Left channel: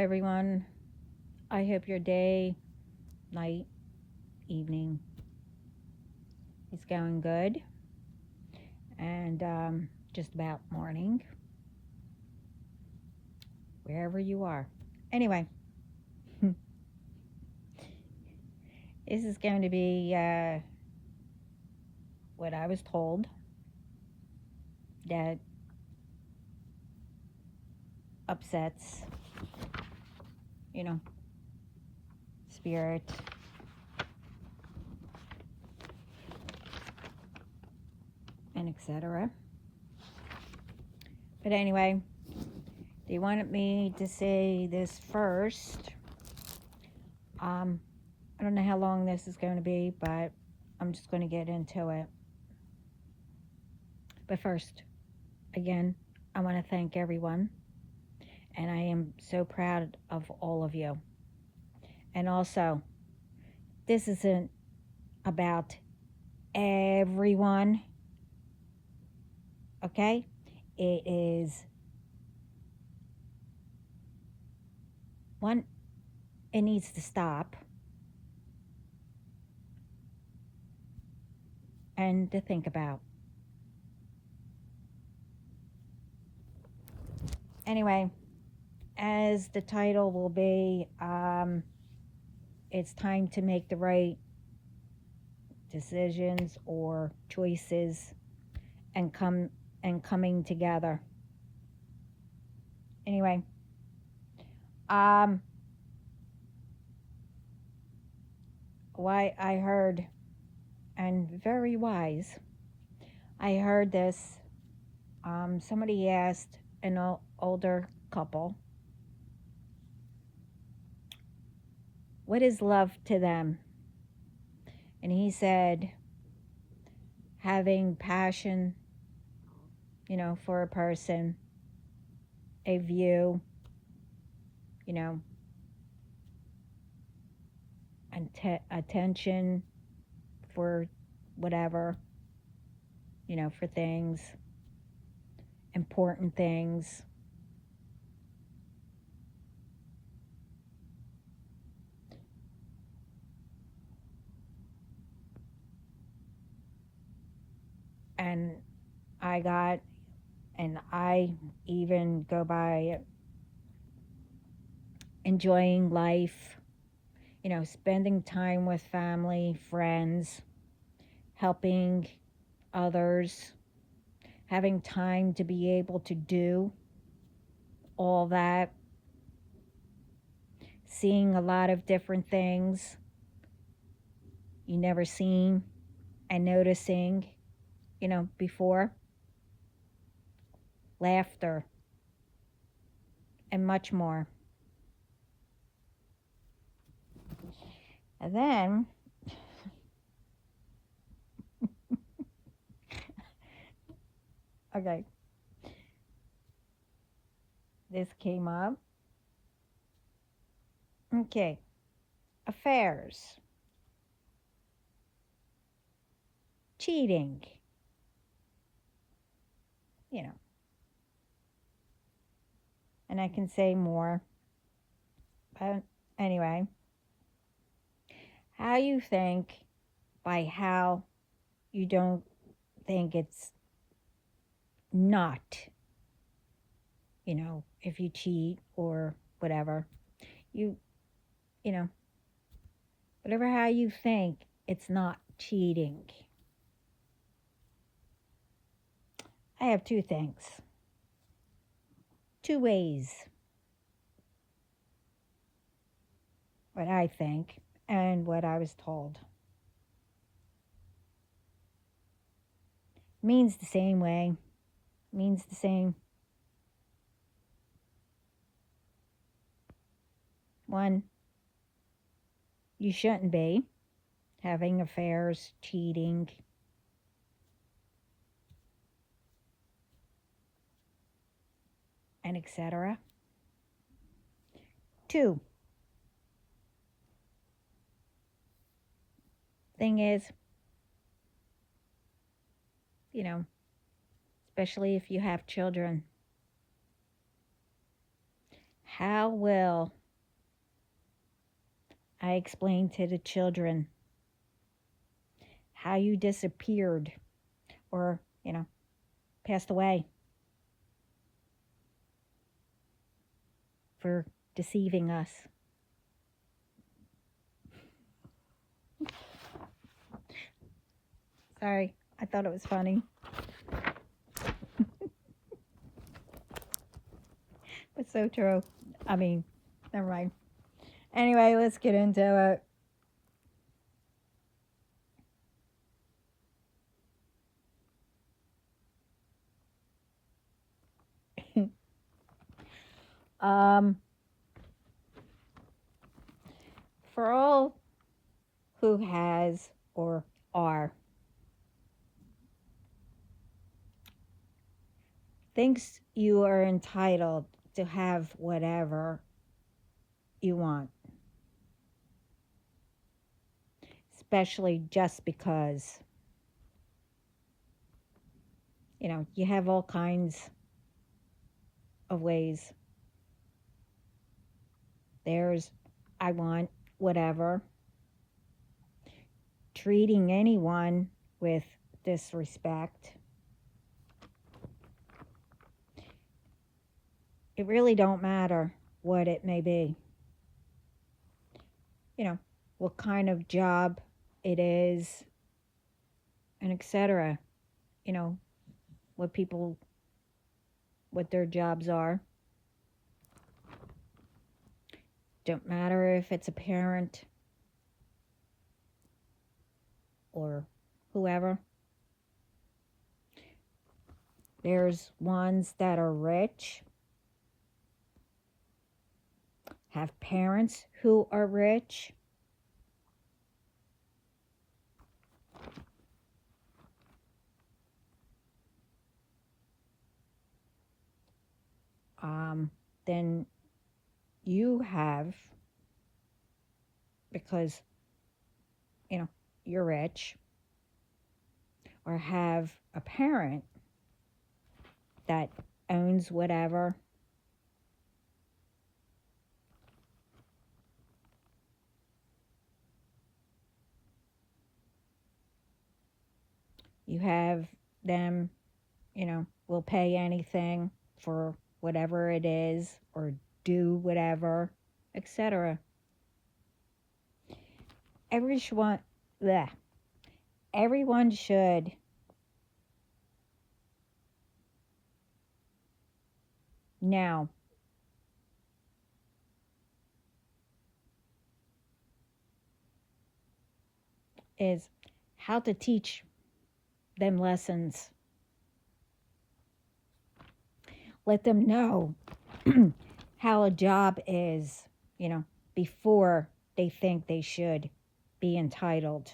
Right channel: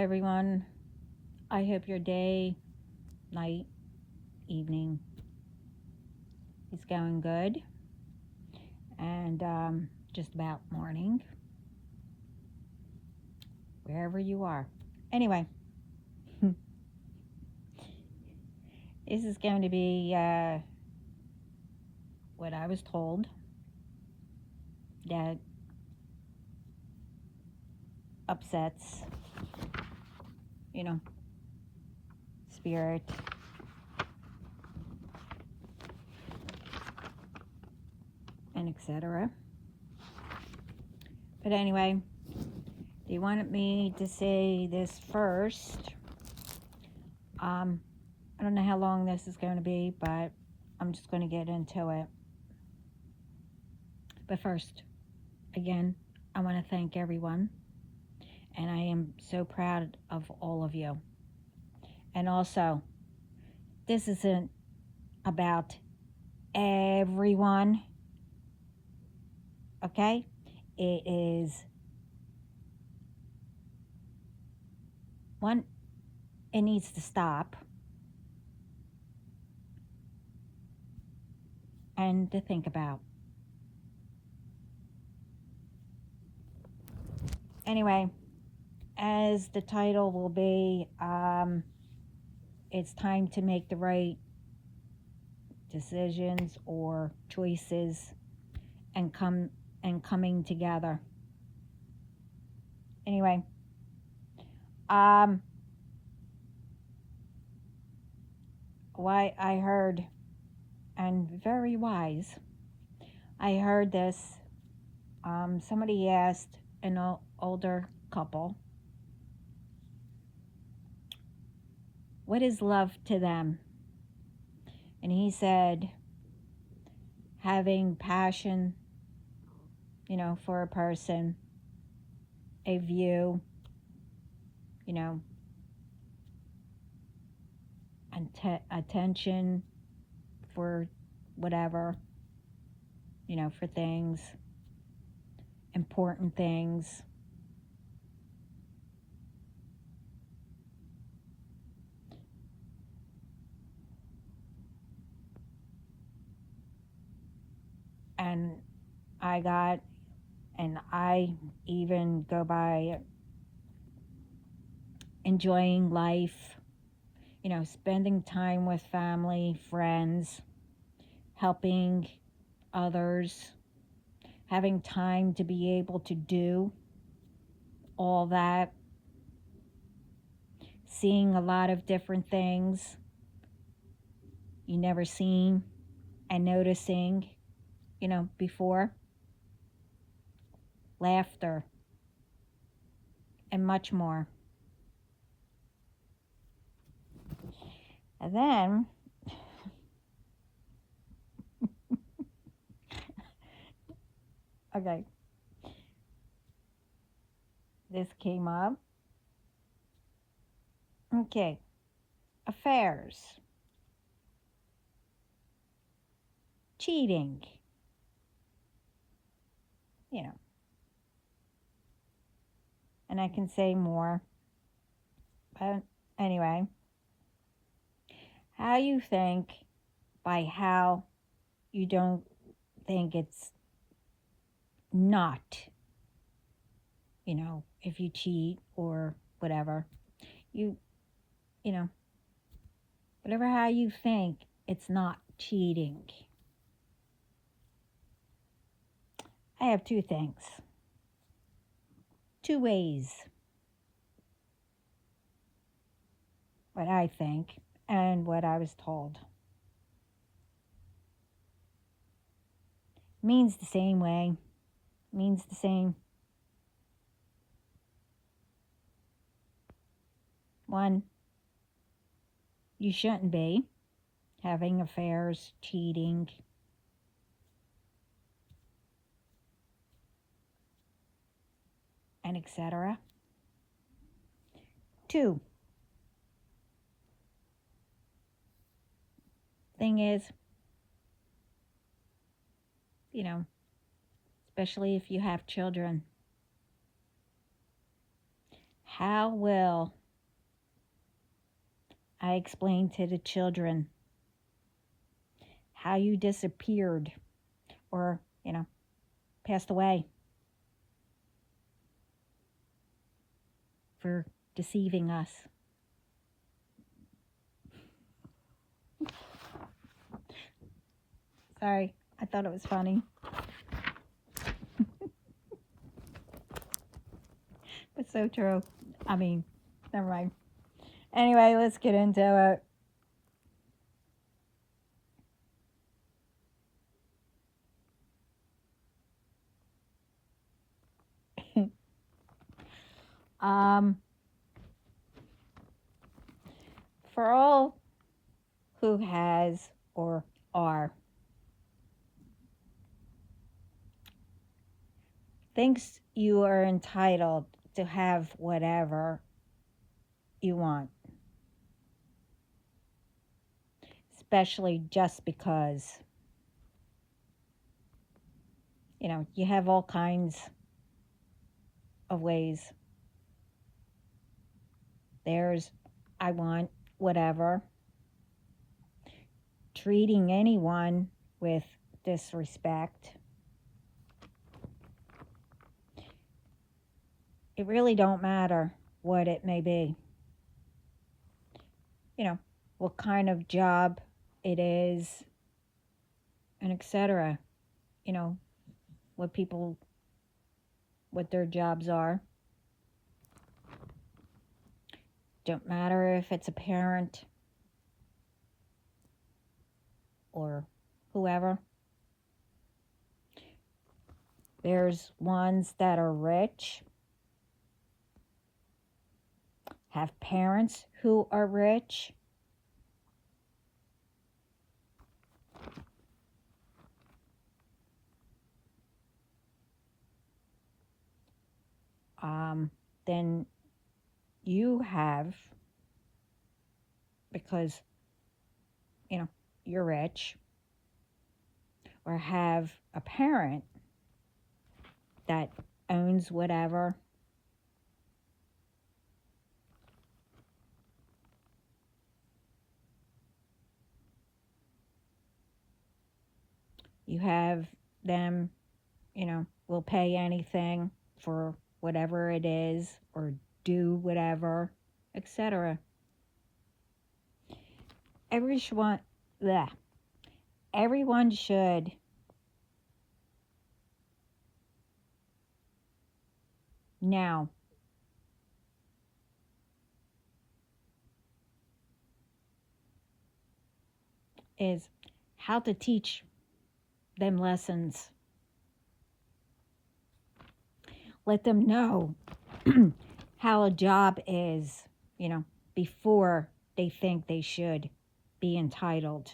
everyone. I hope your day, night, evening is going good and just about morning, wherever you are. Anyway, this is going to be what I was told that upsets, you know, spirit, and etc. But anyway, they wanted me to say this first. I don't know how long this is going to be, but I'm just going to get into it. But first, again, I want to thank everyone, and I am so proud of all of you. And also, this isn't about everyone, okay? It is one, it needs to stop, and to think about. Anyway, as the title will be, it's time to make the right decisions or choices and coming together. Anyway, why I heard, and very wise, I heard this. Somebody asked an older couple, what is love to them? And he said, having passion, for a person, a view, attention for whatever, for things, important things. And I even go by enjoying life, spending time with family, friends, helping others, having time to be able to do all that, seeing a lot of different things you never seen, and noticing, before, laughter, and much more. And then, okay, this came up. Okay, affairs, cheating, and I can say more. But anyway, how you think by how you don't think it's not, if you cheat or whatever, you know, whatever how you think, it's not cheating. I have two things, two ways, what I think and what I was told. Means the same way, means the same. One, you shouldn't be having affairs, cheating, and etc. Two, thing is, especially if you have children, How will I explain to the children how you disappeared or, passed away for deceiving us? Sorry, I thought it was funny. It's so true. I mean, never mind. Anyway, let's get into it. For all who has or are thinks you are entitled to have whatever you want, especially just because, you have all kinds of ways. There's, I want whatever, treating anyone with disrespect. It really don't matter what it may be. What kind of job it is, and etc. What their jobs are. Don't matter if it's a parent or whoever. There's ones that are rich, have parents who are rich. Then you have, because, you're rich, or have a parent that owns whatever. You have them, will pay anything for whatever it is or do whatever, etc. Everyone should now is how to teach them lessons. Let them know how a job is, before they think they should be entitled.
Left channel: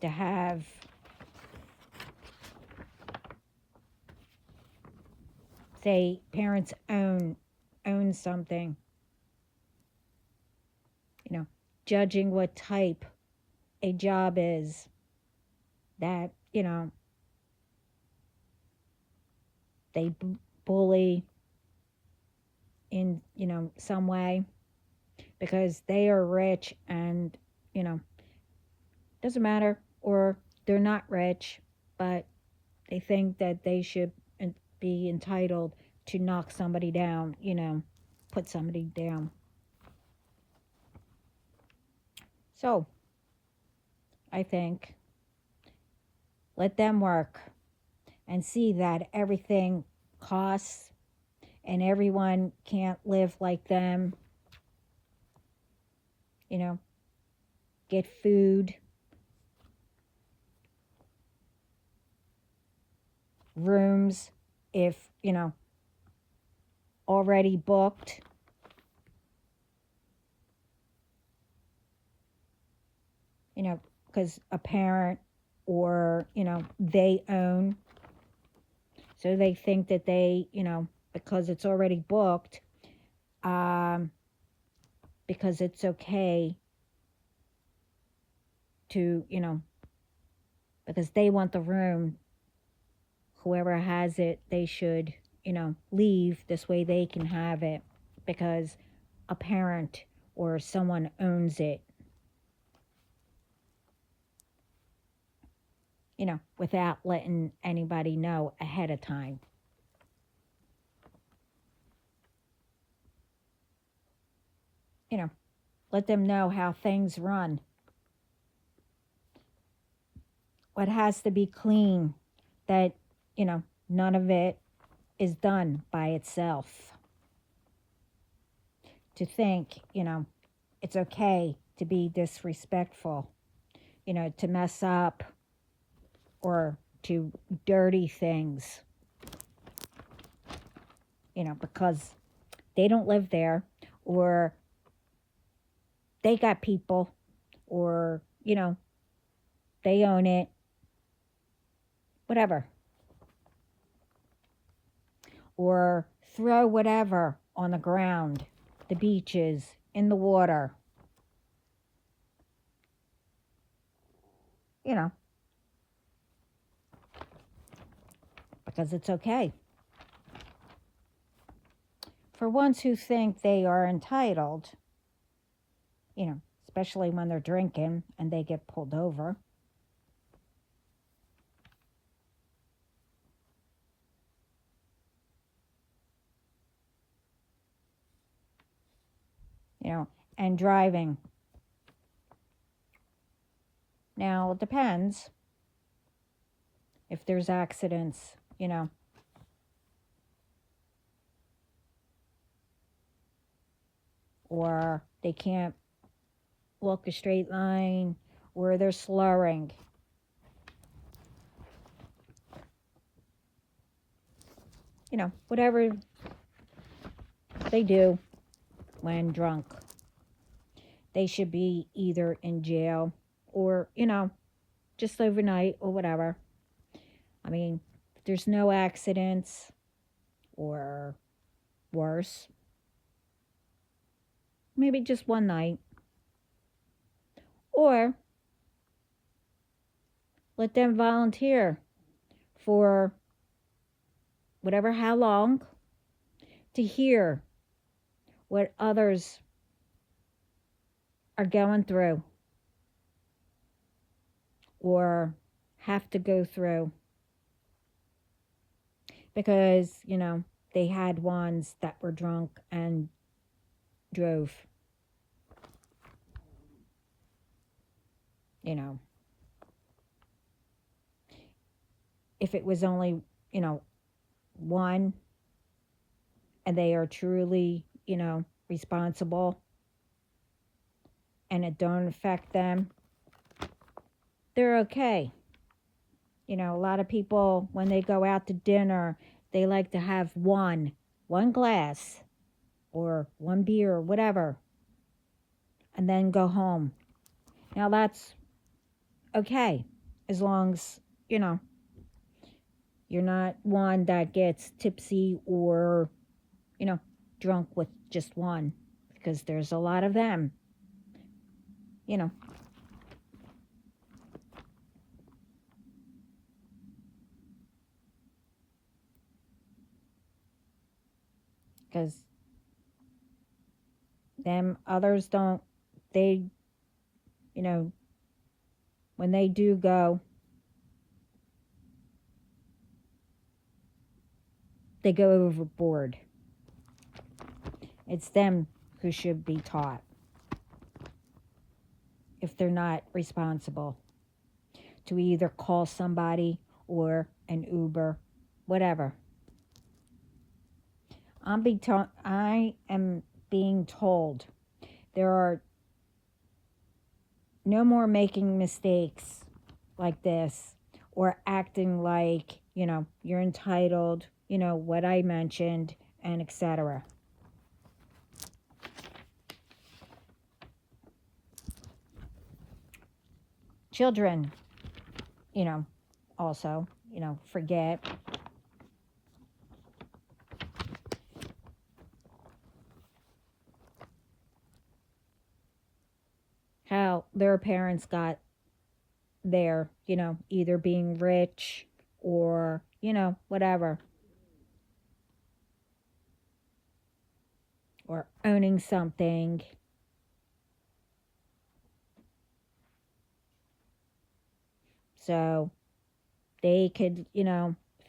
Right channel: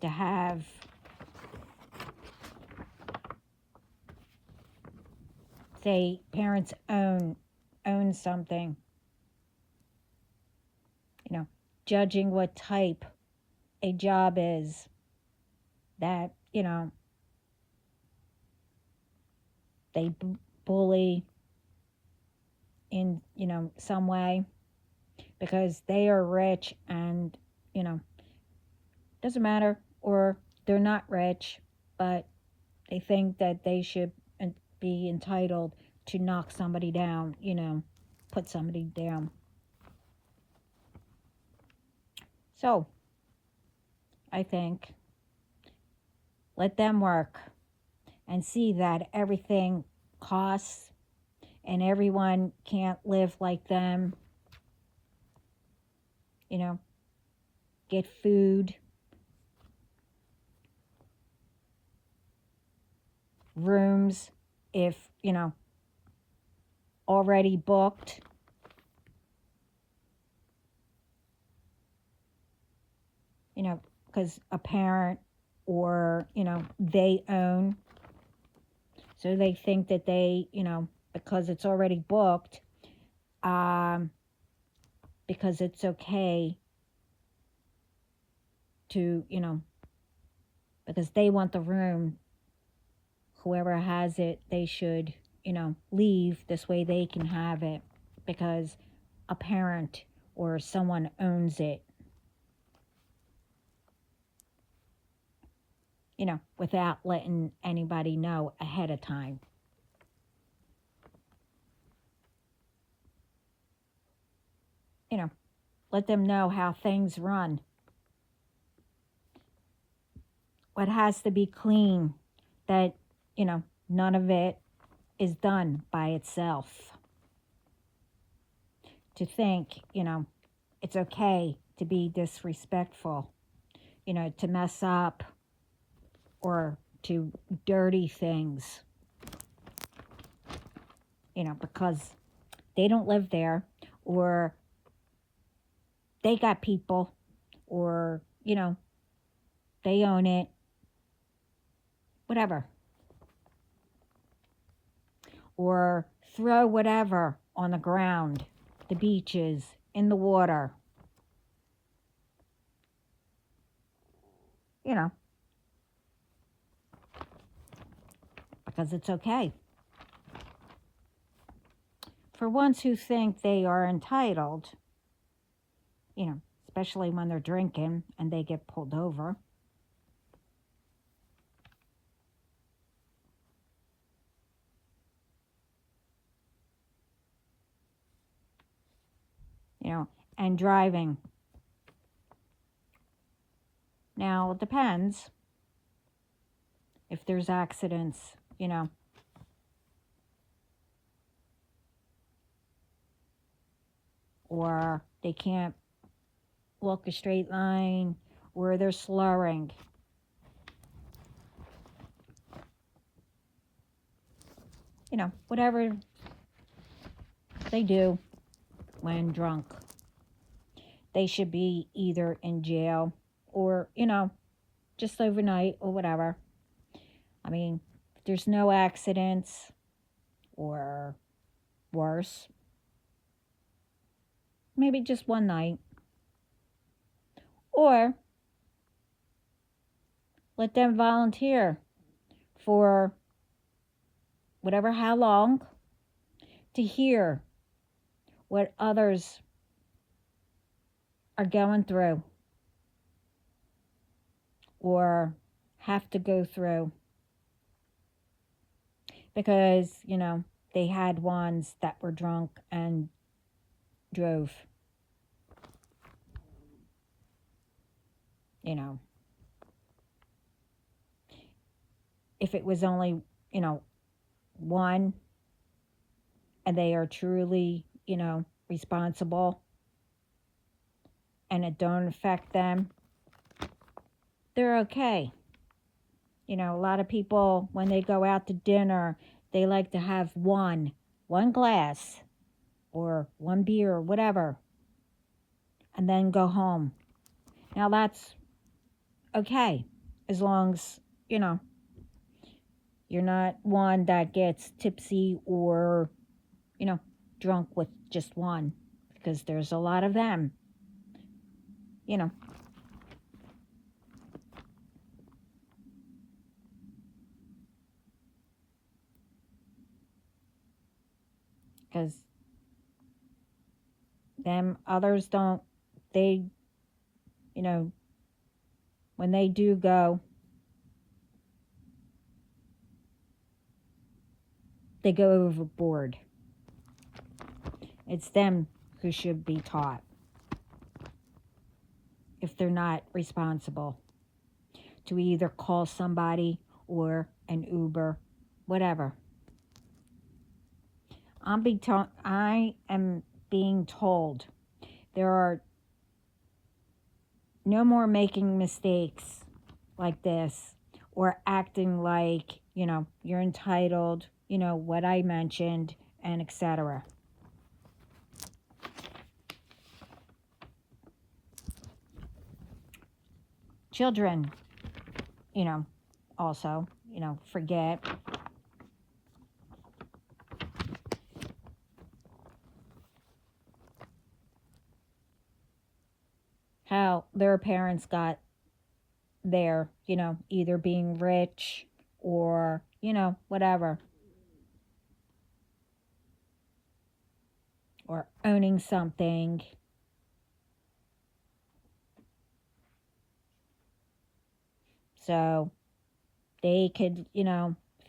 To have say parents own something, judging what type a job is, that they bully in some way because they are rich, and doesn't matter, or they're not rich, but they think that they should be entitled to knock somebody down, put somebody down. So I think let them work and see that everything costs and everyone can't live like them. Get food, rooms, if, already booked. Because a parent or, they own. So they think that they, because it's already booked, because it's okay to, because they want the room. Whoever has it, they should, leave. This way they can have it because a parent or someone owns it, without letting anybody know ahead of time. Let them know how things run. What has to be clean, that, none of it is done by itself. To think, it's okay to be disrespectful, to mess up or to dirty things, because they don't live there, or they got people, or, they own it, whatever. Or throw whatever on the ground, the beaches, in the water. Because it's okay. For ones who think they are entitled, especially when they're drinking and they get pulled over. And driving. Now, it depends if there's accidents, or they can't walk a straight line, or they're slurring. Whatever they do when drunk, they should be either in jail or, just overnight or whatever. I mean, if there's no accidents or worse, maybe just one night. Or let them volunteer for whatever, how long, to hear what others are going through or have to go through. Because, they had ones that were drunk and drove. If it was only, one, and they are truly, responsible, and it don't affect them, they're okay. A lot of people, when they go out to dinner, they like to have one glass or one beer or whatever, and then go home. Now that's okay, as long as, you're not one that gets tipsy or, drunk with just one, because there's a lot of them, because them others don't, they, when they do go, they go overboard. It's them who should be taught, if they're not responsible, to either call somebody or an Uber, whatever. I am being told there are no more making mistakes like this, or acting like, you're entitled, what I mentioned, and etc. Children, also, forget. How their parents got there, either being rich or, whatever, or owning something. So they could,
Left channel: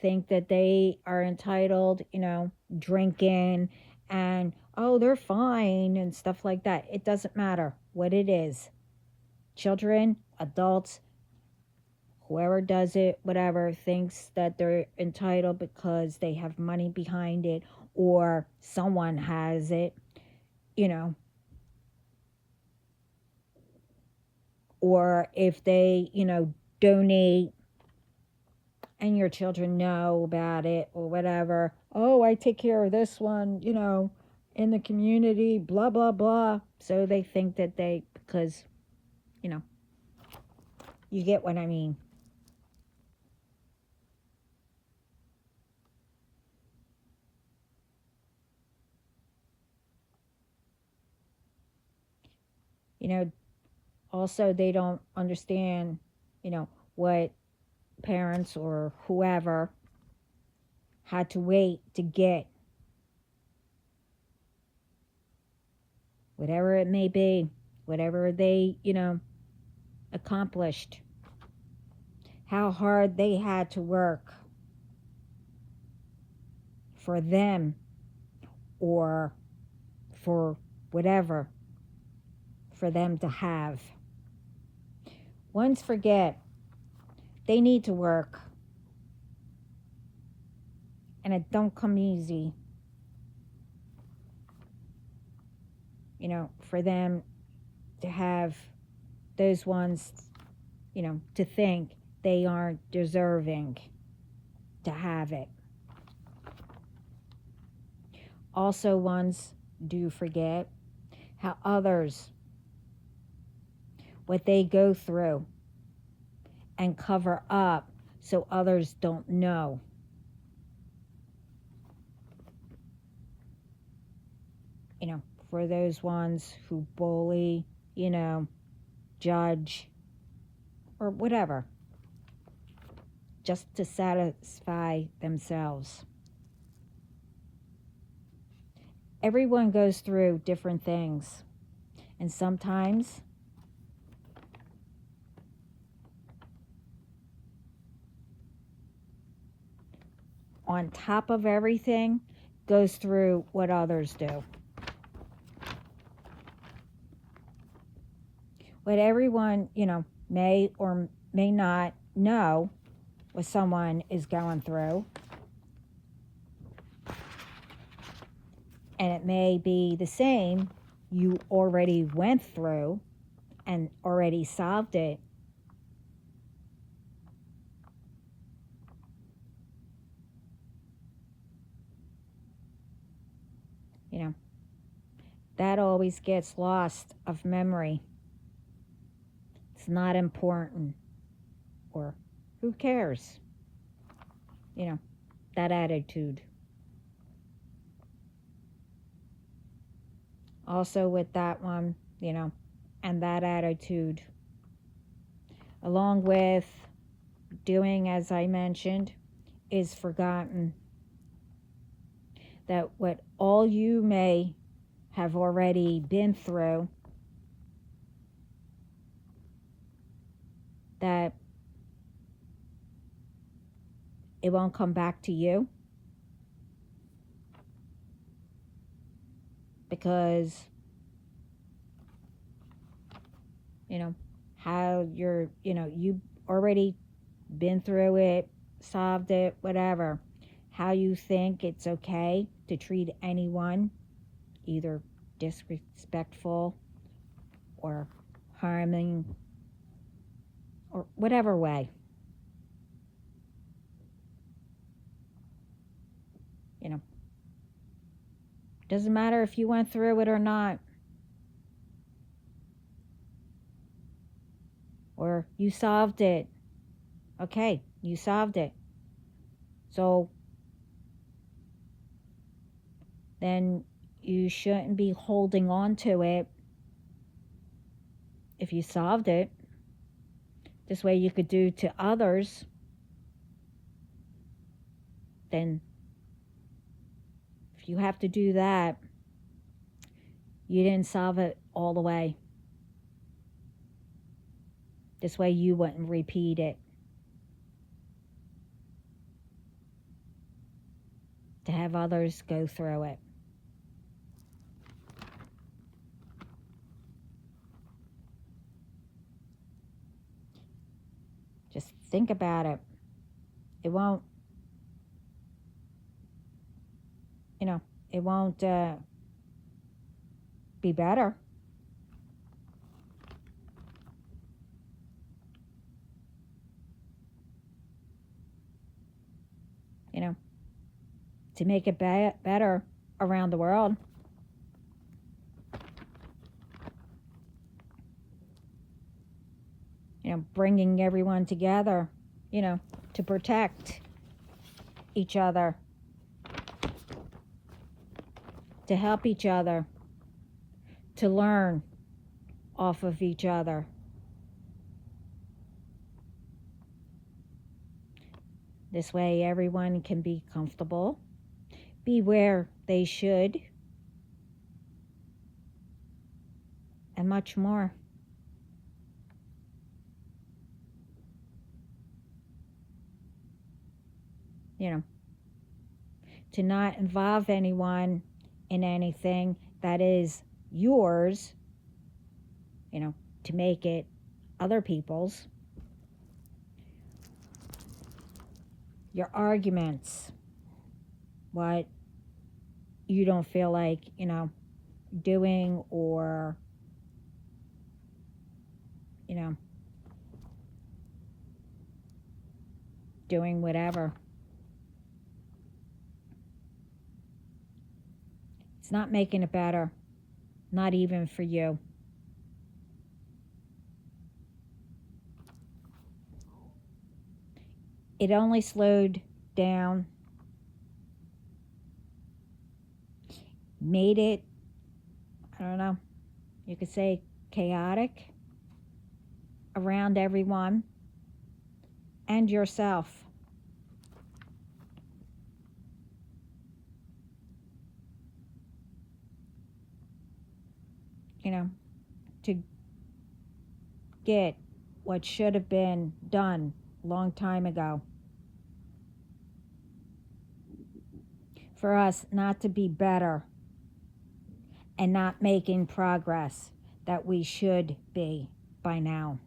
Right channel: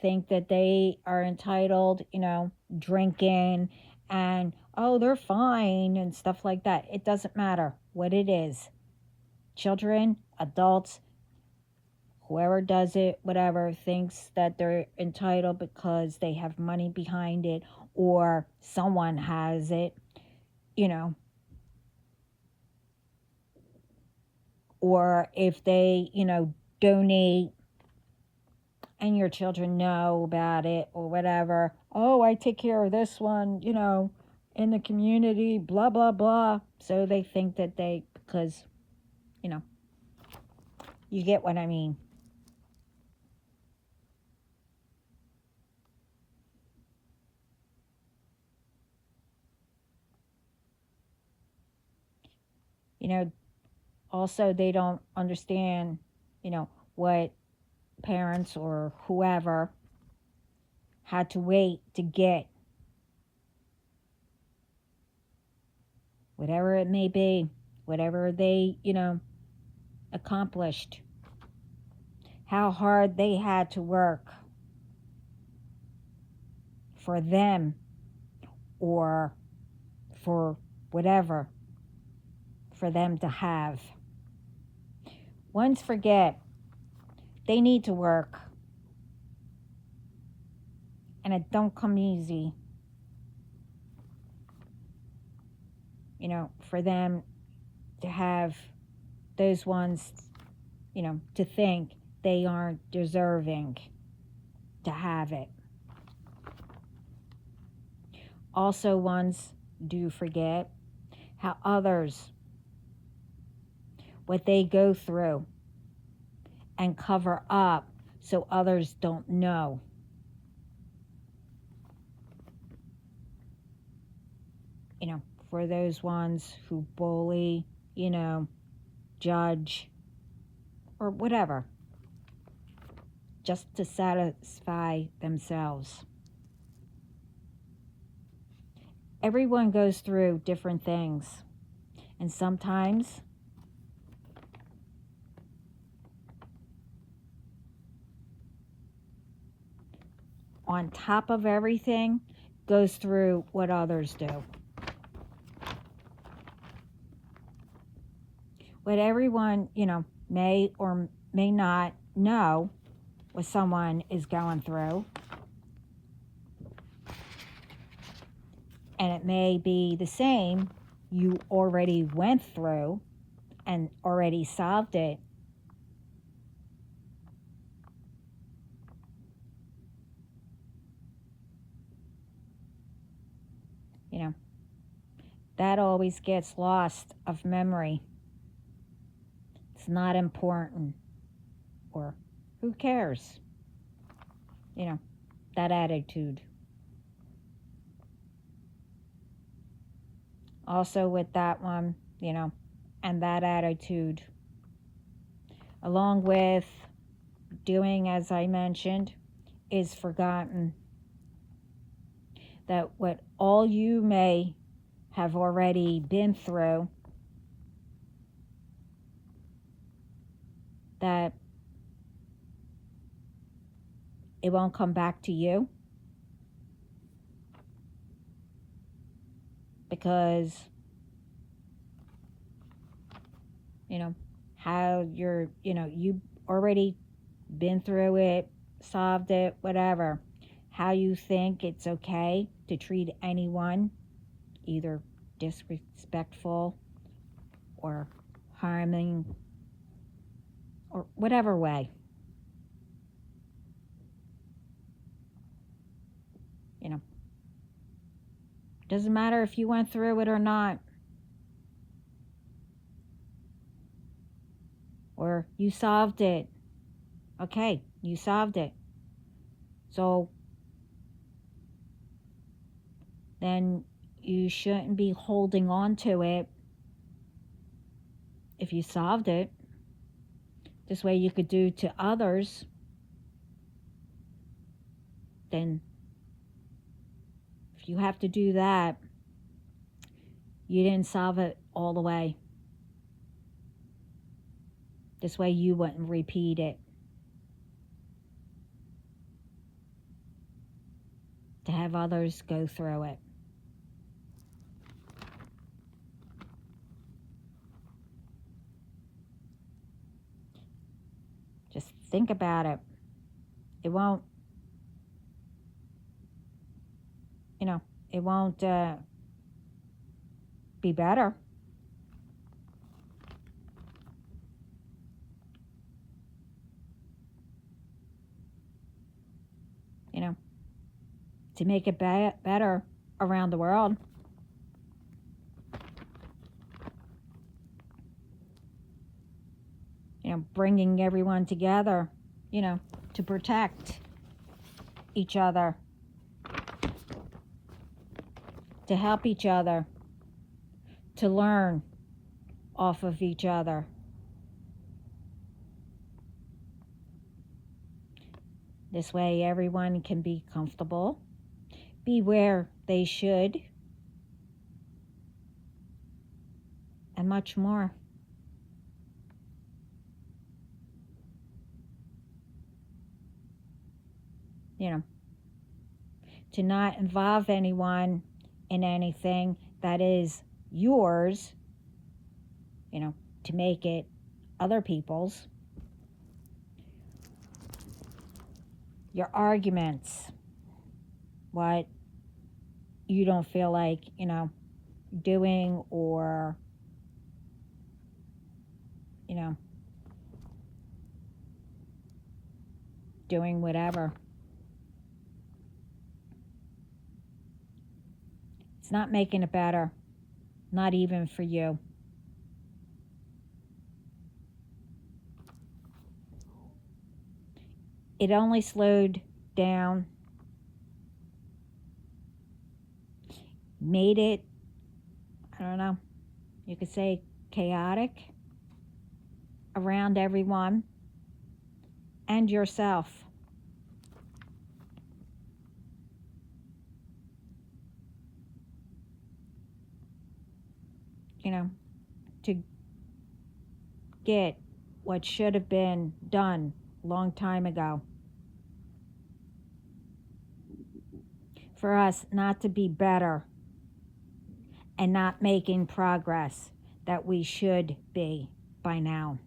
think that they are entitled, drinking and, oh, they're fine and stuff like that. It doesn't matter what it is. Children, adults, whoever does it, whatever, thinks that they're entitled because they have money behind it or someone has it, you know, or if they, donate and your children know about it or whatever. Oh, I take care of this one, in the community, blah, blah, blah. So they think that because, you get what I mean. Also they don't understand, what parents or whoever had to wait to get whatever it may be, whatever they, accomplished, how hard they had to work for them or for whatever for them to have. Ones forget they need to work, and it don't come easy, for them to have those ones, to think they aren't deserving to have it. Also, ones do forget how others, what they go through and cover up so others don't know. For those ones who bully, judge, or whatever, just to satisfy themselves. Everyone goes through different things, and sometimes on top of everything goes through what others do. What everyone, may or may not know what someone is going through. And it may be the same you already went through and already solved it. That always gets lost of memory. It's not important. Or who cares? That attitude. Also with that one, and that attitude, along with doing as I mentioned, is forgotten. That what all you may have already been through, that it won't come back to you because how you've already been through it, solved it, whatever. How you think it's okay to treat anyone either disrespectful or harming or whatever way. Doesn't matter if you went through it or not. Or you solved it. Okay, you solved it. So then you shouldn't be holding on to it if you solved it. This way you could do to others, then if you have to do that, you didn't solve it all the way. This way you wouldn't repeat it. To have others go through it. Just think about it. It won't, it won't be better. To make it better around the world. Bringing everyone together, to protect each other, to help each other, to learn off of each other. This way everyone can be comfortable, be where they should, and much more. To not involve anyone in anything that is yours, to make it other people's. Your arguments, what you don't feel like, doing, or, doing whatever. It's not making it better, not even for you. It only slowed down, made it, I don't know, you could say chaotic around everyone and yourself. To get what should have been done a long time ago. For us not to be better and not making progress that we should be by now.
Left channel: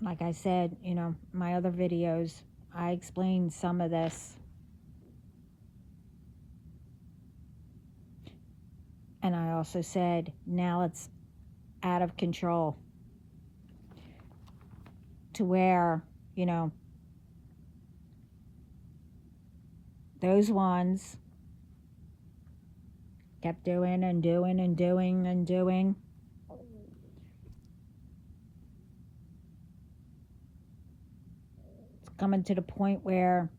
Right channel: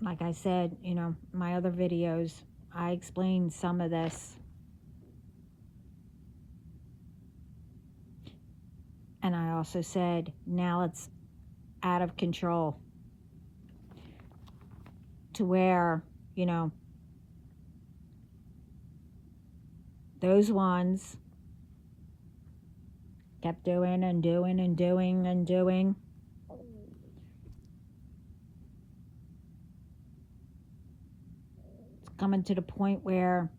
Like I said, my other videos, I explained some of this. And I also said, now it's out of control. To where, those ones kept doing and doing and doing and doing. It's coming to the point where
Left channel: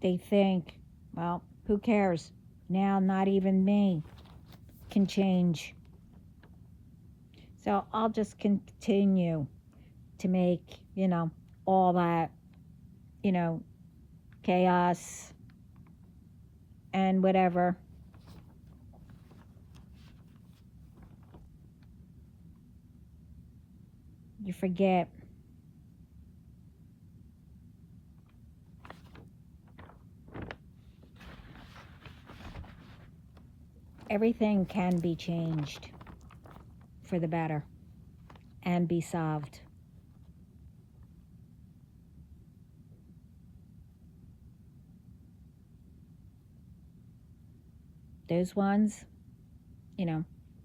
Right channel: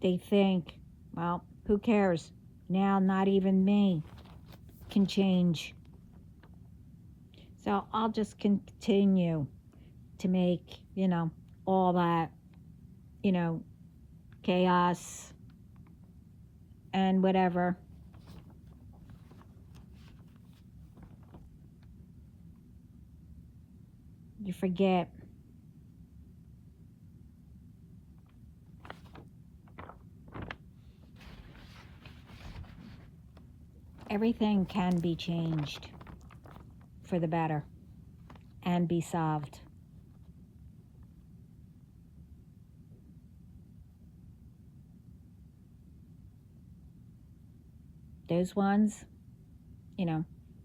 they think, well, who cares? Now not even me can change. So I'll just continue to make, all that, chaos and whatever. You forget. Everything can be changed for the better and be solved. Those ones,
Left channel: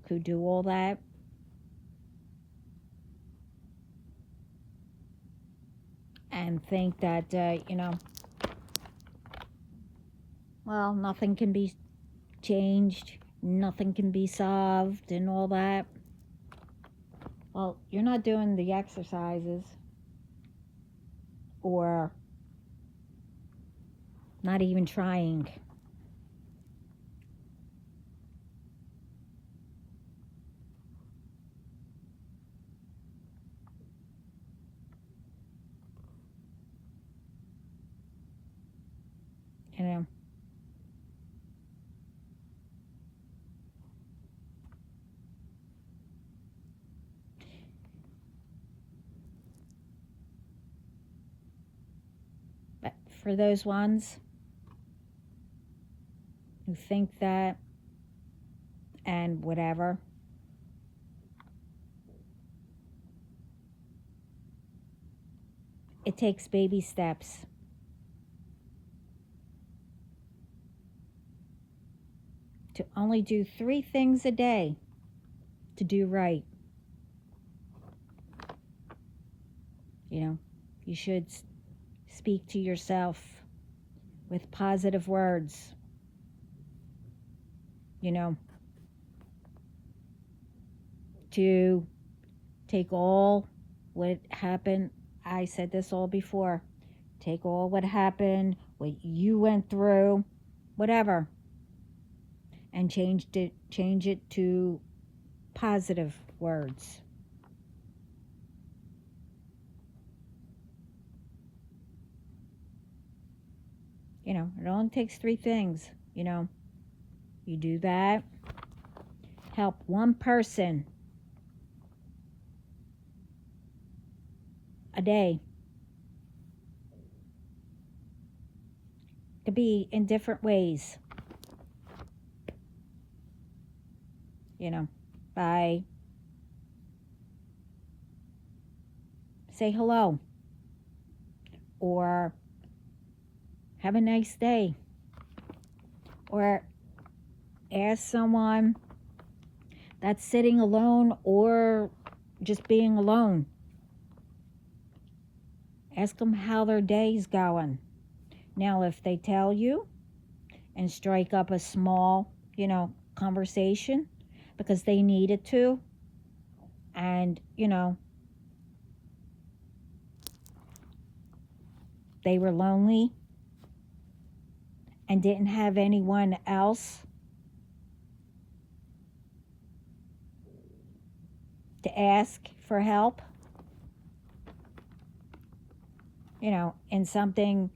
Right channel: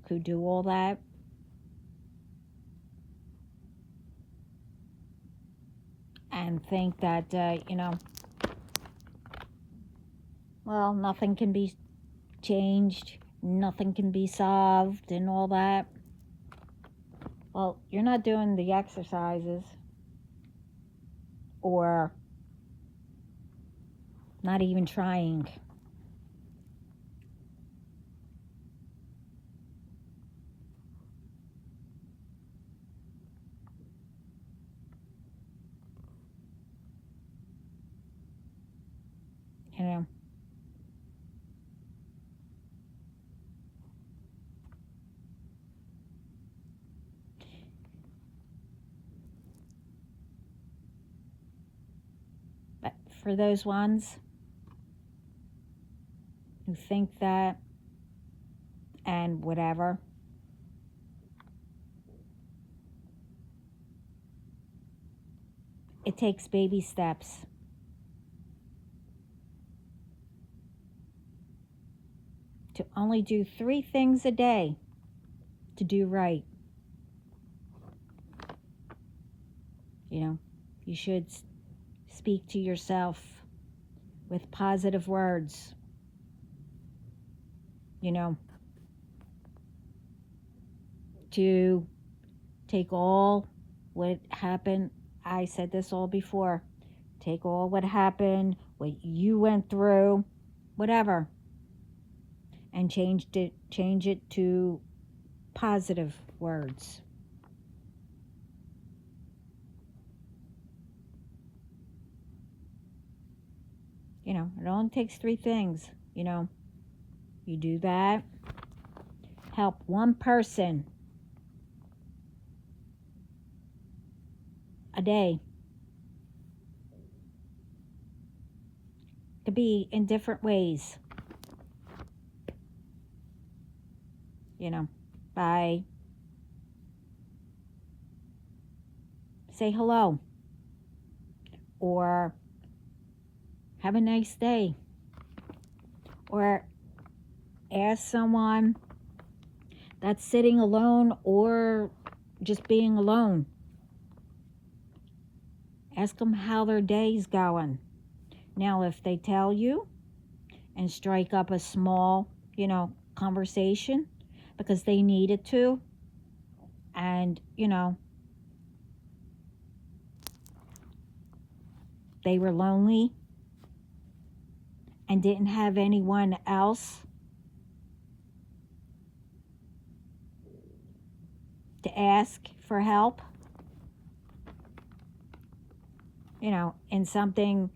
could do all that. And think that, well, nothing can be changed, nothing can be solved and all that. Well, you're not doing the exercises. or not even trying. You know, but for those ones who think that and whatever, it takes baby steps. To only do 3 things a day to do right. You know, you should speak to yourself with positive words. You know, to take all what happened. I said this all before. Take all what happened, what you went through, whatever, and change it to positive words. You know, it only takes 3 things. You know, you do that, help one person a day. To be in different ways. You know, by say hello or have a nice day or ask someone that's sitting alone or just being alone. Ask them how their day's going. Now, if they tell you and strike up a small, you know, conversation because they needed to, and, you know, they were lonely and didn't have anyone else to ask for help, you know, in something,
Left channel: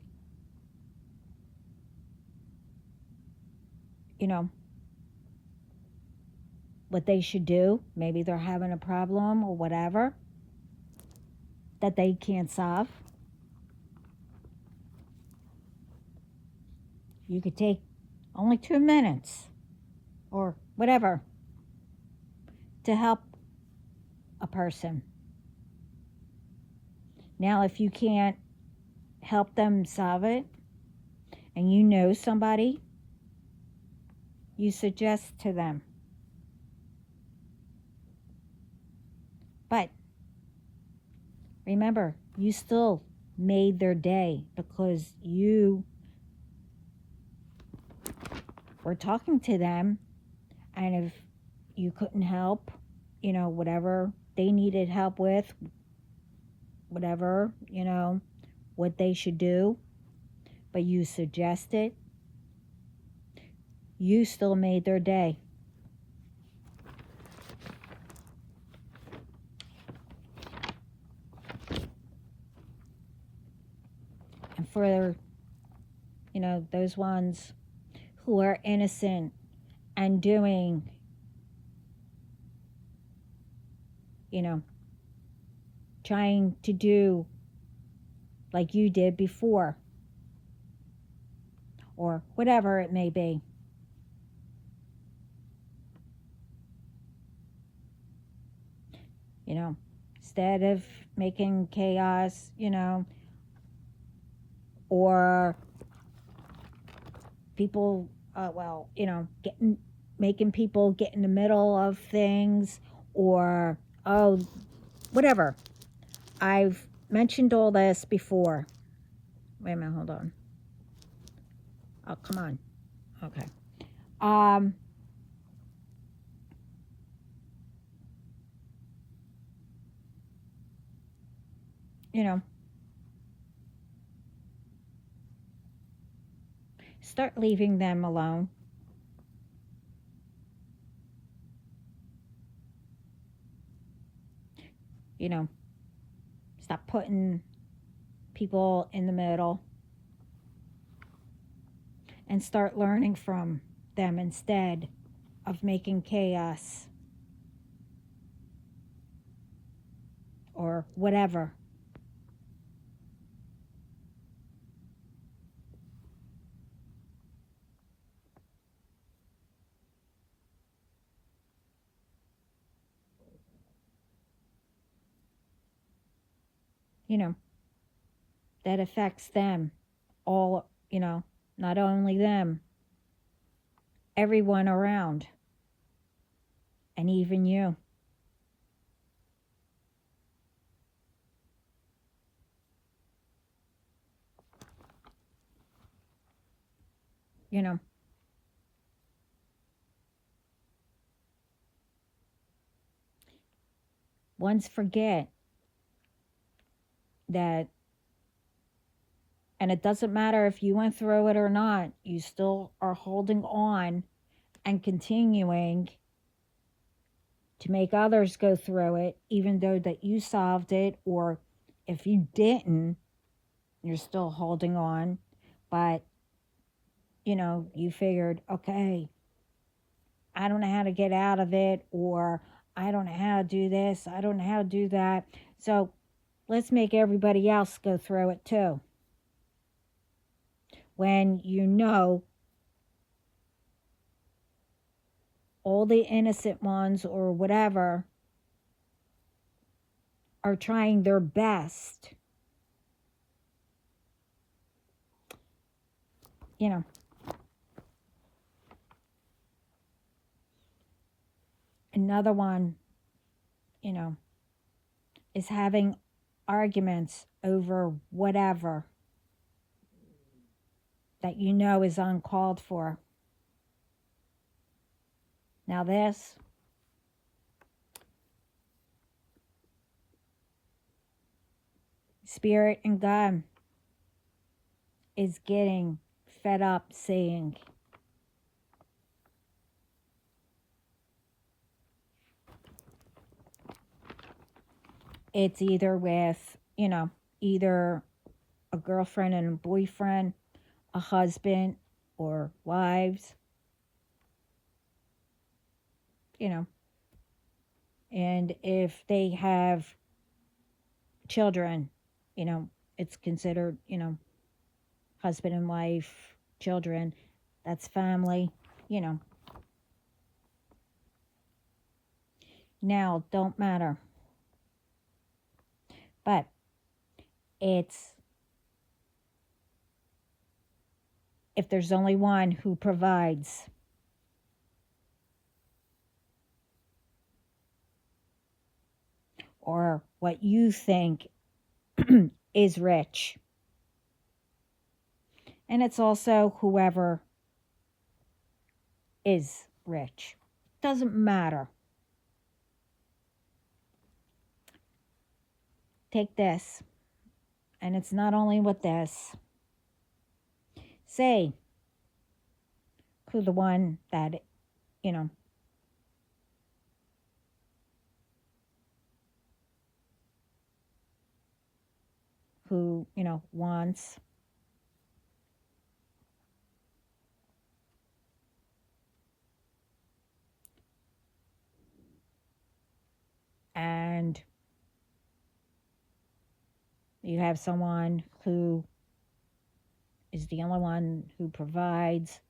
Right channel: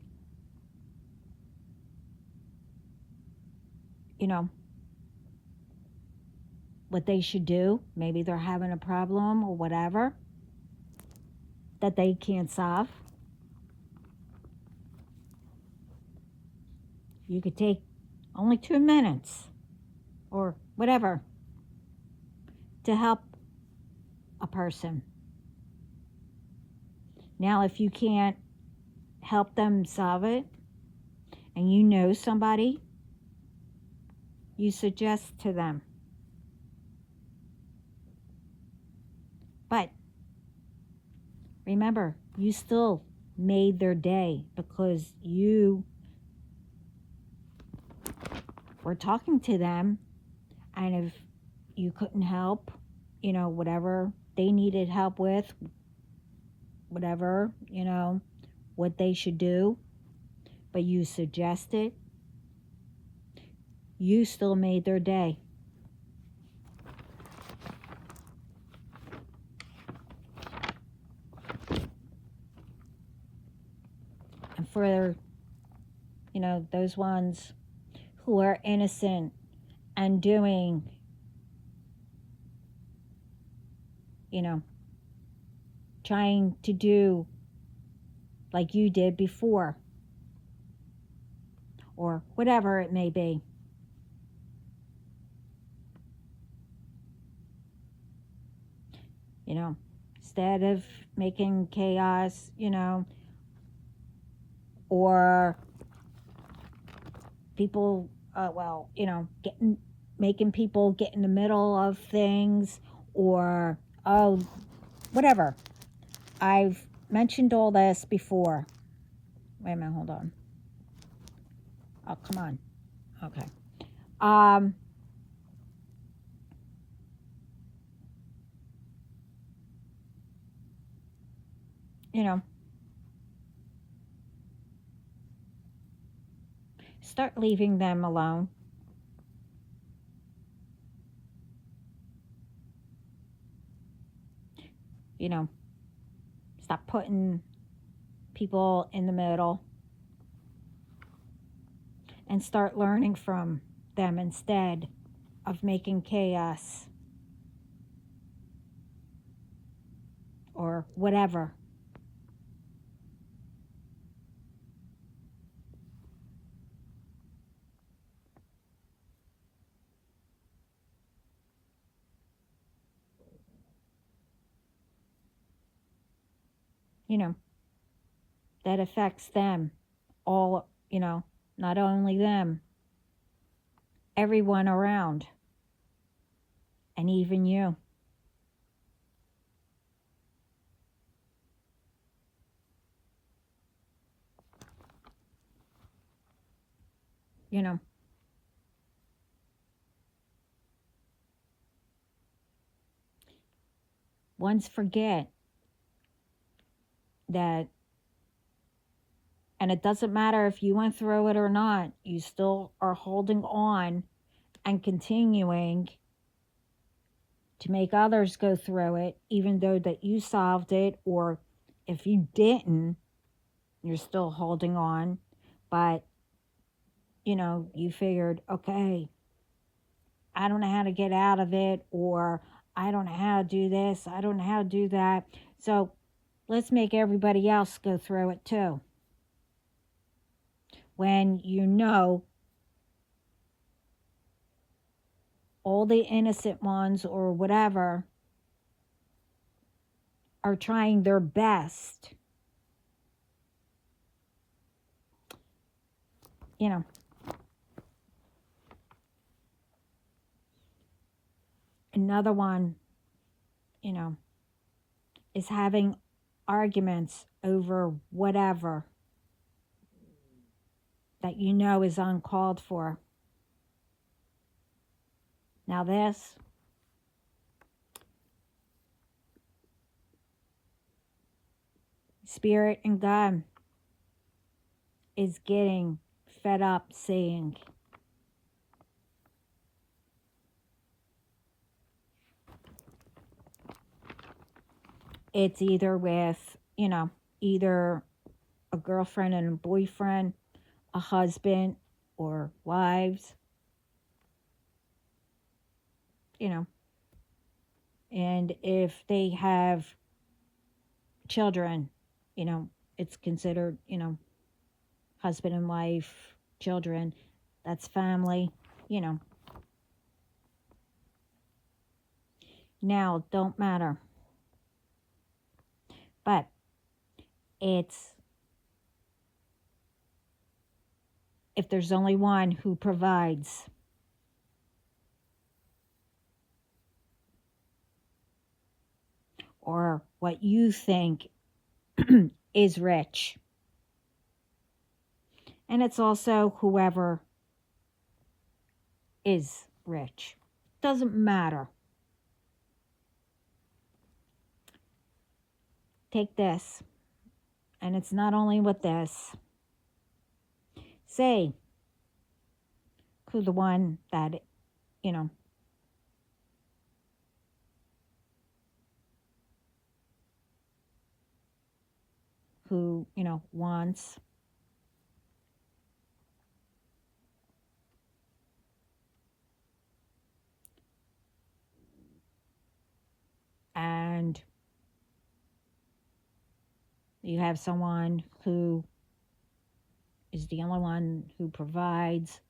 you know, what they should do. Maybe they're having a problem or whatever that they can't solve. You could take only 2 minutes or whatever to help a person. Now, if you can't help them solve it and you know somebody, you suggest to them. But remember, you still made their day because you were talking to them, and if you couldn't help, you know, whatever they needed help with, whatever, you know, what they should do, but you suggested, you still made their day. And for, you know, those ones who are innocent and doing, you know, trying to do like you did before, or whatever it may be. You know, instead of making chaos, you know, or people, well, you know, making people get in the middle of things, or, oh, whatever. I've mentioned all this before. Wait a minute, hold on. Oh, come on. Okay. You know, start leaving them alone. You know, stop putting people in the middle and start learning from them instead of making chaos or whatever. You know, that affects them all, not only them, everyone around, and even you. You know, once forget that, and it doesn't matter if you went through it or not, you still are holding on and continuing to make others go through it, even though that you solved it, or if you didn't, you're still holding on. But, you figured, okay, I don't know how to get out of it, or I don't know how to do this, I don't know how to do that. So let's make everybody else go through it too. When all the innocent ones or whatever are trying their best, another one, is having arguments over whatever that is uncalled for. Now this, Spirit and God is getting fed up seeing. It's either with, either a girlfriend and a boyfriend, a husband, or wives, and if they have children, it's considered, husband and wife, children, that's family, Now, don't matter. But it's, if there's only one who provides, or what you think is rich. And it's also whoever is rich. Doesn't matter. Take this, and it's not only with this. Say who the one that, who, wants and you have someone who is the only one who provides,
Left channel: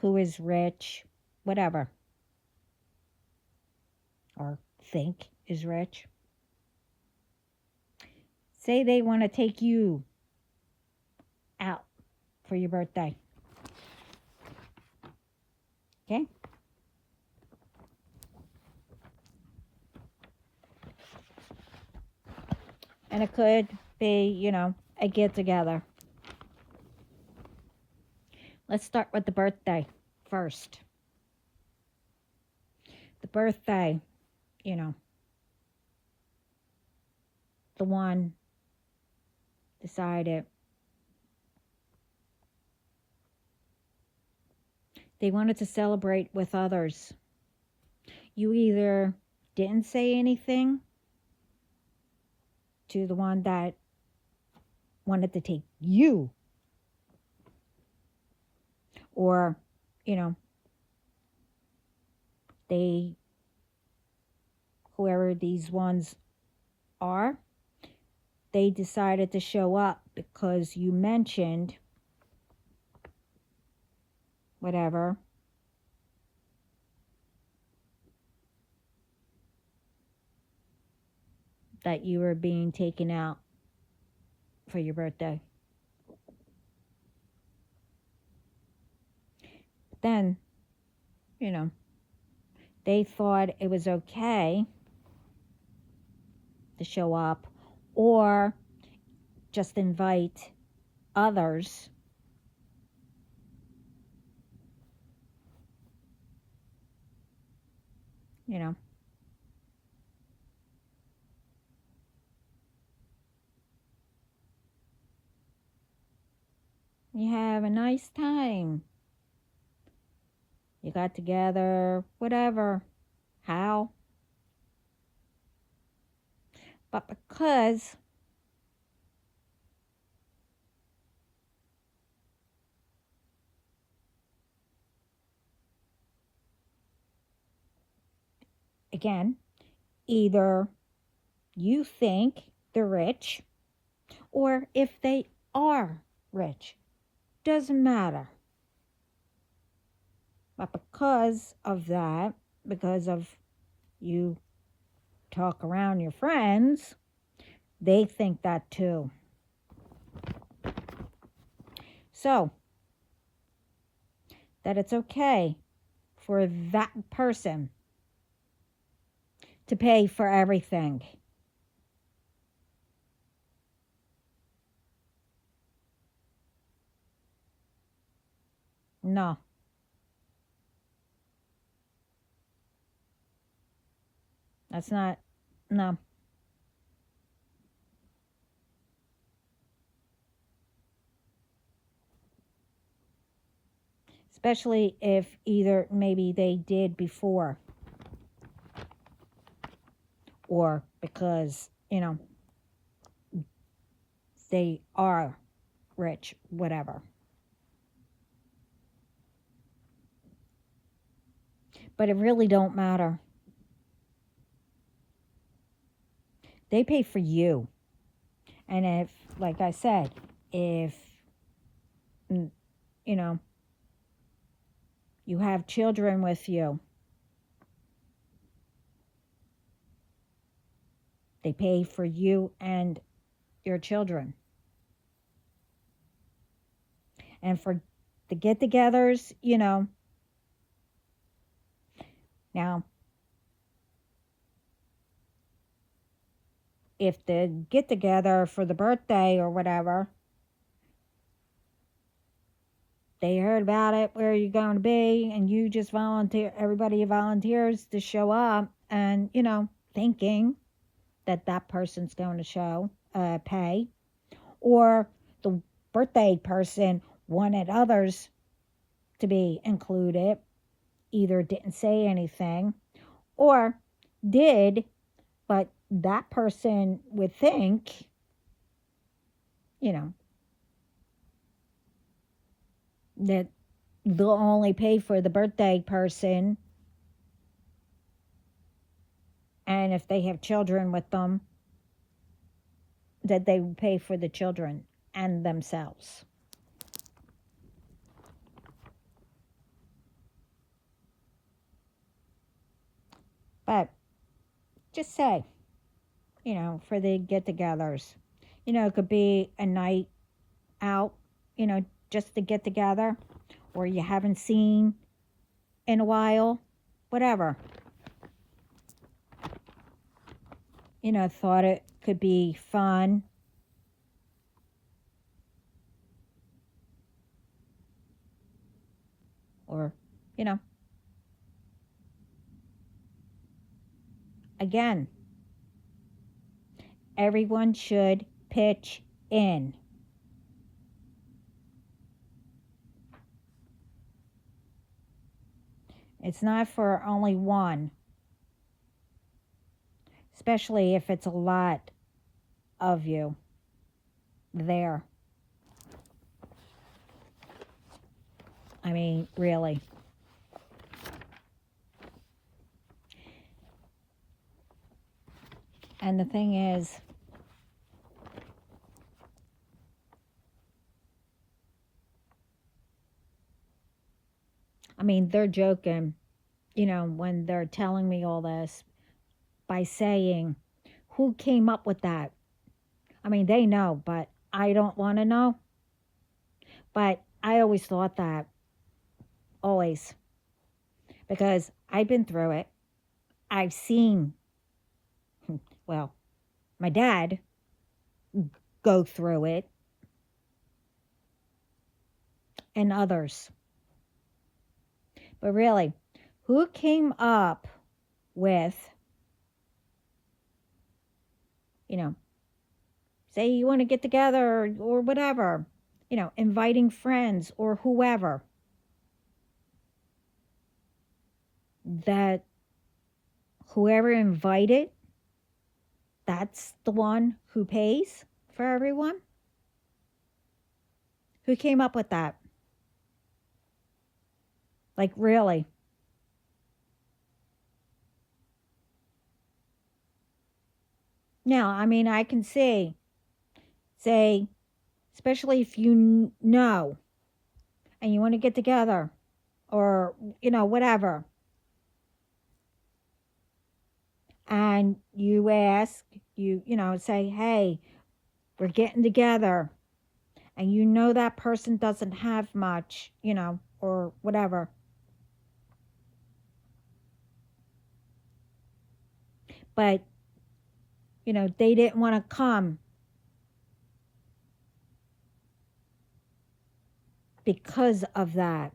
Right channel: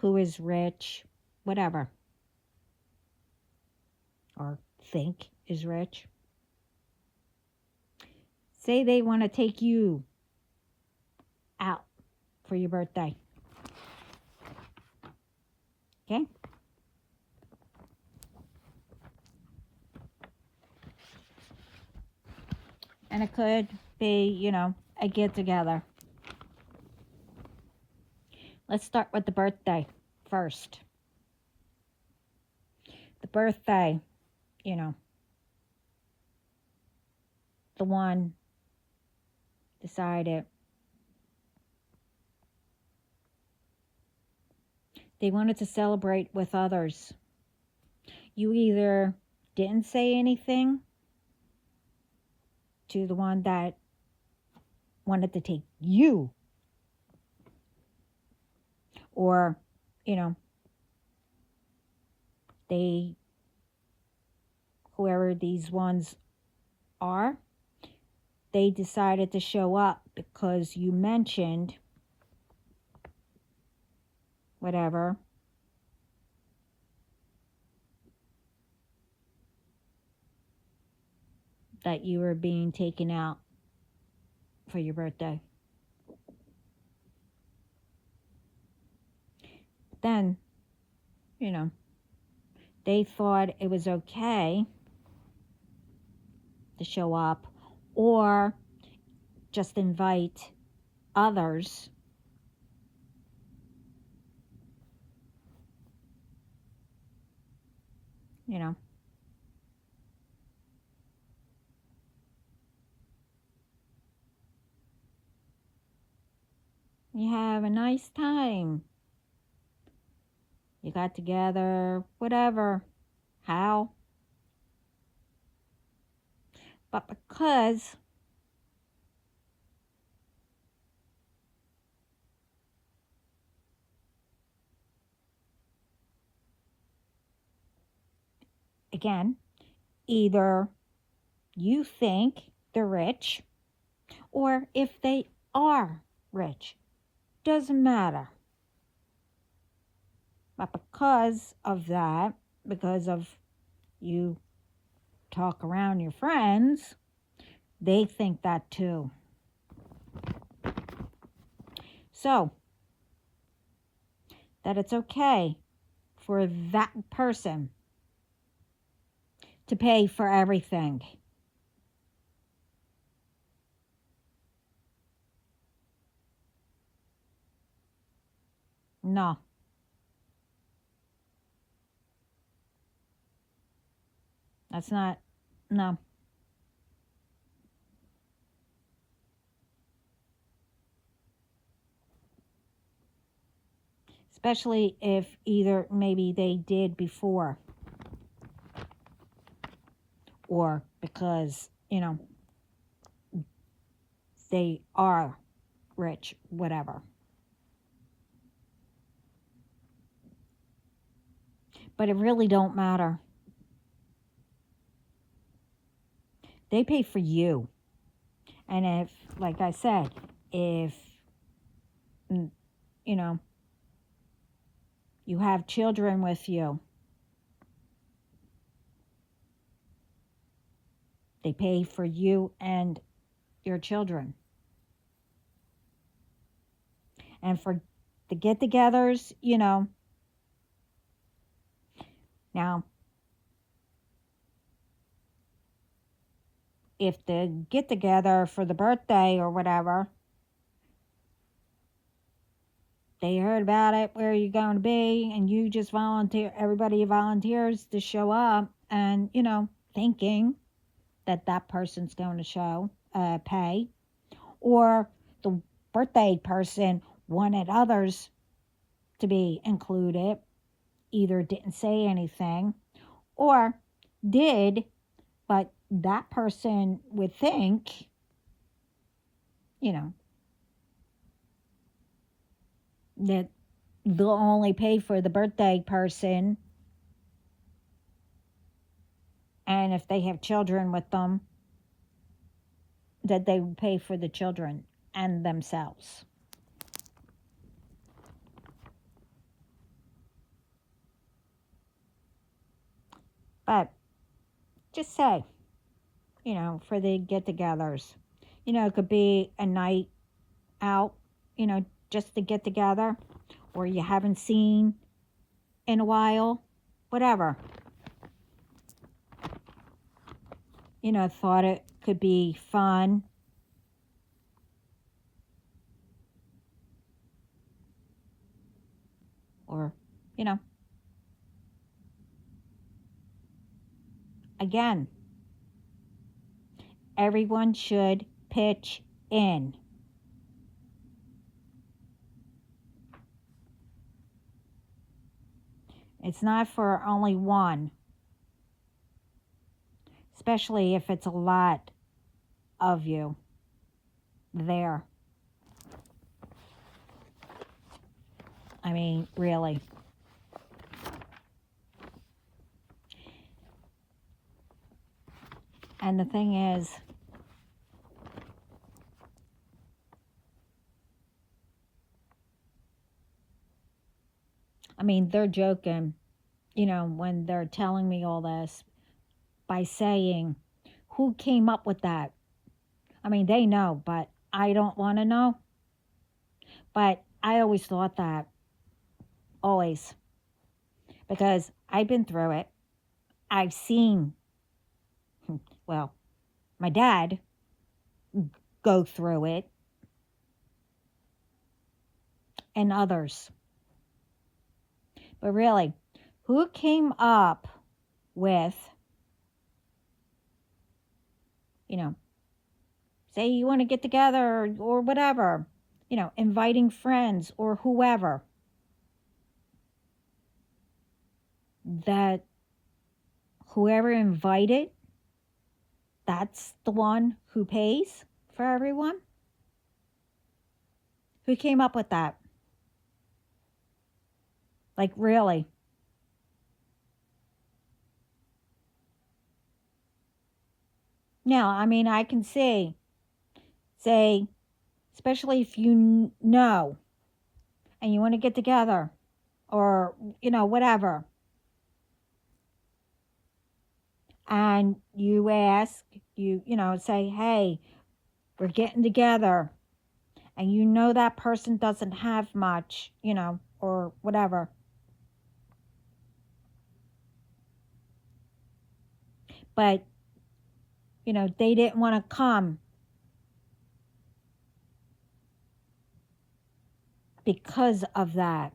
who is rich, whatever, or think is rich. Say they want to take you out for your birthday. Okay? And it could be, a get together. Let's start with the birthday first. The birthday, the one decided They wanted to celebrate with others. You either didn't say anything to the one that wanted to take you, or, you know, they, whoever these ones are, they decided to show up because you mentioned whatever. That you were being taken out for your birthday. Then, you know, they thought it was okay to show up or just invite others. You know, you have a nice time. You got together, whatever, how. But because again, either you think they're rich, or if they are rich, doesn't matter. But because of that, because of you talk around your friends, they think that too. So, that it's okay for that person to pay for everything. No. That's not, no. Especially if either maybe they did before, or because, you know, they are rich, whatever. But it really don't matter. They pay for you. And if, like I said, if, you know, you have children with you, they pay for you and your children. And for the get-togethers, you know, now, if the get-together for the birthday or whatever, they heard about it, where you're going to be, and you just volunteer, everybody volunteers to show up, and, you know, thinking that that person's going to pay, or the birthday person wanted others to be included, either didn't say anything or did, but that person would think, you know, that they'll only pay for the birthday person, and if they have children with them, that they would pay for the children and themselves. But just say, you know, for the get-togethers, you know, it could be a night out, you know, just to get together, or you haven't seen in a while, whatever. You know, thought it could be fun. Or, you know, again, everyone should pitch in. It's not for only one, especially if it's a lot of you there. I mean, really. And the thing is, I mean, they're joking, when they're telling me all this by saying, who came up with that? I mean, they know, but I don't want to know. But I always thought that, always, because I've been through it. I've seen, well, my dad go through it and others. But really, who came up with, say you want to get together or whatever, inviting friends or whoever, that whoever invited, that's the one who pays for everyone? Who came up with that? Like, really? Now, I mean, I can say, especially if you know and you want to get together or, whatever, and you ask, say, hey, we're getting together, and that person doesn't have much, or whatever. But, they didn't want to come because of that.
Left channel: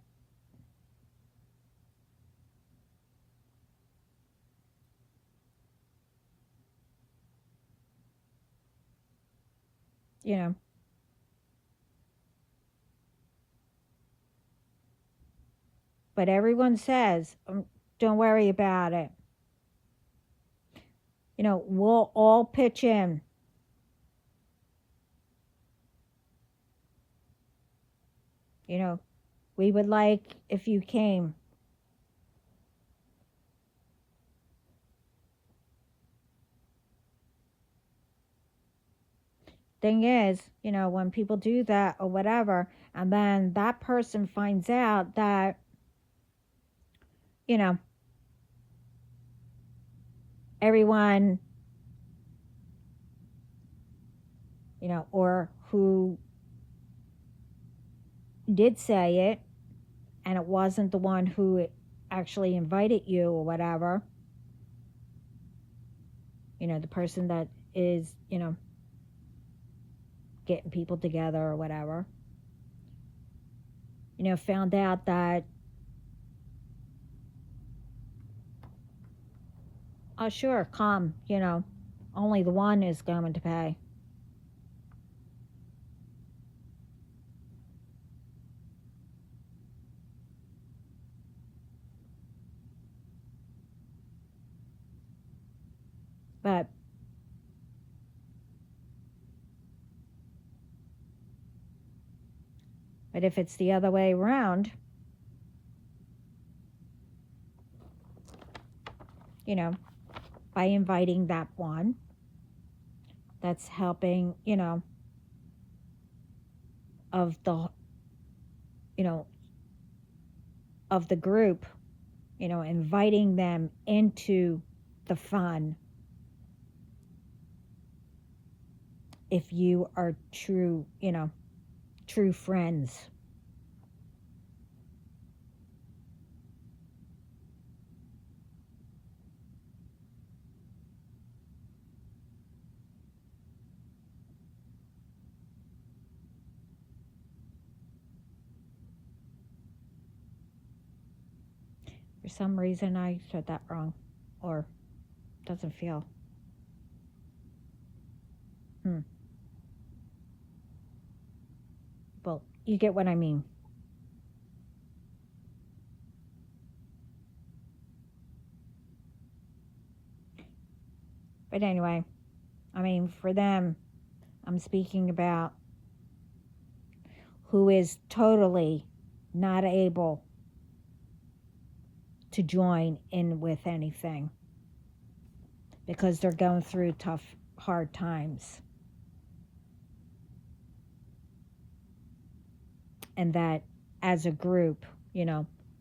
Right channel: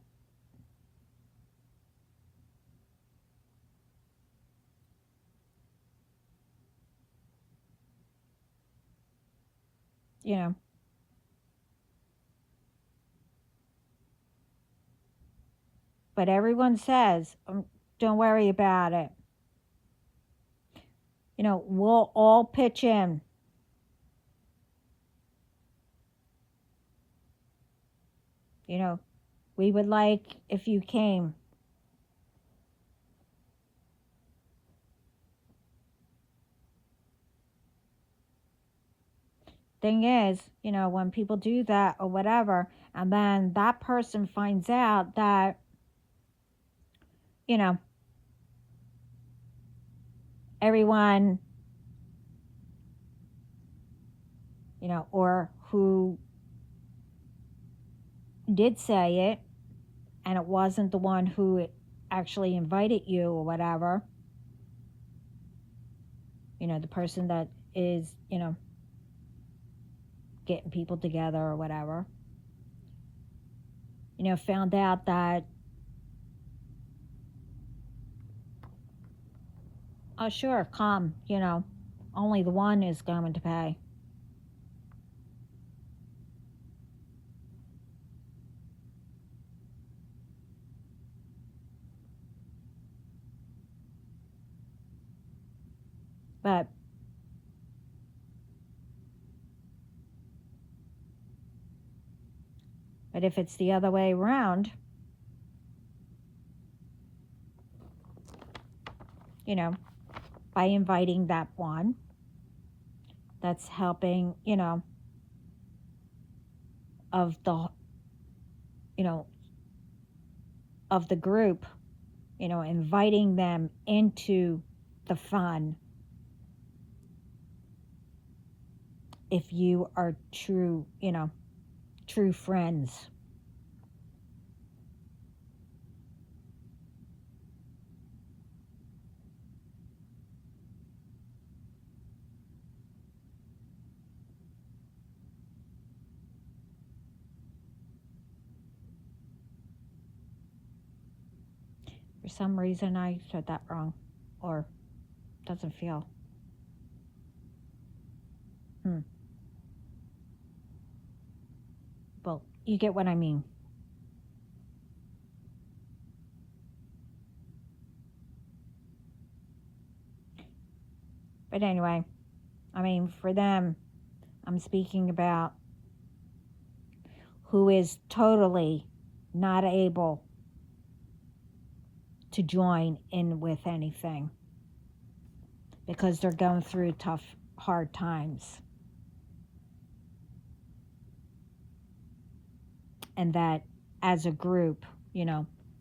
But everyone says, don't worry about it. We'll all pitch in. We would like if you came. Thing is, when people do that or whatever, and then that person finds out that, everyone, or who did say it, and it wasn't the one who actually invited you or whatever, the person that is, getting people together or whatever, found out that, oh, sure, come, only the one is going to pay. But if it's the other way around, by inviting that one that's helping, of the, of the group, inviting them into the fun, if you are true, true friends. For some reason, I said that wrong, or doesn't feel. Well, you get what I mean. But anyway, I mean, for them, I'm speaking about who is totally not able to join in with anything because they're going through tough, hard times. And that as a group,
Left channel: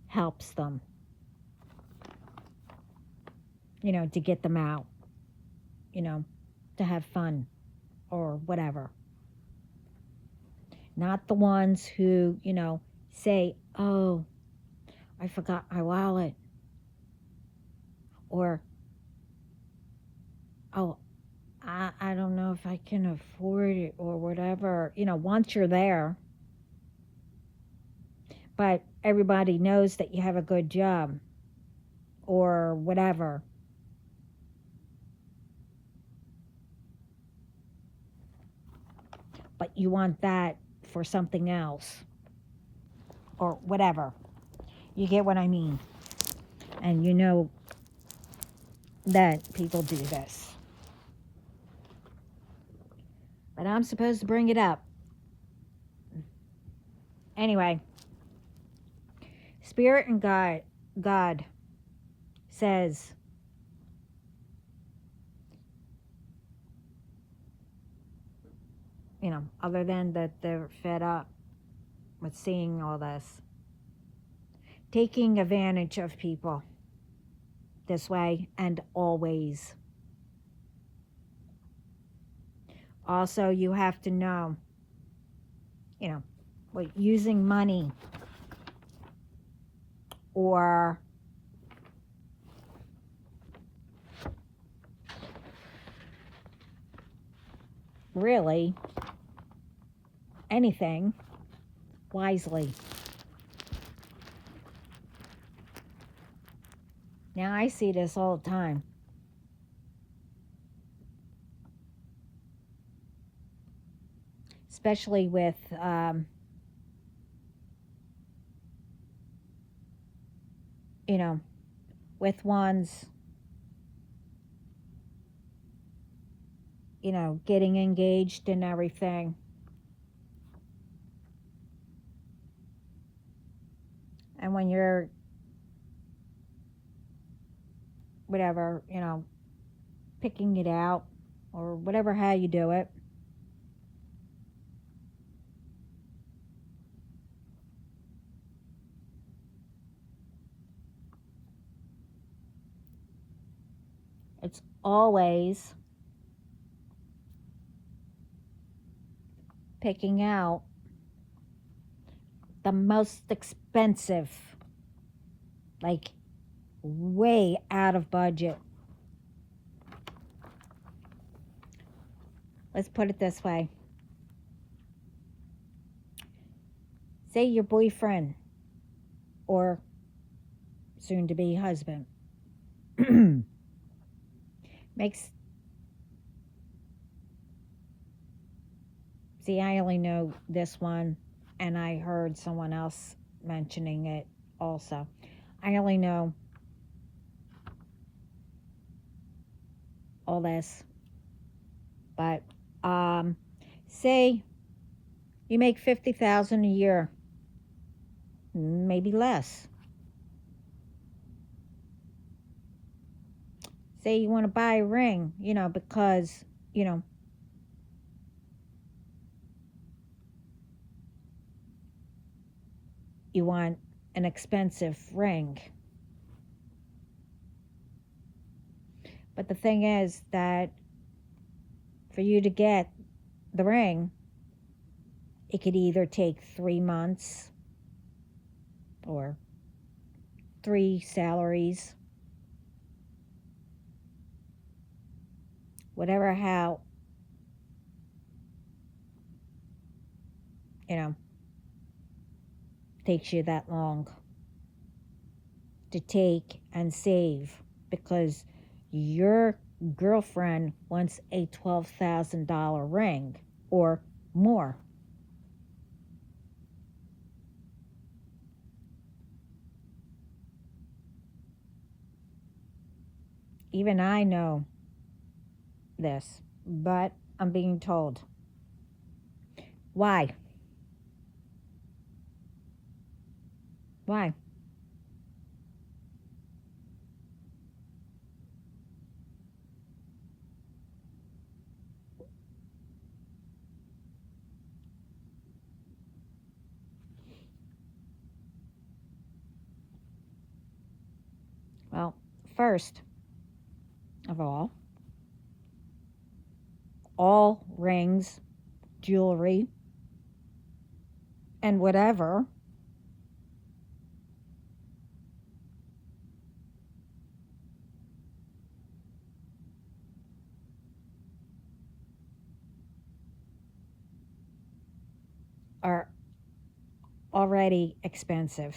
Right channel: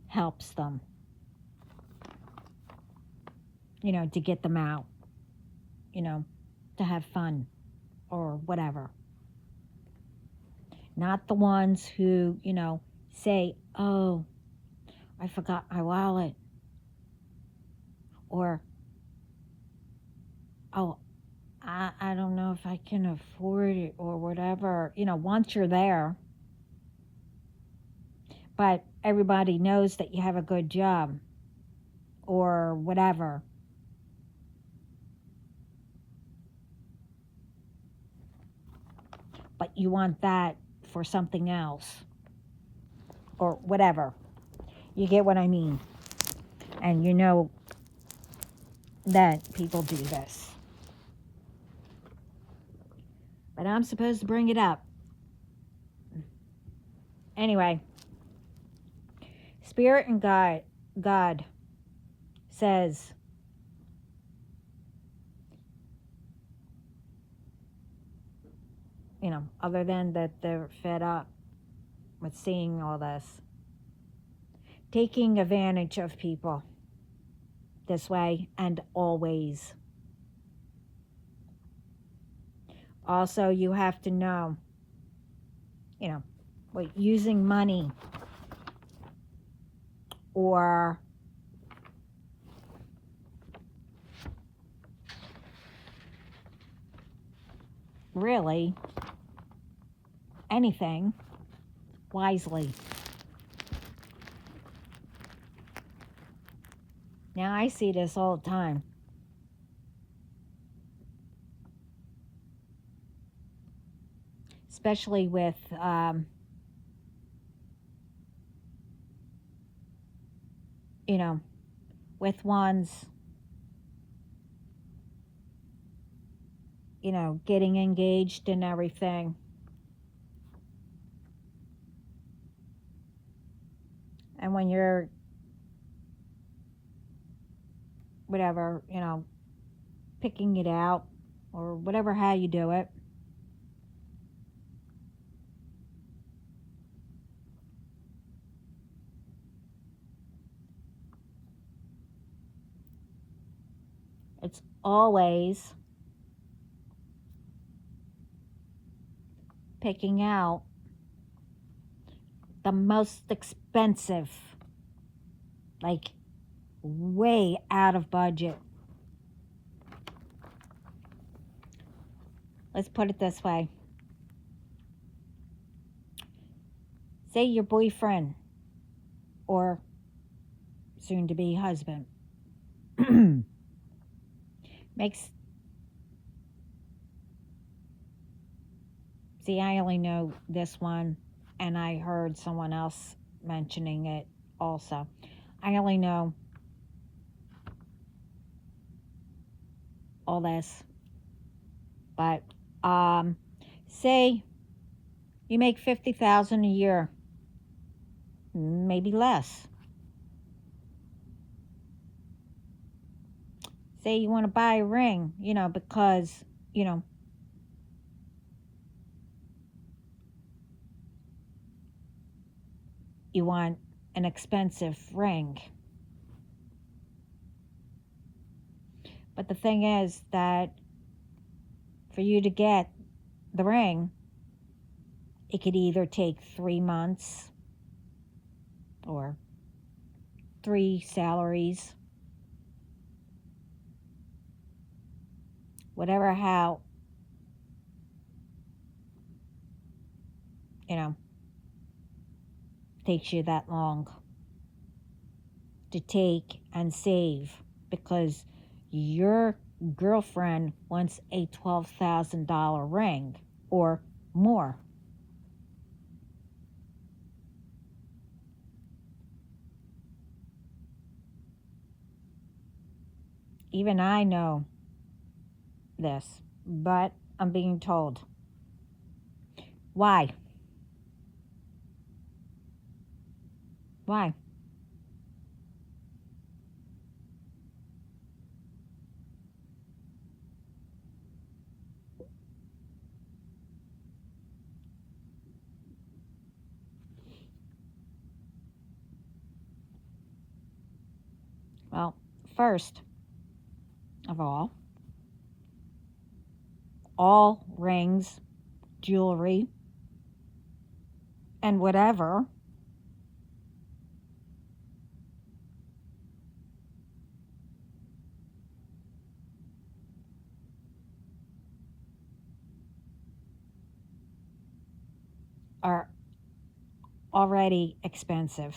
helps them, to get them out, to have fun or whatever. Not the ones who, say, oh, I forgot my wallet. Or, oh, I don't know if I can afford it or whatever. Once you're there, but everybody knows that you have a good job or whatever. But you want that for something else or whatever. You get what I mean? And you know that people do this. But I'm supposed to bring it up. Anyway, Spirit and God says, other than that they're fed up with seeing all this, taking advantage of people this way and always. Also, you have to know, using money or really anything wisely. Now, I see this all the time. Especially with with ones, getting engaged and everything. And when you're, whatever, picking it out or whatever, how you do it, it's always picking out the most expensive, like way out of budget. Let's put it this way. Say your boyfriend or soon to be husband makes, see, I only know this one and I heard someone else mentioning it also. I only know all this, but say you make $50,000 a year, maybe less. Say you want to buy a ring, because you want an expensive ring. But the thing is that for you to get the ring, it could either take 3 months or 3 salaries, whatever, how, takes you that long to take and save, because your girlfriend wants a $12,000 ring or more. Even I know this, but I'm being told. Why? Why? Well, first of all rings, jewelry, and whatever are already expensive.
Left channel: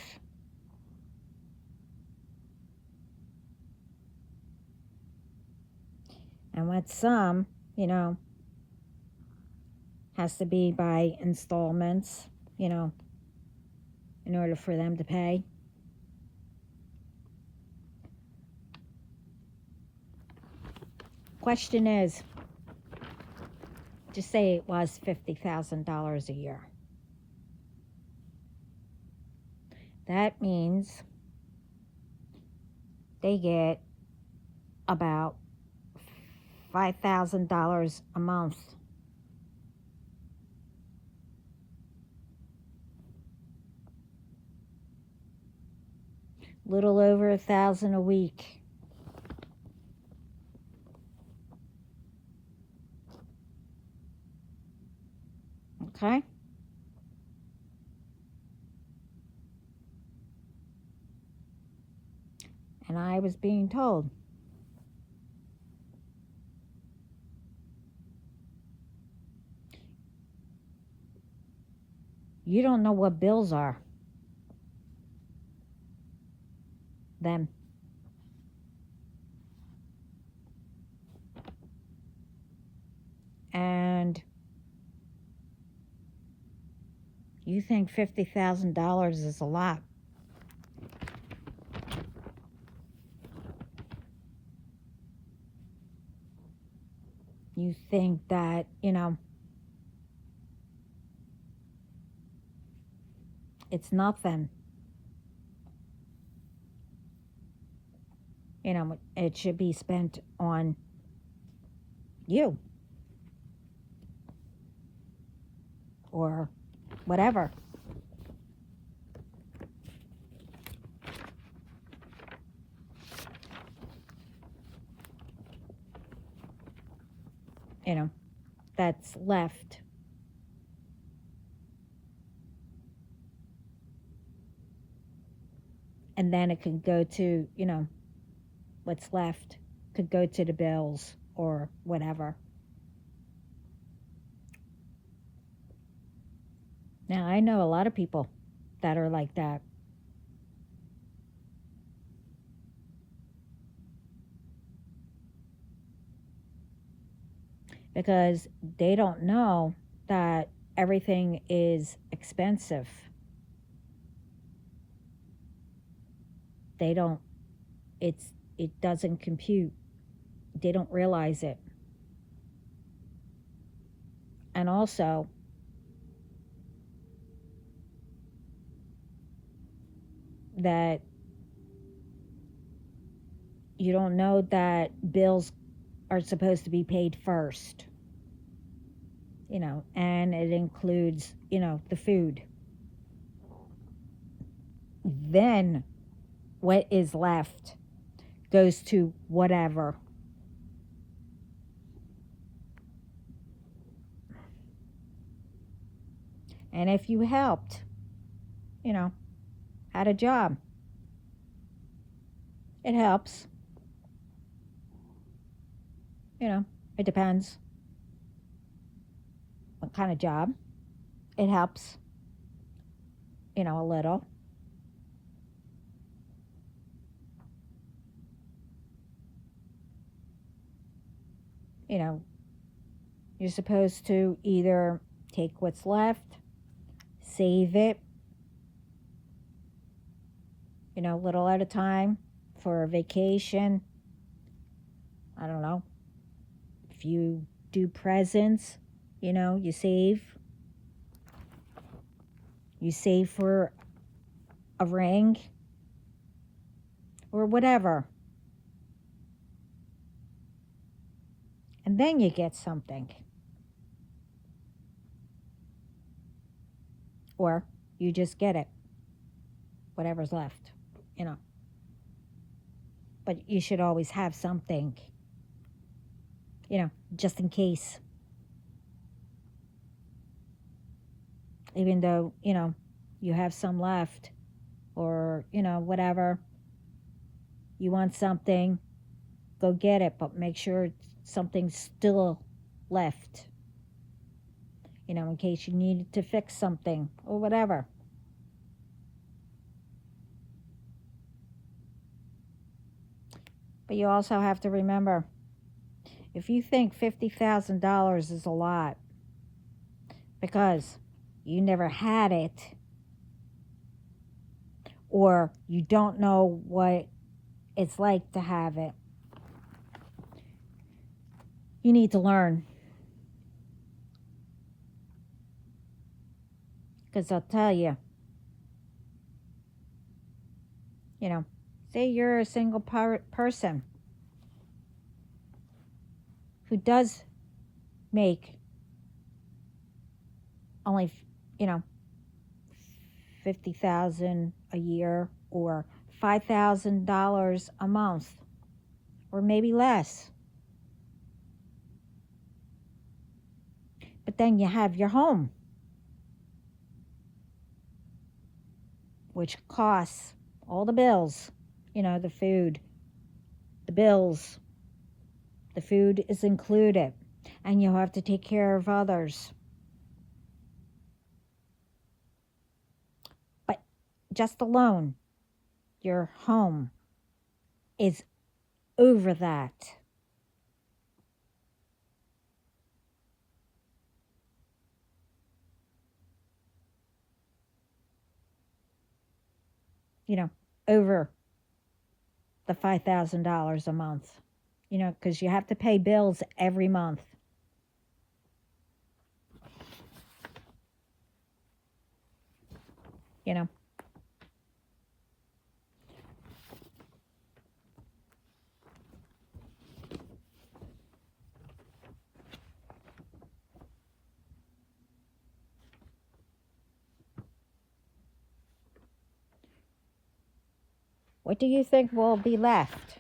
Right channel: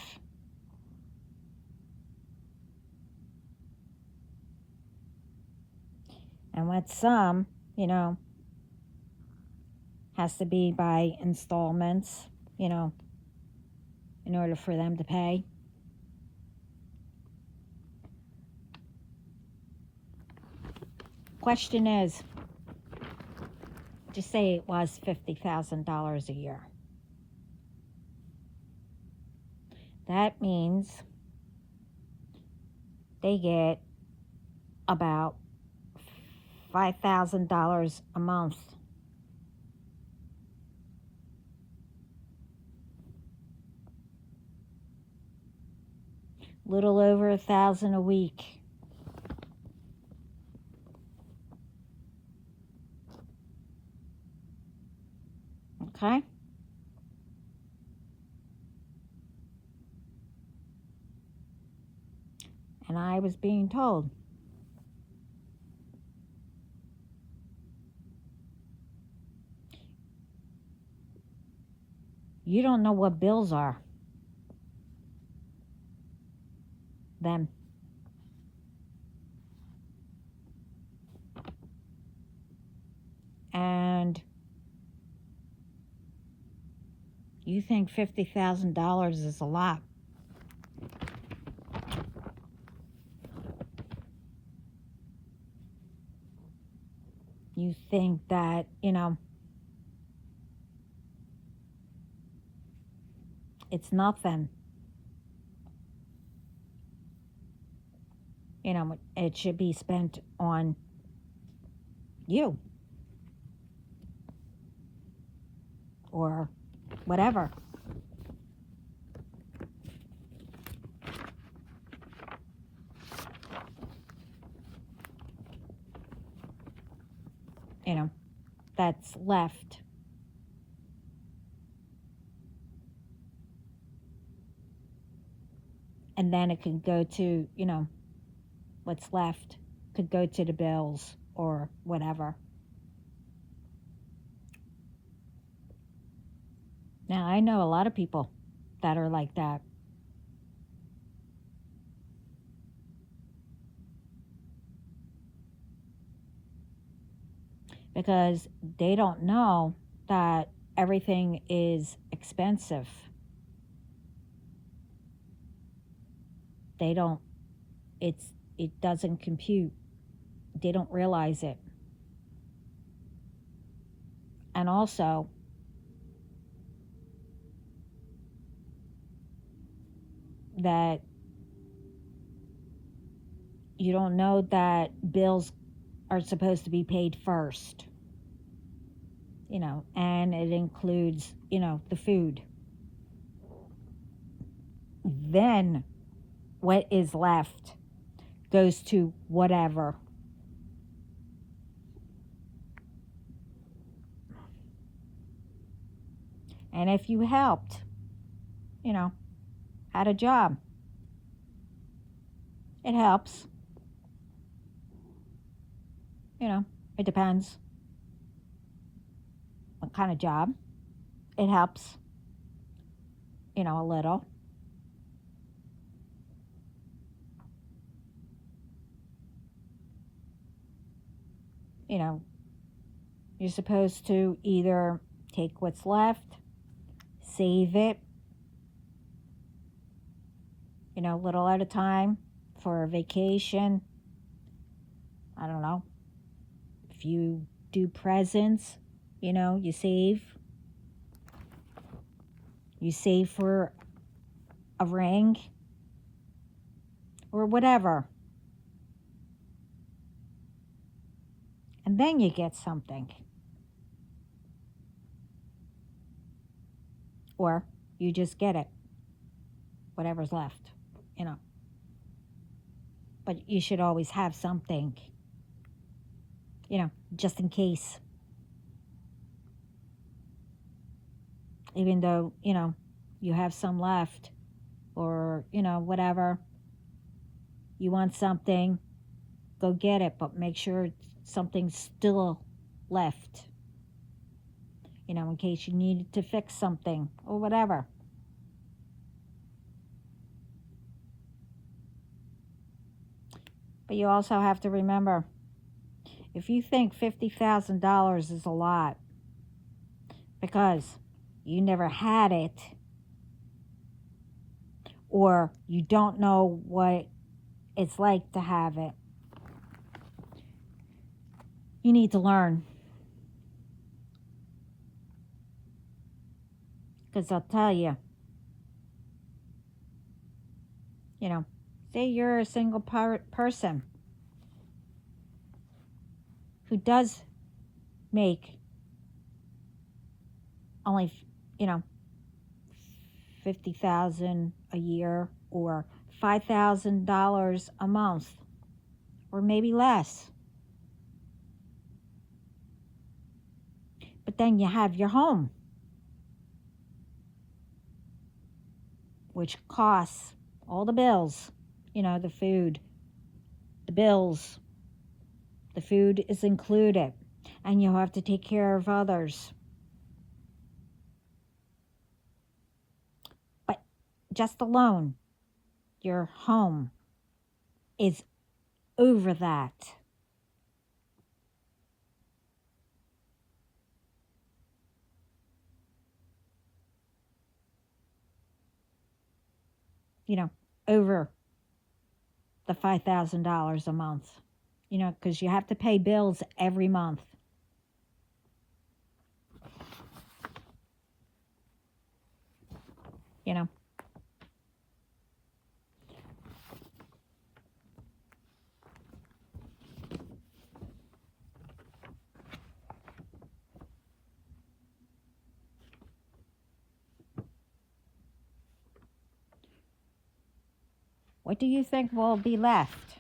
And with some, has to be by installments, in order for them to pay. Question is, just say it was $50,000 a year. That means they get about $5,000 a month. Little over $1,000 a week. Okay? And I was being told, you don't know what bills are. Them. And you think $50,000 is a lot. You think that, it's nothing. It should be spent on you or whatever. That's left. And then it can go to, what's left could go to the bills or whatever. Now, I know a lot of people that are like that. Because they don't know that everything is expensive. They don't, it doesn't compute. They don't realize it. And also, that you don't know that bills are supposed to be paid first, and it includes, the food. Then what is left goes to whatever. And if you helped, had a job, it helps. It depends what kind of job. It helps, a little. You're supposed to either take what's left, save it, little at a time for a vacation. I don't know, If you do presents, you save. You save for a ring or whatever. And then you get something. Or you just get it, whatever's left, you know. But you should always have something, just in case. Even though, you have some left or, whatever. You want something, go get it, but make sure something's still left. In case you needed to fix something or whatever. But you also have to remember, if you think $50,000 is a lot because you never had it, or you don't know what it's like to have it, you need to learn. Because I'll tell you, say you're a single person who does make only, 50,000 a year or $5,000 a month or maybe less. But then you have your home, which costs all the bills, the food, the bills, the food is included, and you have to take care of others. But just alone, your home is over that. Over the $5,000 a month, because you have to pay bills every month. What do you think will be left?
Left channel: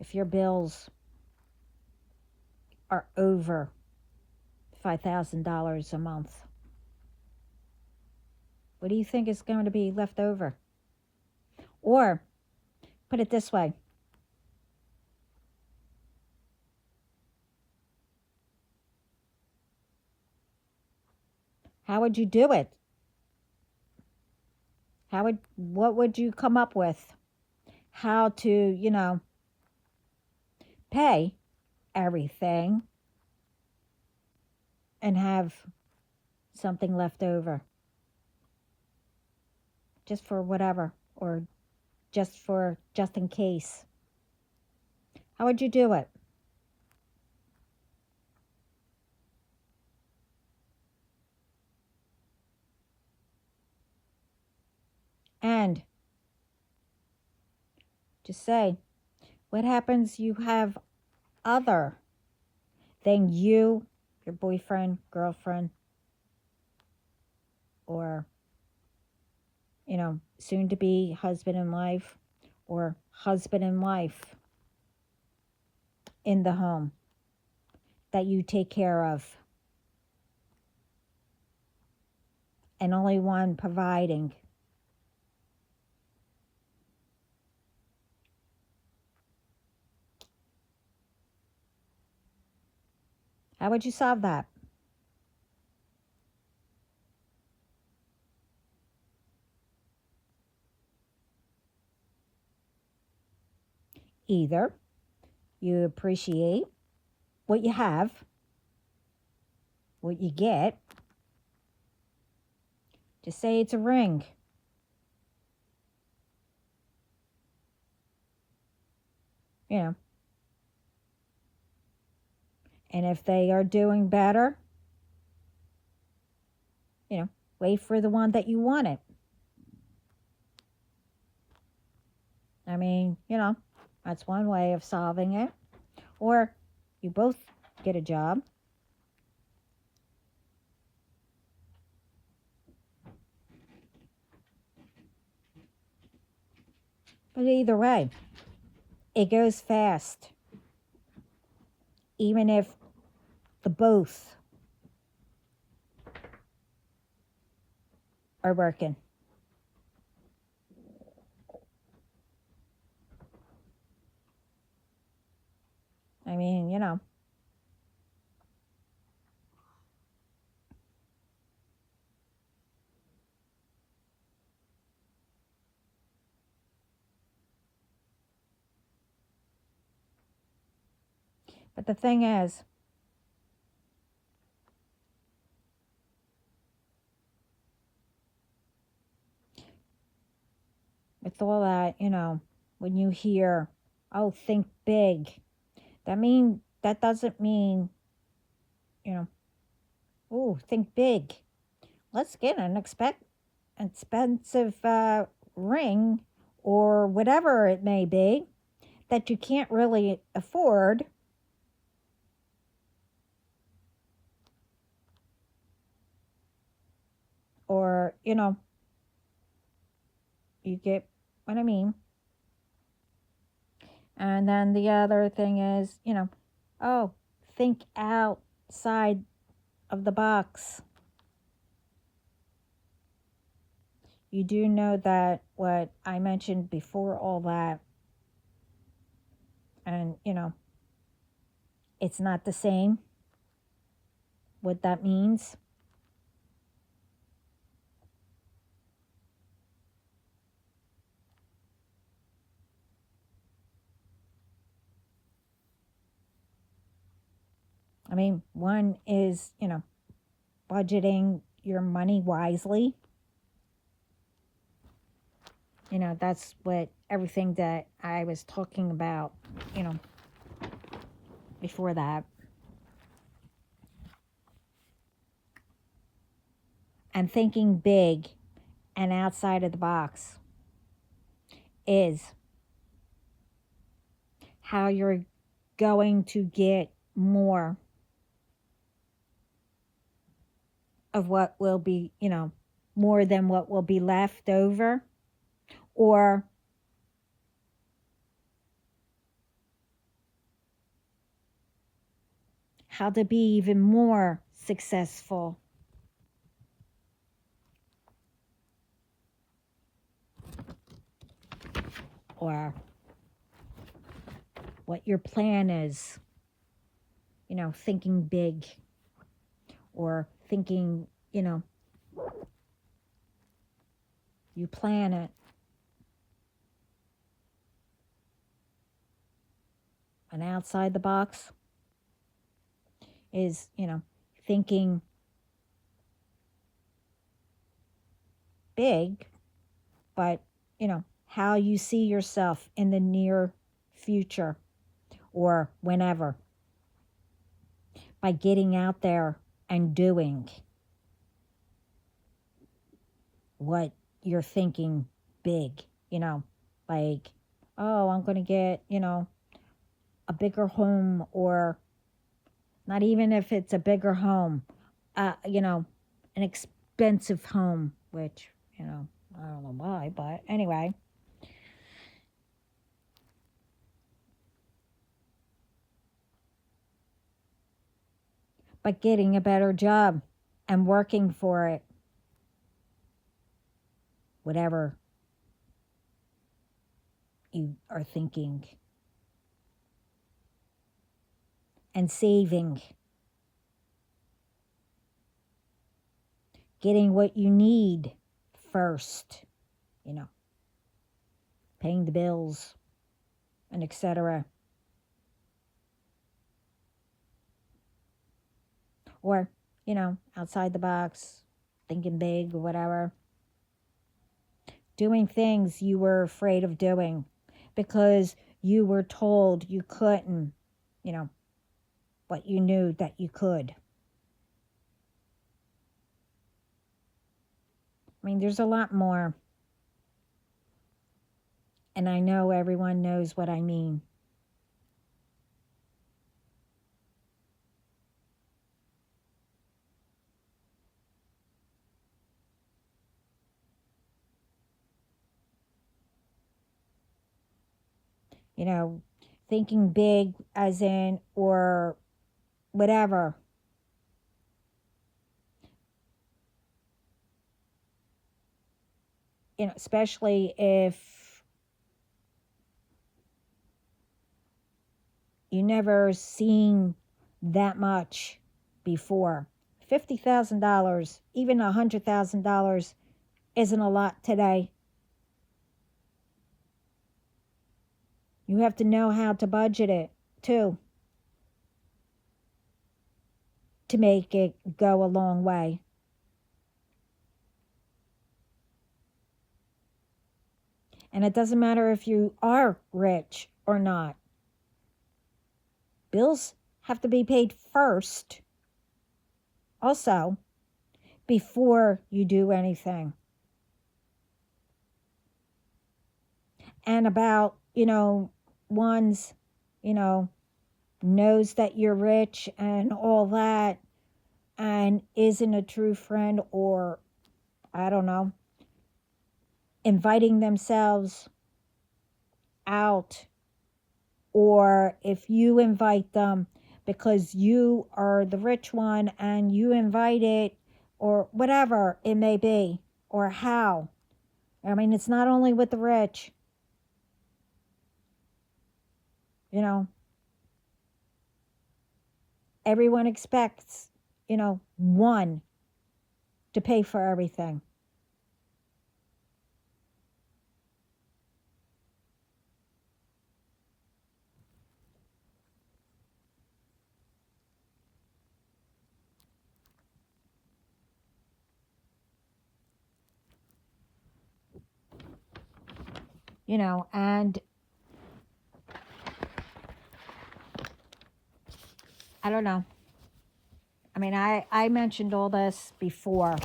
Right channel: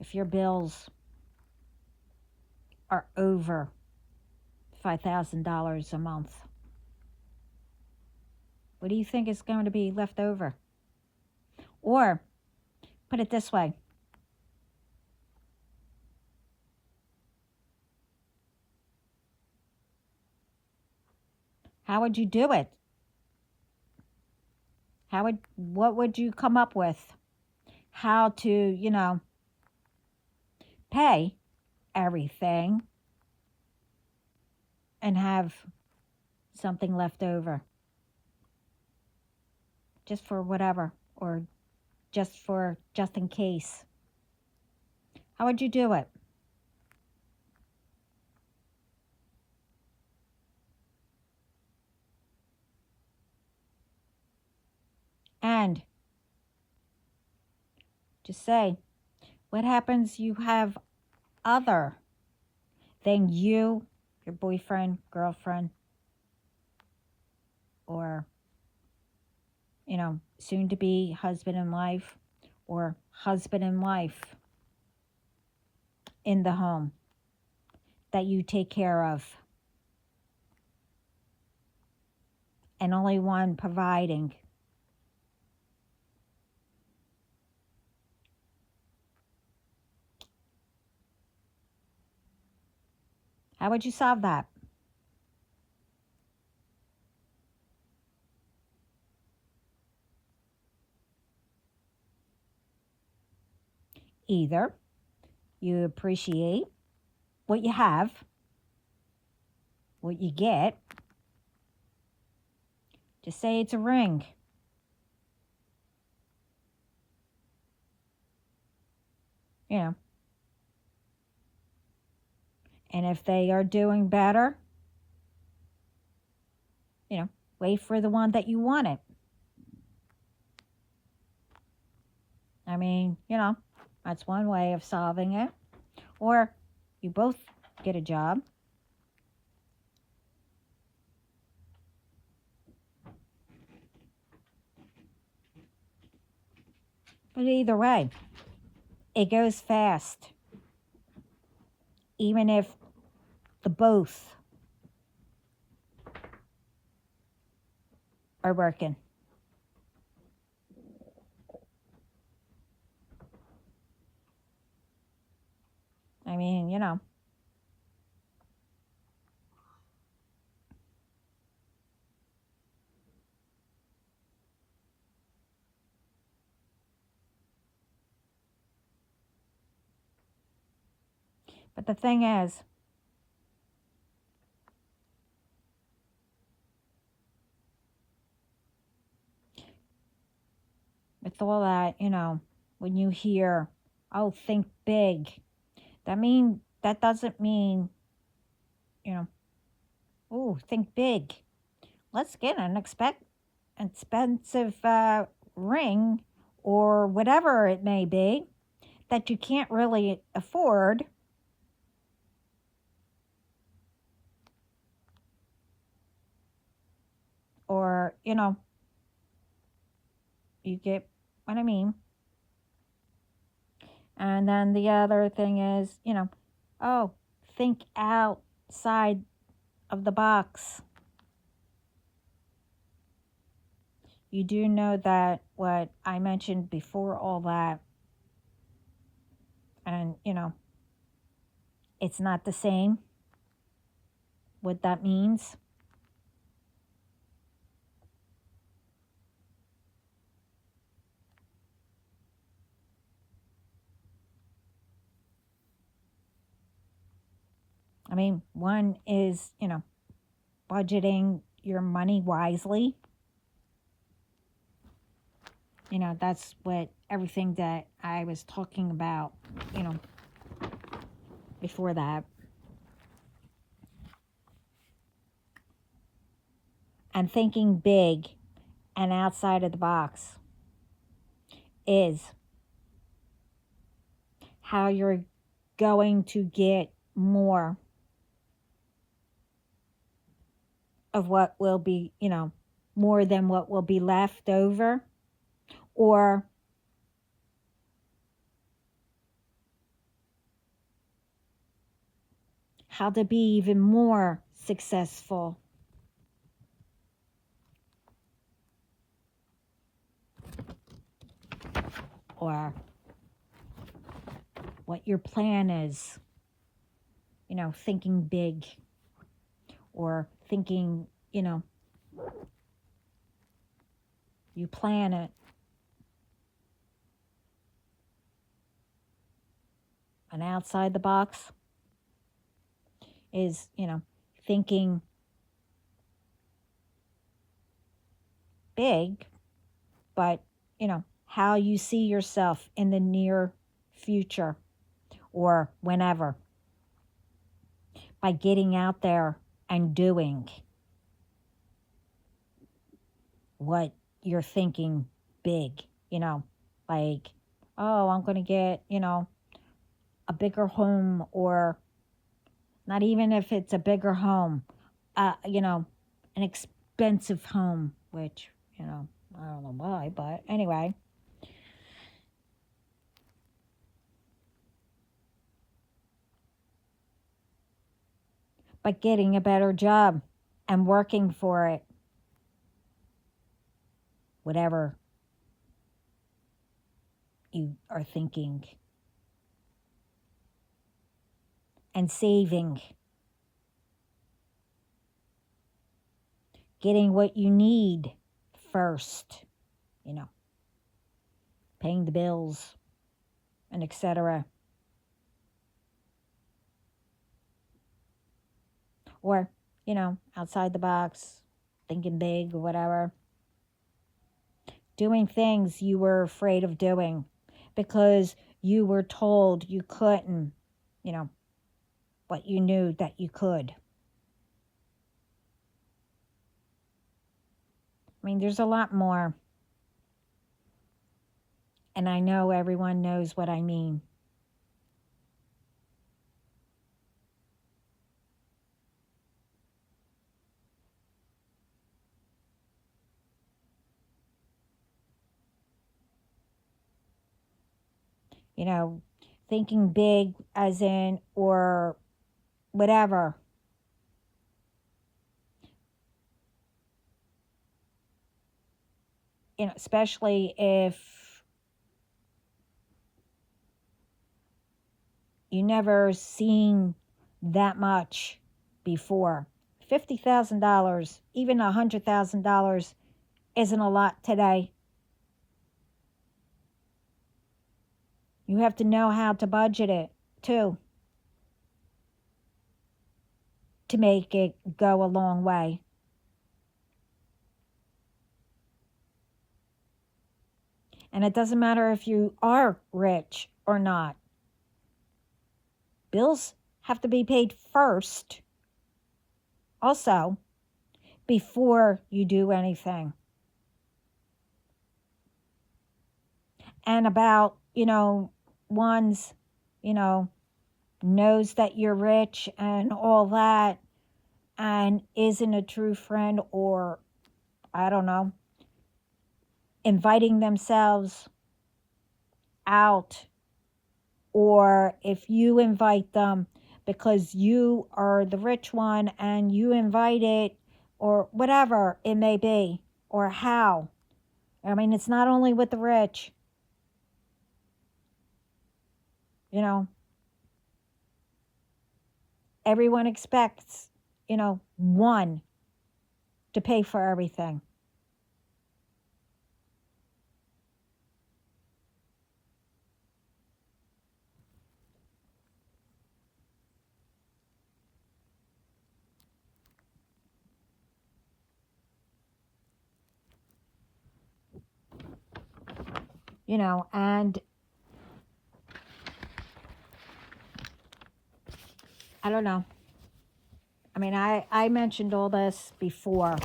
If your bills are over $5,000 a month, what do you think is going to be left over? Or, put it this way, how would you do it? What would you come up with? How to, pay everything and have something left over just for whatever, or just in case. How would you do it? And just say, what happens you have other than you, your boyfriend, girlfriend, or, soon to be husband and wife, or husband and wife in the home that you take care of, and only one providing. How would you solve that? Either you appreciate what you have what you get. Just say it's a ring. You know. And if they are doing better, you know, wait for the one that you wanted. I mean, you know, that's one way of solving it. Or you both get a job. But either way, it goes fast. Even if the both are working. I mean, you know. But the thing is, with all that, you know, when you hear, oh, think big, that doesn't mean, you know, oh, think big. Let's get an expensive ring or whatever it may be that you can't really afford. Or, you know, you get what I mean. And then the other thing is, you know, oh, think outside of the box. You do know that what I mentioned before all that, and, you know, it's not the same, what that means. I mean, one is, you know, budgeting your money wisely. You know, that's what everything that I was talking about, you know, before that. And thinking big and outside of the box is how you're going to get more of what will be, you know, more than what will be left over, or how to be even more successful. Or what your plan is, you know, thinking big, or thinking, you know, you plan it. And outside the box is, you know, thinking big, but, you know, how you see yourself in the near future or whenever, by getting out there and doing what you're thinking big, you know, like, oh, I'm going to get, you know, a bigger home, or not even if it's a bigger home, you know, an expensive home, which, you know, I don't know why, but anyway. But getting a better job and working for it, whatever you are thinking, and saving, getting what you need first, you know, paying the bills and etc. Or outside the box, thinking big or whatever, doing things you were afraid of doing because you were told you couldn't, you know, but you knew that you could. I mean, there's a lot more. And I know everyone knows what I mean. You know, thinking big as in, or whatever. Especially if you never seen that much before. $50,000, even $100,000 isn't a lot today. You have to know how to budget it too to make it go a long way. And it doesn't matter if you are rich or not. Bills have to be paid first, also, before you do anything. And about, one's, knows that you're rich and all that and isn't a true friend, or, I don't know, inviting themselves out, or if you invite them because you are the rich one and you invite it, or whatever it may be, or how. I mean, it's not only with the rich, everyone expects, one to pay for everything. And I don't know. I mean, I mentioned all this before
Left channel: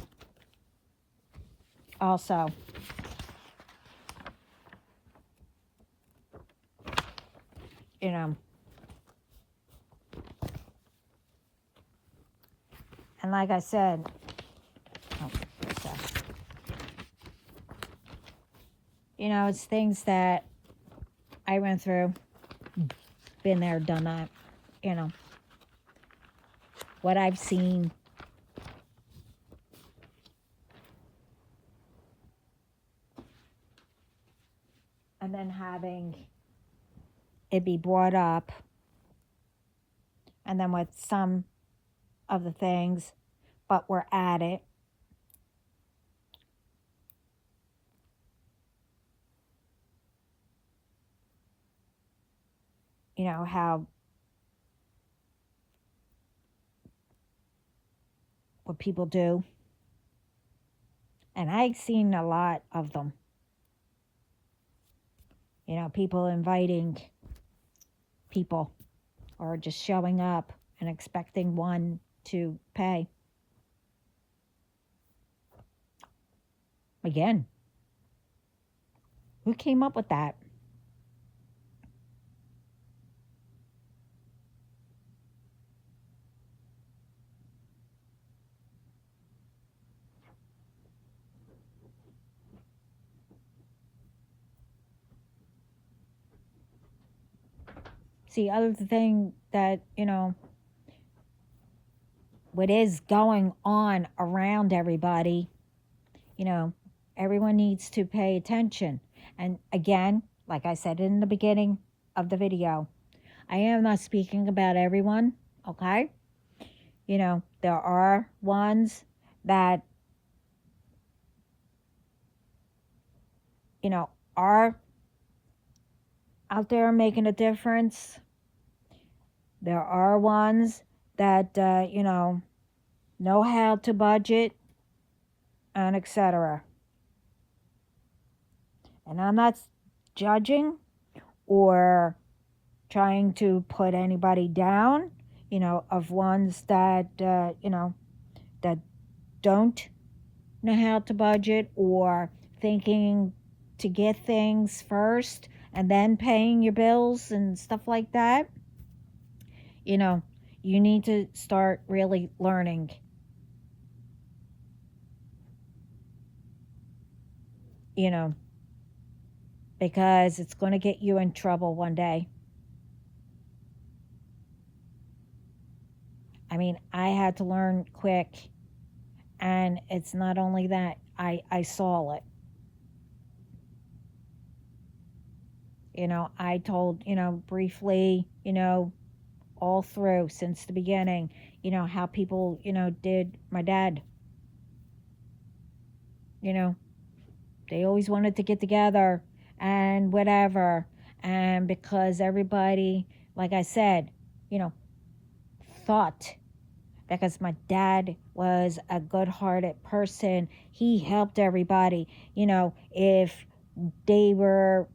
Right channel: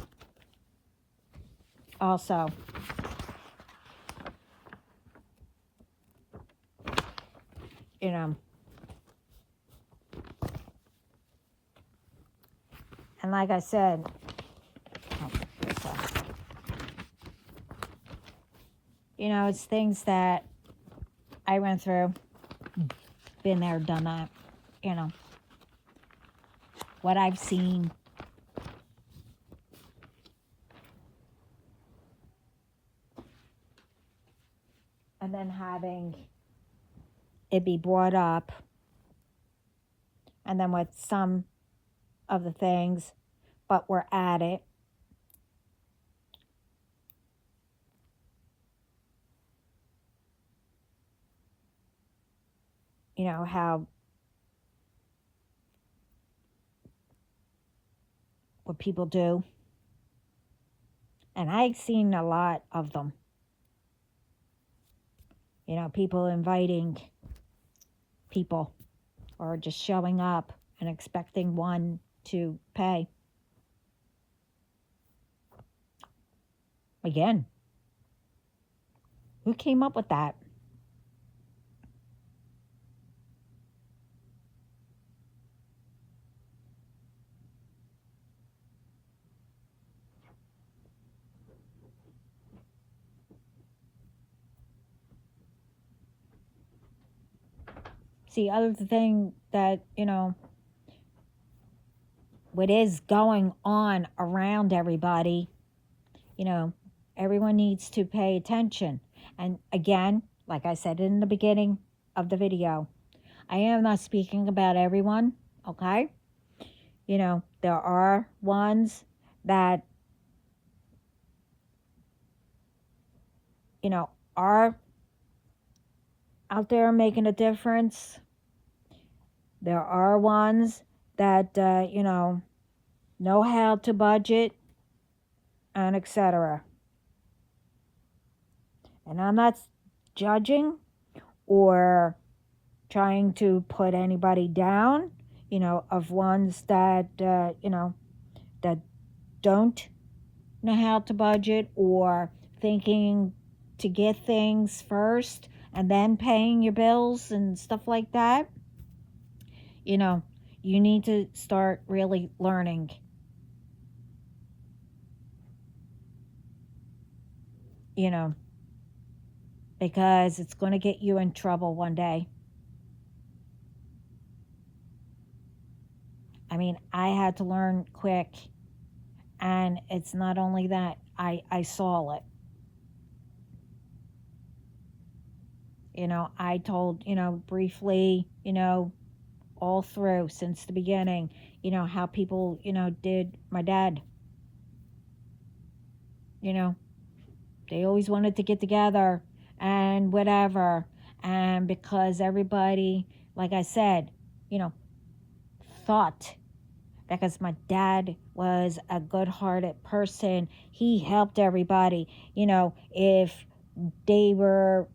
also. And like I said, it's things that I went through, been there, done that, what I've seen. And then having it be brought up, and then with some of the things, but we're at it. How what people do. And I've seen a lot of them. People inviting people or just showing up and expecting one to pay. Again, who came up with that? See, other thing that, what is going on around everybody, everyone needs to pay attention. And again, like I said in the beginning of the video, I am not speaking about everyone, okay? There are ones that, are out there making a difference. There are ones that, know how to budget, and etc. And I'm not judging or trying to put anybody down, of ones that, that don't know how to budget or thinking to get things first and then paying your bills and stuff like that. You know, you need to start really learning, you know, because it's going to get you in trouble one day. I mean, I had to learn quick, and it's not only that, I saw it. I told, briefly, all through since the beginning, how people, did my dad. You know, they always wanted to get together and whatever. And because everybody, like I said, you know, thought, because my dad was a good hearted person, he helped everybody. If they were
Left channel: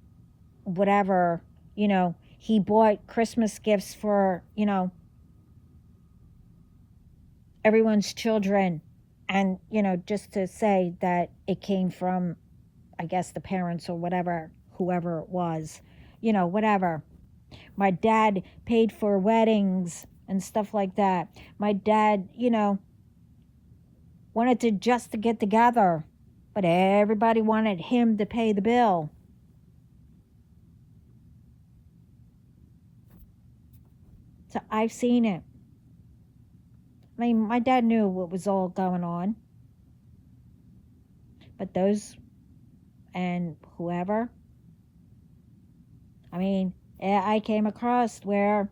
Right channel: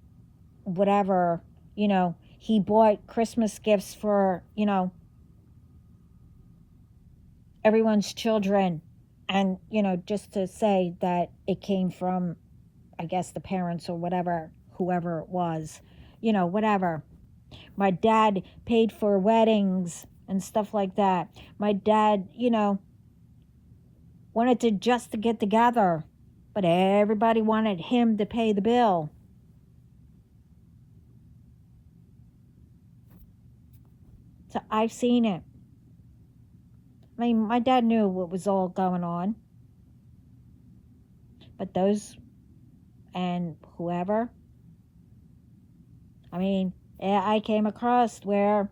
whatever, he bought Christmas gifts for, everyone's children. And, just to say that it came from, I guess, the parents or whatever, whoever it was, whatever. My dad paid for weddings and stuff like that. My dad, wanted to just to get together, but everybody wanted him to pay the bill. So I've seen it. I mean, my dad knew what was all going on, but those and whoever, I mean, I came across where,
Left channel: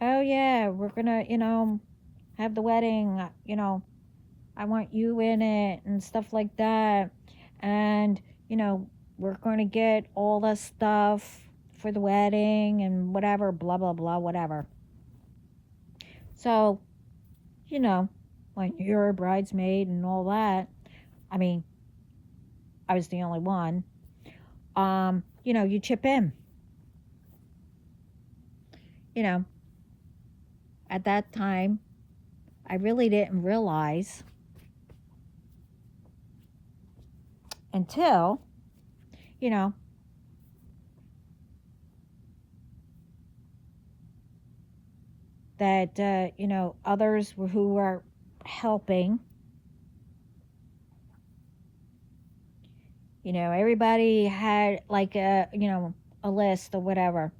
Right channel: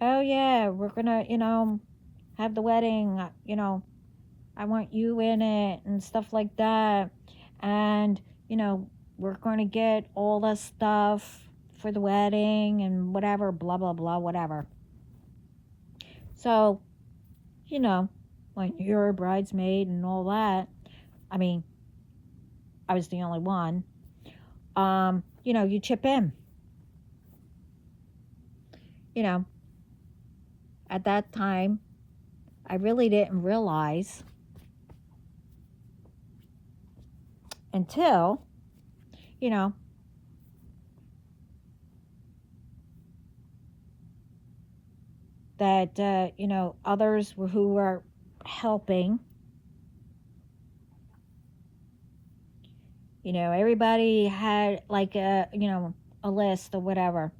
oh yeah, we're gonna, have the wedding, I want you in it and stuff like that. And, we're going to get all the stuff for the wedding and whatever, blah, blah, blah, whatever. So, when you're a bridesmaid and all that, I mean, I was the only one, you chip in. At that time, I really didn't realize until, you know, that, others who were helping, everybody had like a list or whatever.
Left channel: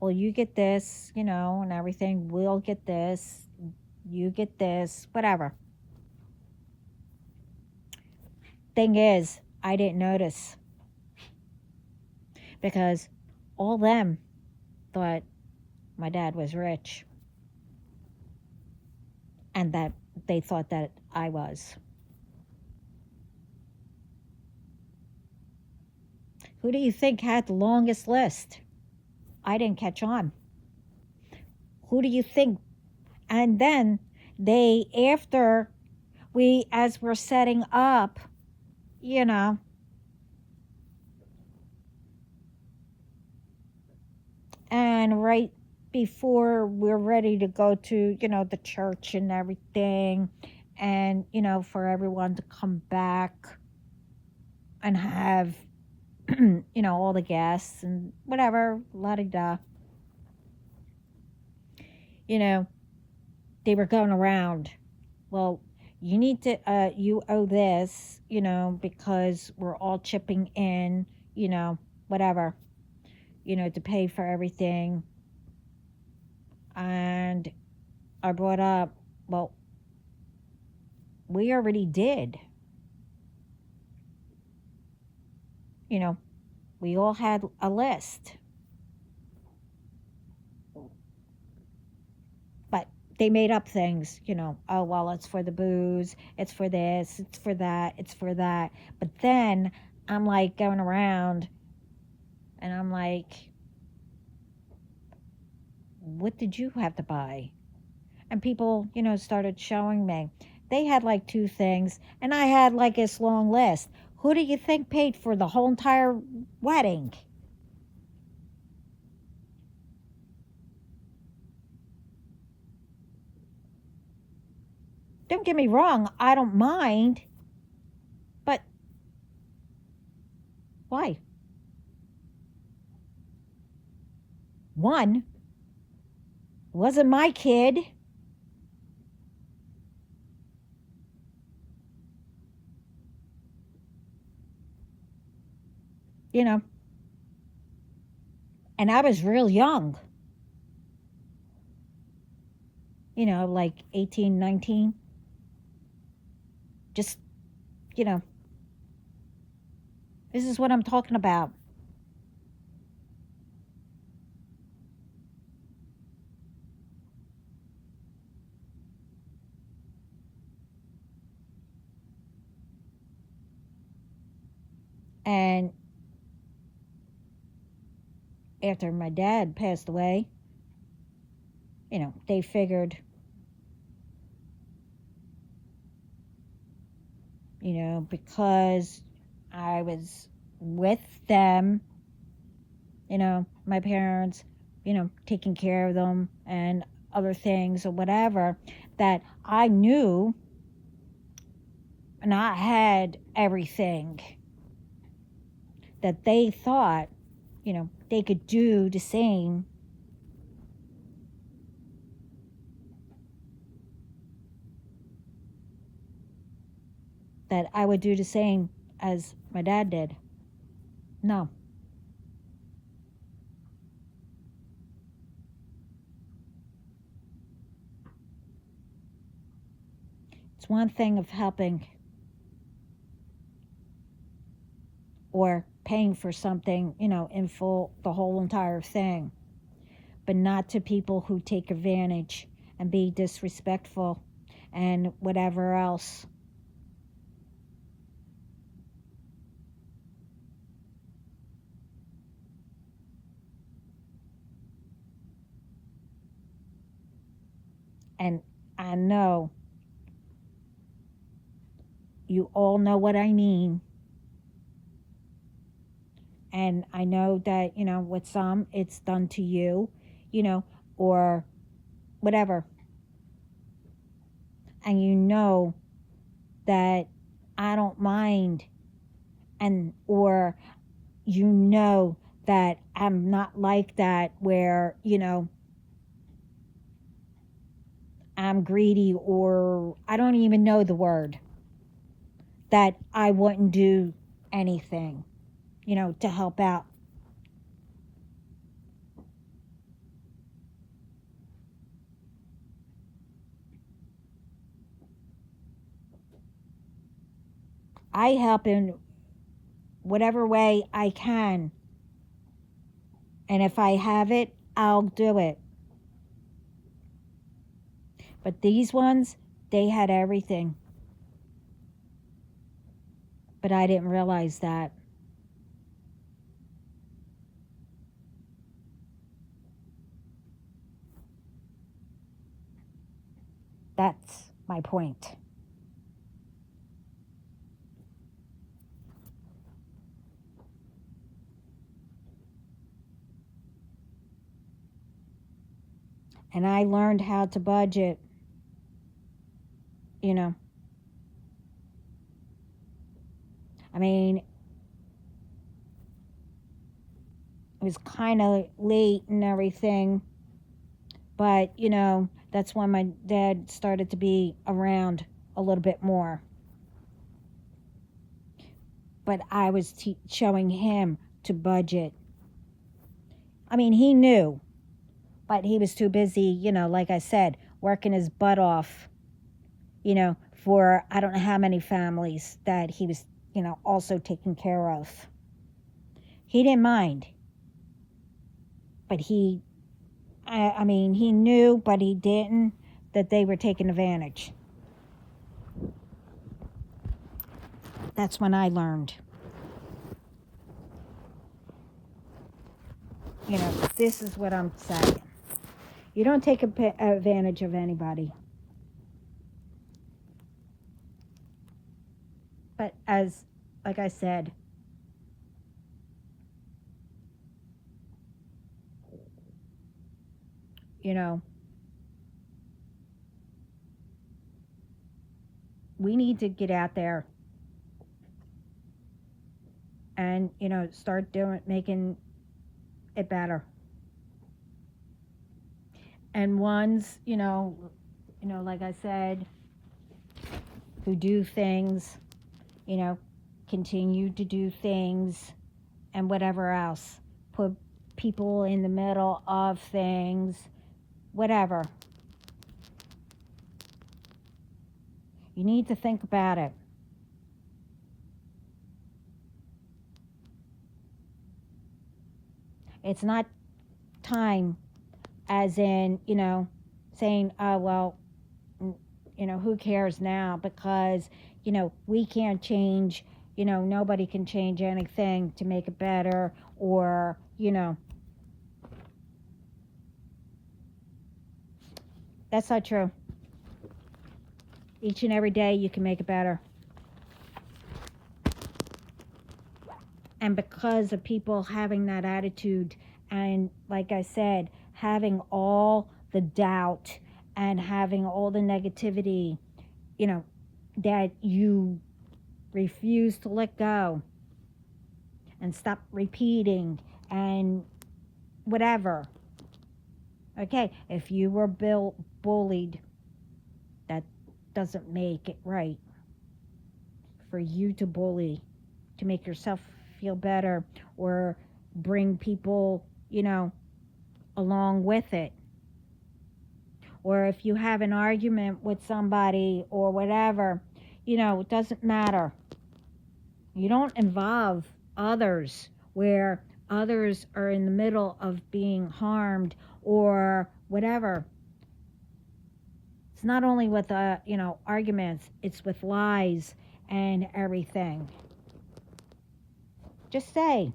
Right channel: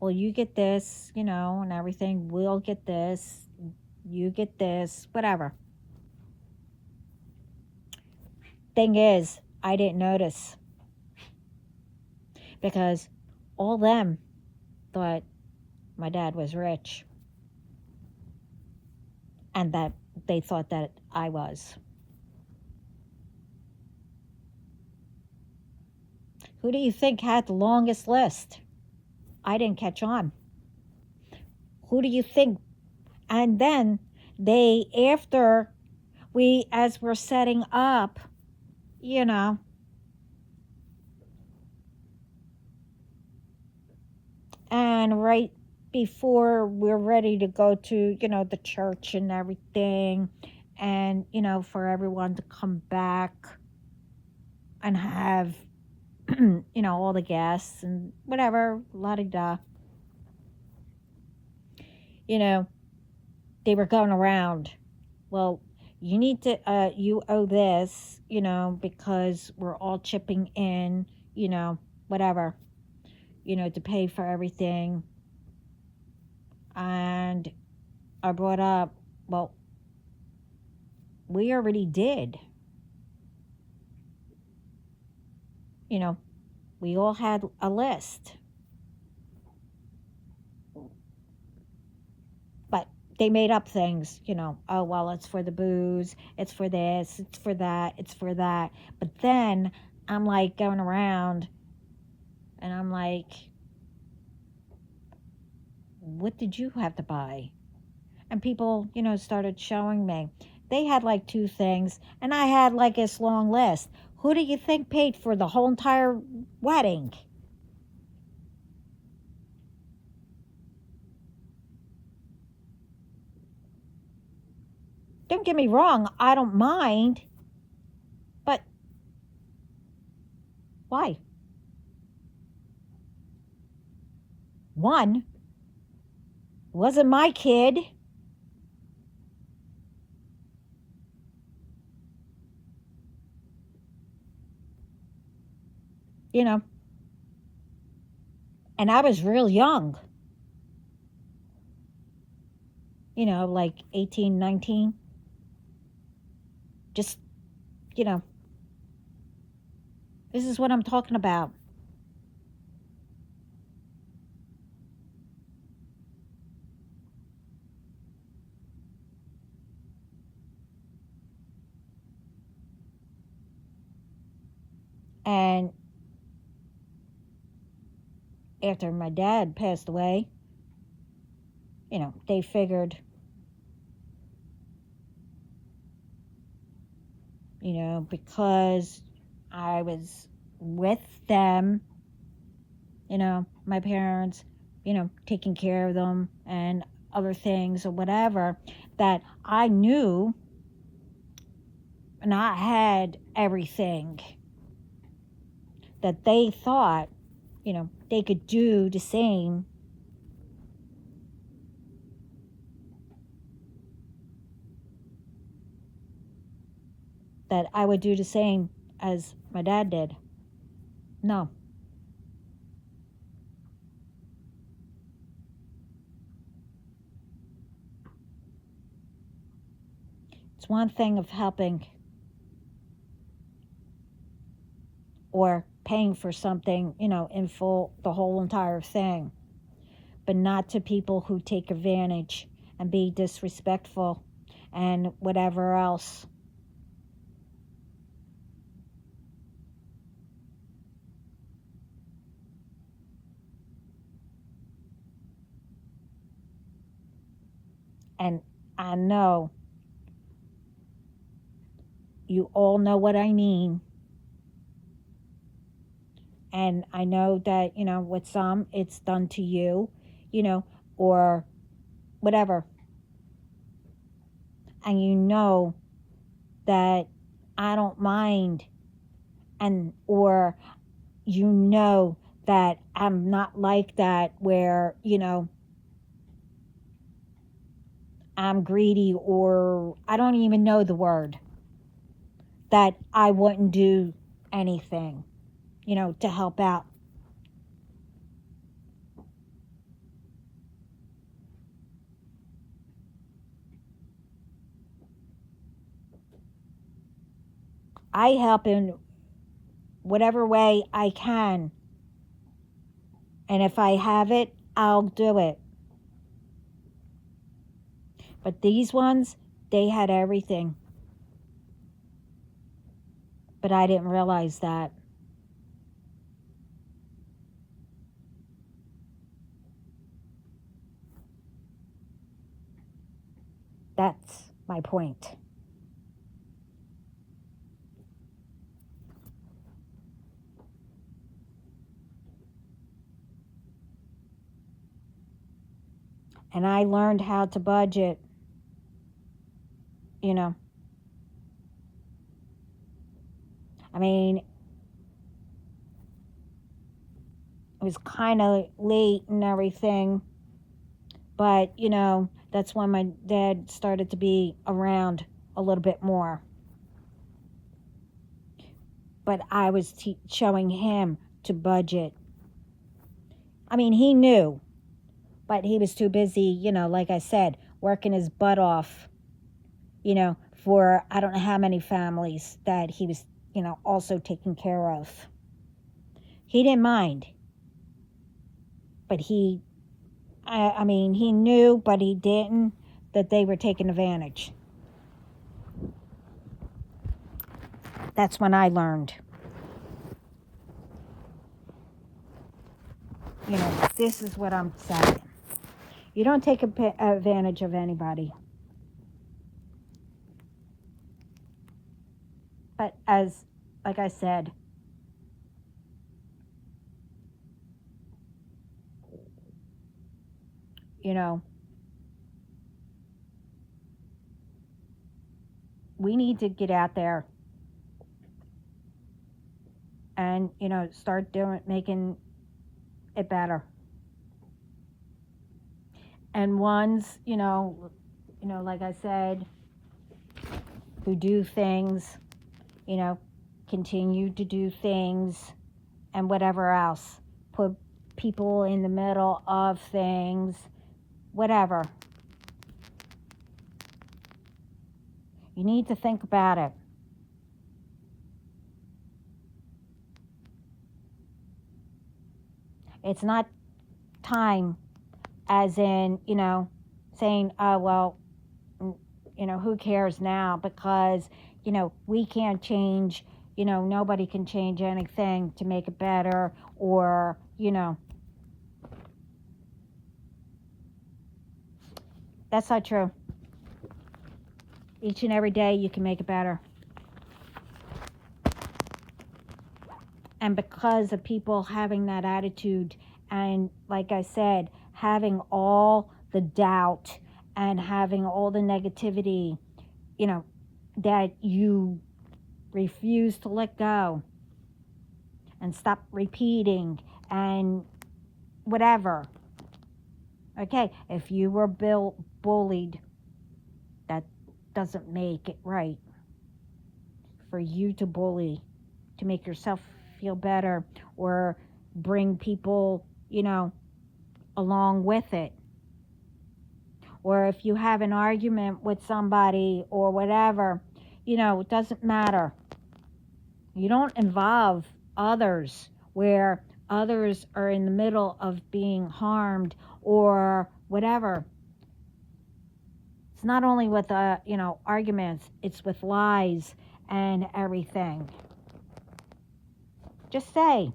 Well, you get this, and everything. We'll get this. You get this, whatever. Thing is, I didn't notice because all them thought my dad was rich and that they thought that I was. Who do you think had the longest list? I didn't catch on. Who do you think? And then after as we're setting up, and right before we're ready to go to, the church and everything, and, for everyone to come back and have, all the guests and whatever, la-di-da. They were going around. Well, you need to, you owe this, because we're all chipping in, whatever, to pay for everything. And I brought up, well, we already did. We all had a list. But they made up things, oh, well, it's for the booze, it's for this, it's for that, it's for that. But then I'm like going around and I'm like, what did you have to buy? And people, started showing me. They had like 2 things, and I had like this long list. Who do you think paid for the whole entire wedding? Don't get me wrong, I don't mind, but why? One, wasn't my kid. You know, and I was real young, like 18, 19. Just, you know, this is what I'm talking about. And after my dad passed away, they figured, because I was with them, my parents, taking care of them and other things or whatever, that I knew and I had everything that they thought, they could do the same. That I would do the same as my dad did. No. It's one thing of helping or paying for something, in full, the whole entire thing, but not to people who take advantage and be disrespectful and whatever else. And I know you all know what I mean. And I know that, with some, it's done to you, or whatever. And you know that I don't mind, or that I'm not like that where, I'm greedy, or I don't even know the word, that I wouldn't do anything, to help out. I help in whatever way I can. And if I have it, I'll do it. But these ones, they had everything. But I didn't realize that. That's my point. And I learned how to budget, I mean, it was kind of late and everything, but, that's when my dad started to be around a little bit more. But I was showing him to budget. I mean, he knew, but he was too busy, like I said, working his butt off, for I don't know how many families that he was, also taking care of. He didn't mind, but he knew, but he didn't, that they were taking advantage. That's when I learned. This is what I'm saying. You don't take advantage of anybody. But like I said, you know, we need to get out there and, start making it better. And ones, like I said, who do things, you know, continue to do things and whatever else. Put people in the middle of things, whatever. You need to think about it. It's not time as in, saying, oh, well, who cares now, because, we can't change, nobody can change anything to make it better, or, that's not true. Each and every day you can make it better. And because of people having that attitude, and like I said, having all the doubt and having all the negativity, that you refuse to let go and stop repeating and whatever. Okay, if you were bullied, that doesn't make it right for you to bully, to make yourself feel better or bring people, along with it. Or if you have an argument with somebody or whatever, it doesn't matter. You don't involve others where others are in the middle of being harmed or whatever. It's not only with, arguments, it's with lies and everything. Just say,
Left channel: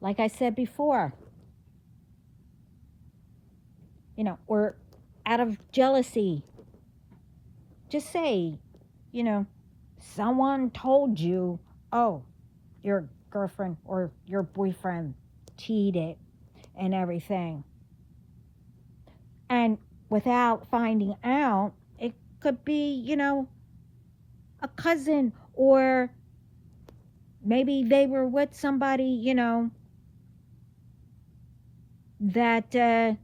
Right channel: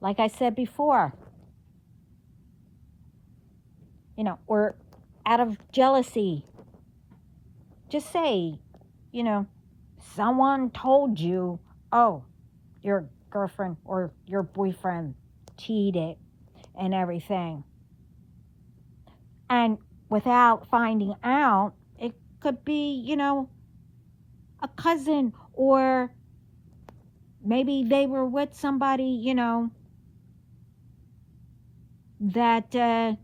like I said before, or out of jealousy, just say, someone told you, oh, your girlfriend or your boyfriend cheated and everything. And without finding out, it could be, a cousin, or maybe they were with somebody, that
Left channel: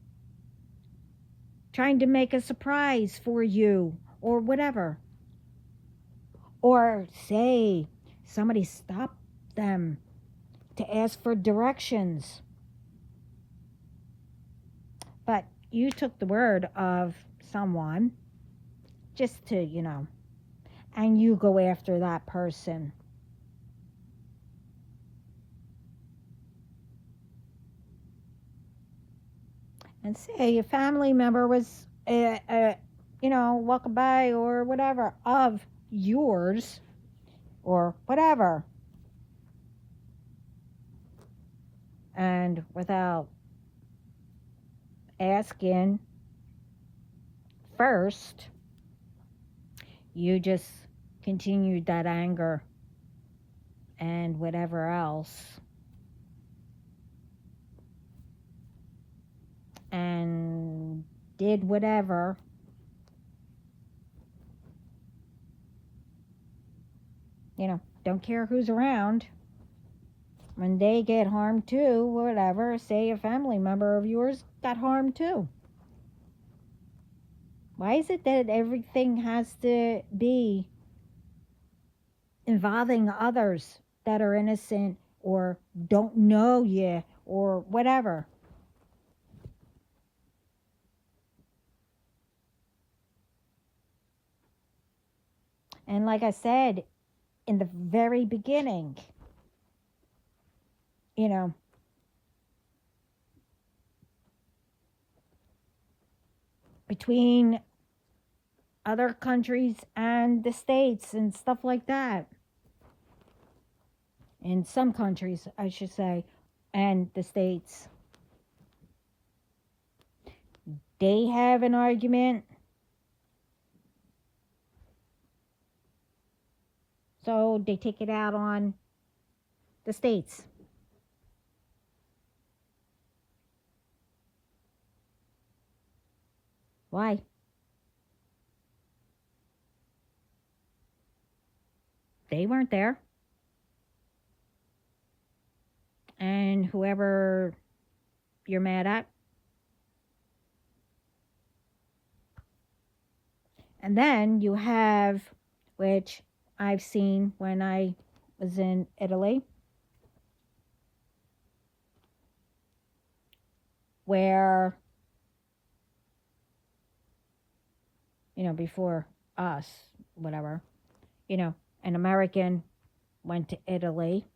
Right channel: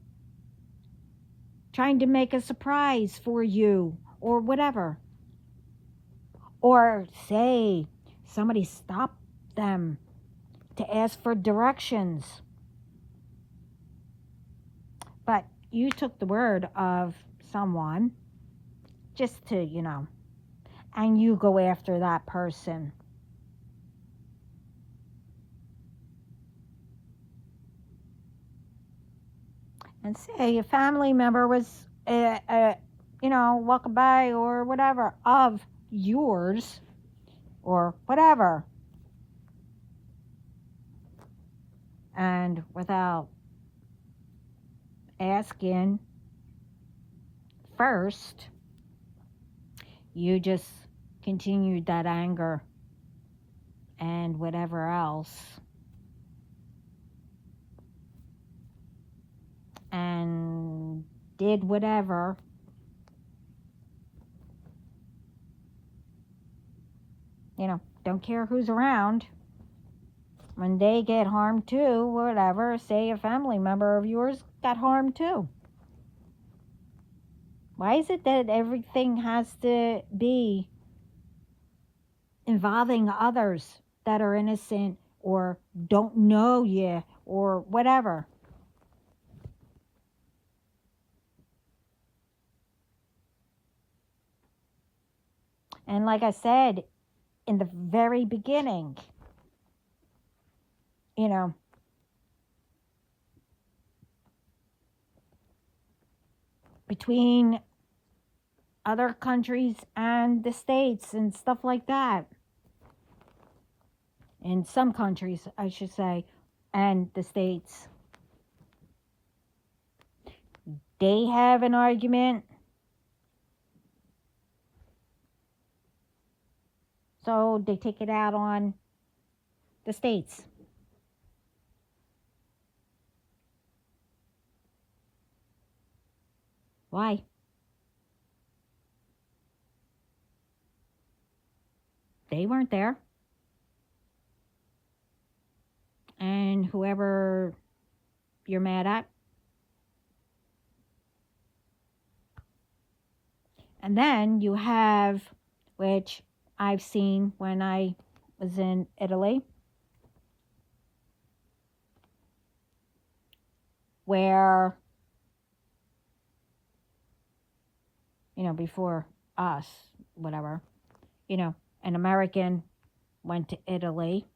trying to make a surprise for you or whatever. Or say somebody stopped them to ask for directions. But you took the word of someone just to, and you go after that person. And say a family member was, walking by or whatever of yours or whatever. And without asking first, you just continued that anger and whatever else. And did whatever. Don't care who's around. When they get harmed too, whatever, say a family member of yours got harmed too. Why is it that everything has to be involving others that are innocent or don't know you or whatever? And like I said in the very beginning, between other countries and the States and stuff like that. In some countries, I should say, and the States. They have an argument. told they take it out on the states. Why? They weren't there. And whoever you're mad at. And then you have, which I've seen when I was in Italy, where, before us, whatever, an American went to Italy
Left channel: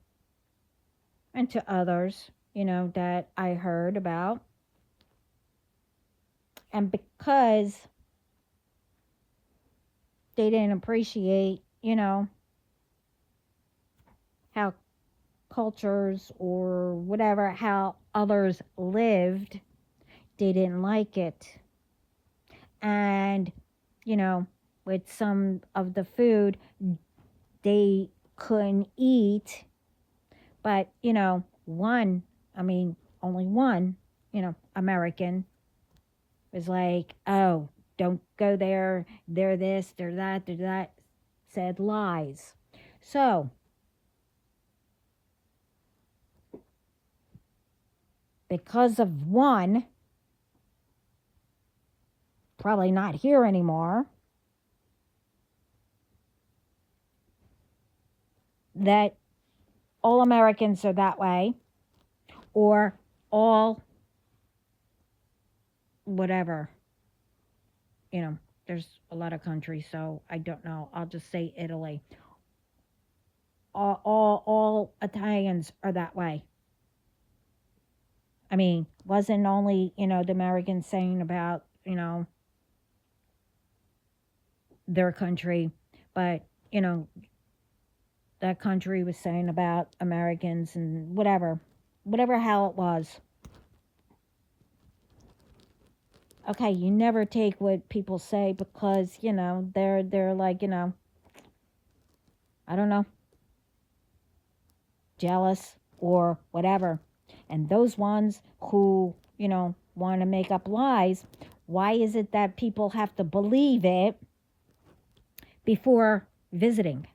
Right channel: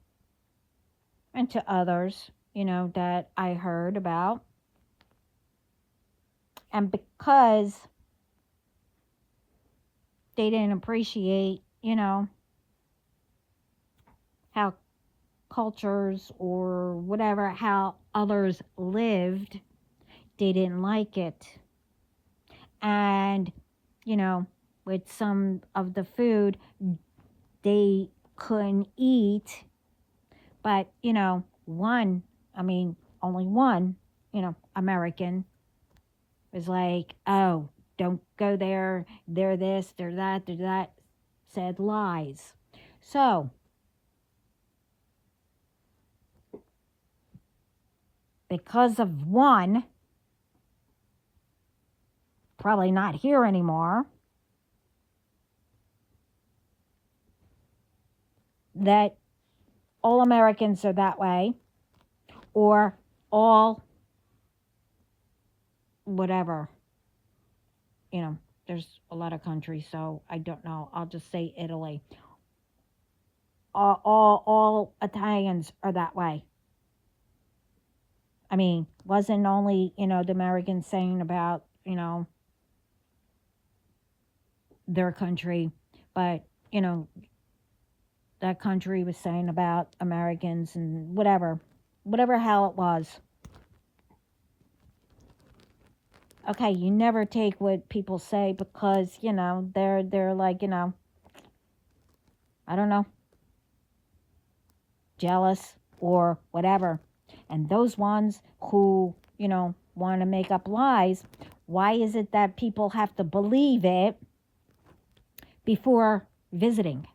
and to others, that I heard about. And because they didn't appreciate, how cultures or whatever, how others lived, they didn't like it. And, with some of the food, they couldn't eat. But, only one, American was like, oh, don't go there, they're this, they're that, said lies. So, because of one, probably not here anymore, that all Americans are that way, or all whatever. There's a lot of countries, so I don't know. I'll just say Italy. All Italians are that way. Wasn't only, the Americans saying about, their country, but, that country was saying about Americans and whatever hell it was. Okay, you never take what people say because, they're like, I don't know, jealous or whatever. And those ones who, want to make up lies, why is it that people have to believe it before visiting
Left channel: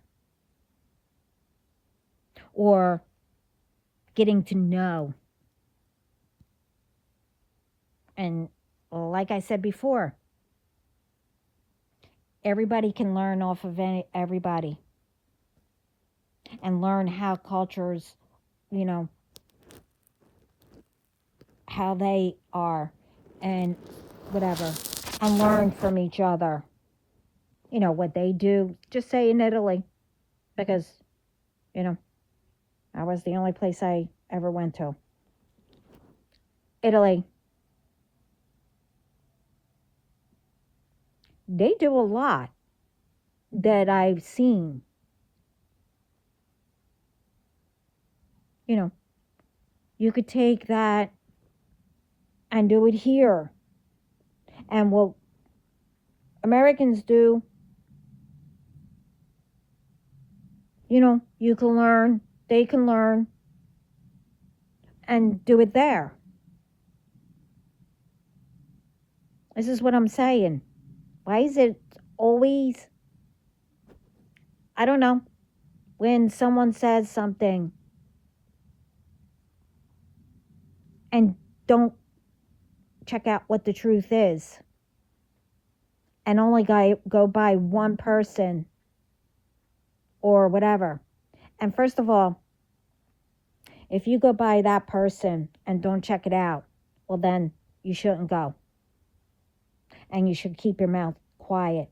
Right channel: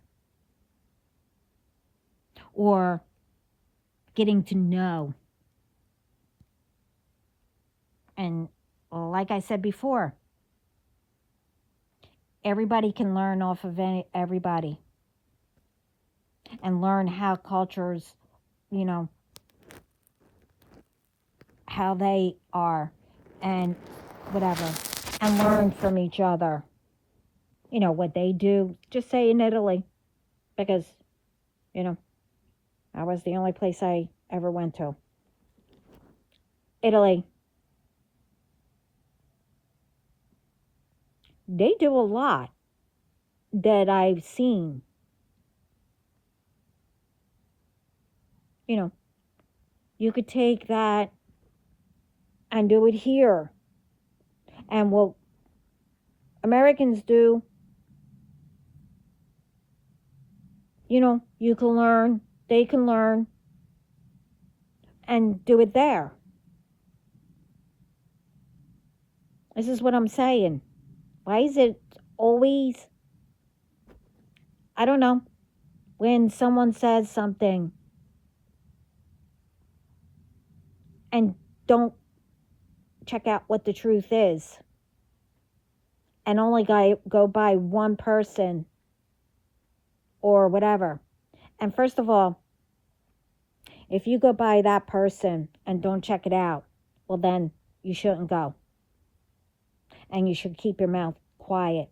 or getting to know? And like I said before, everybody can learn off of everybody and learn how cultures, how they are and whatever, and learn from each other. What they do, just say in Italy, because, that was the only place I ever went to. Italy. They do a lot that I've seen. You could take that and do it here. And what Americans do, you can learn, they can learn, and do it there. This is what I'm saying. Why is it always, I don't know, when someone says something and don't check out what the truth is and only go by one person or whatever. And first of all, if you go by that person and don't check it out, well then you shouldn't go. And you should keep your mouth quiet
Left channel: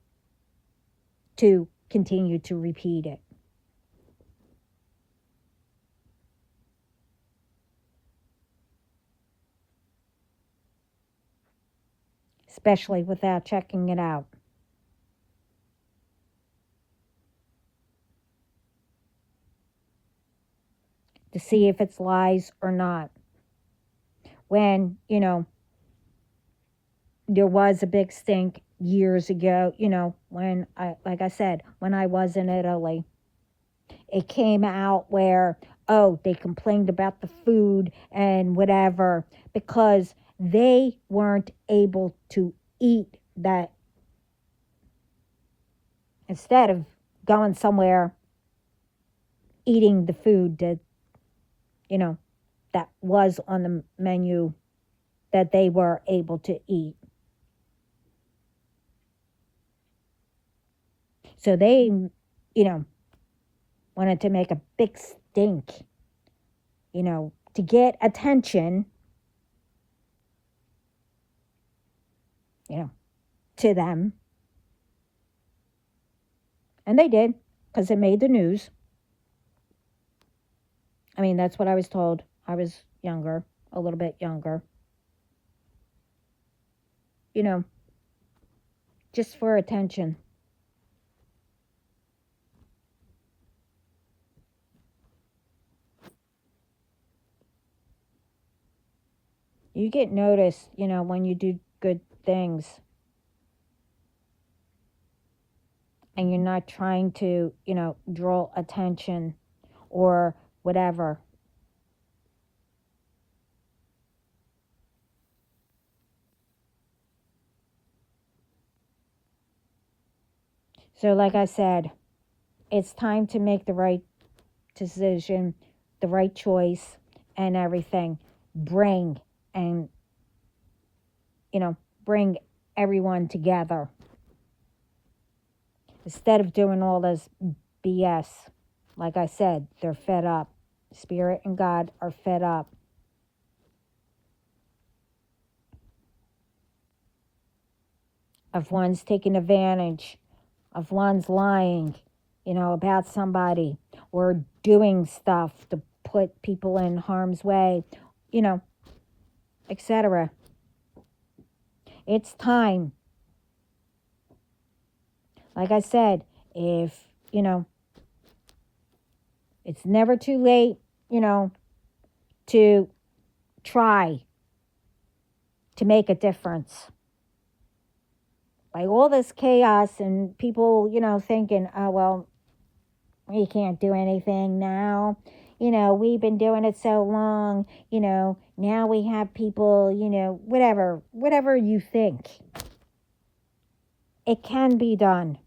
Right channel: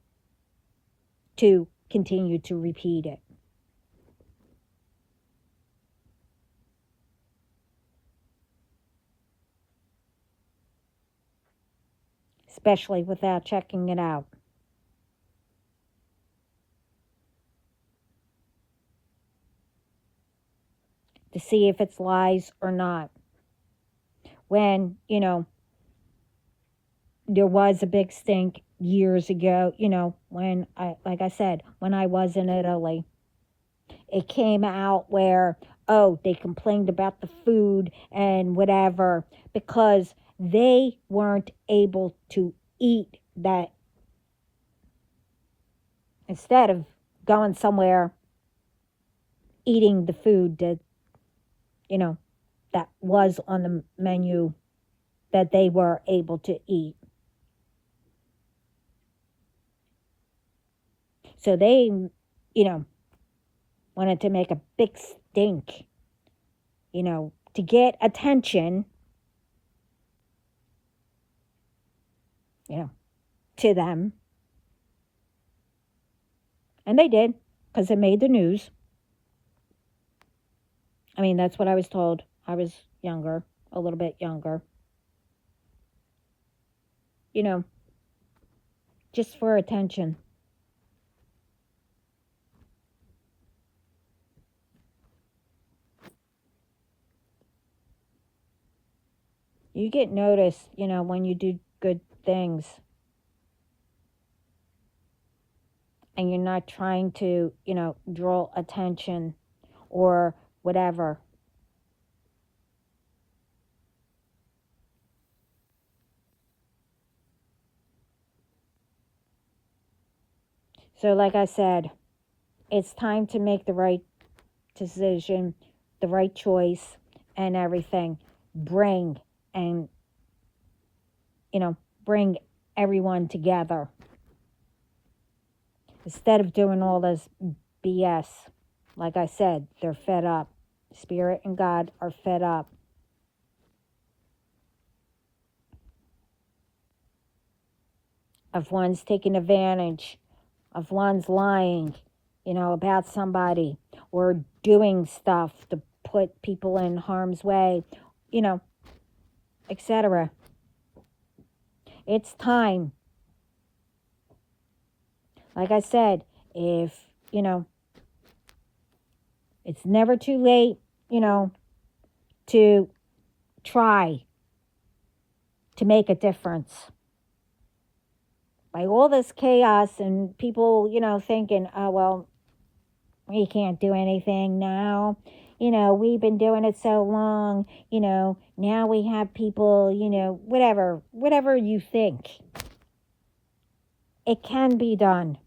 to continue to repeat it. Especially without checking it out. To see if it's lies or not. When, there was a big stink years ago, when, like I said, when I was in Italy, it came out where, oh, they complained about the food and whatever because they weren't able to eat that. Instead of going somewhere, eating the food that, you know, that was on the menu that they were able to eat. So they, wanted to make a big stink, to get attention, to them. And they did, because it made the news. I mean, that's what I was told. I was younger, a little bit younger. Just for attention. You get noticed, when you do good things. And you're not trying to, draw attention or whatever. So, like I said, it's time to make the right decision, the right choice, and everything. Bring everyone together. Instead of doing all this BS, like I said, they're fed up. Spirit and God are fed up. Of one's taking advantage, of one's lying, about somebody, or doing stuff to put people in harm's way, etc. It's time. Like I said, if, it's never too late, to try to make a difference. By all this chaos and people, thinking, oh, well, we can't do anything now. We've been doing it so long, now we have people, whatever you think. It can be done.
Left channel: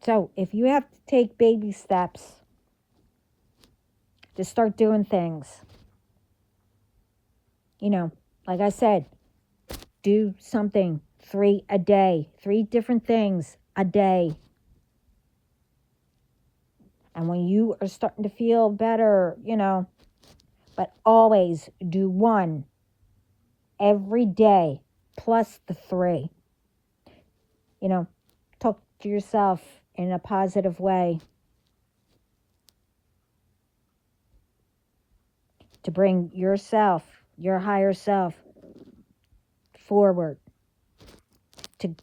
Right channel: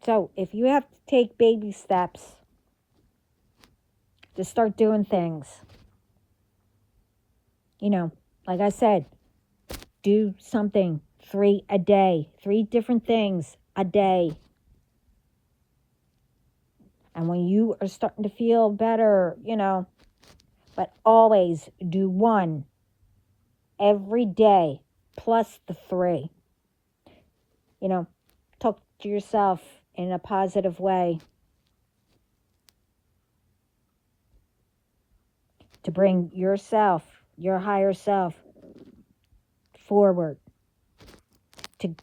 So if you have to take baby steps to start doing things, like I said, do something 3 a day, 3 different things a day. And when you are starting to feel better, but always do 1 every day plus the 3. Talk to yourself in a positive way to bring yourself, your higher self, forward, to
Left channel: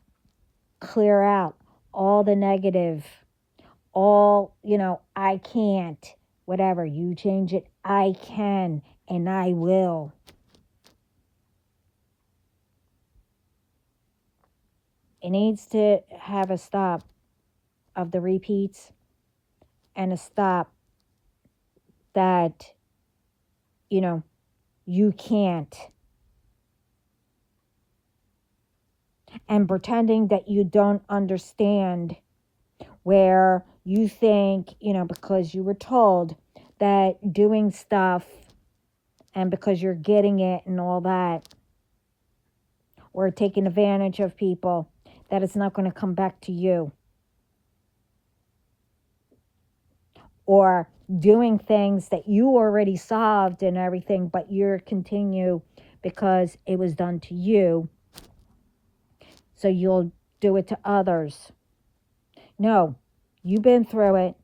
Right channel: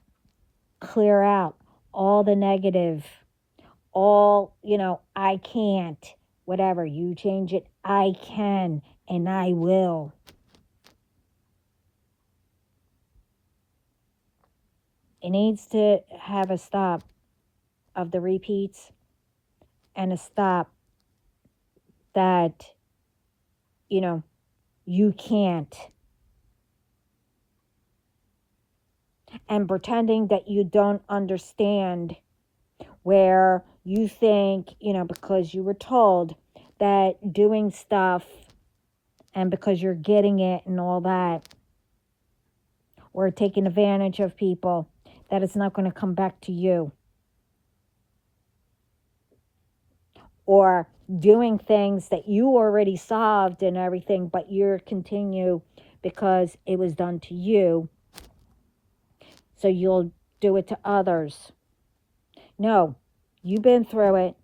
clear out all the negative, all, I can't, whatever. You change it, I can, and I will. It needs to have a stop of the repeats and a stop that, you can't. And pretending that you don't understand, where you think, because you were told that doing stuff and because you're getting it and all that, or taking advantage of people, that it's not going to come back to you. Or doing things that you already solved and everything, but you're continue because it was done to you, so you'll do it to others. No, you've been through it.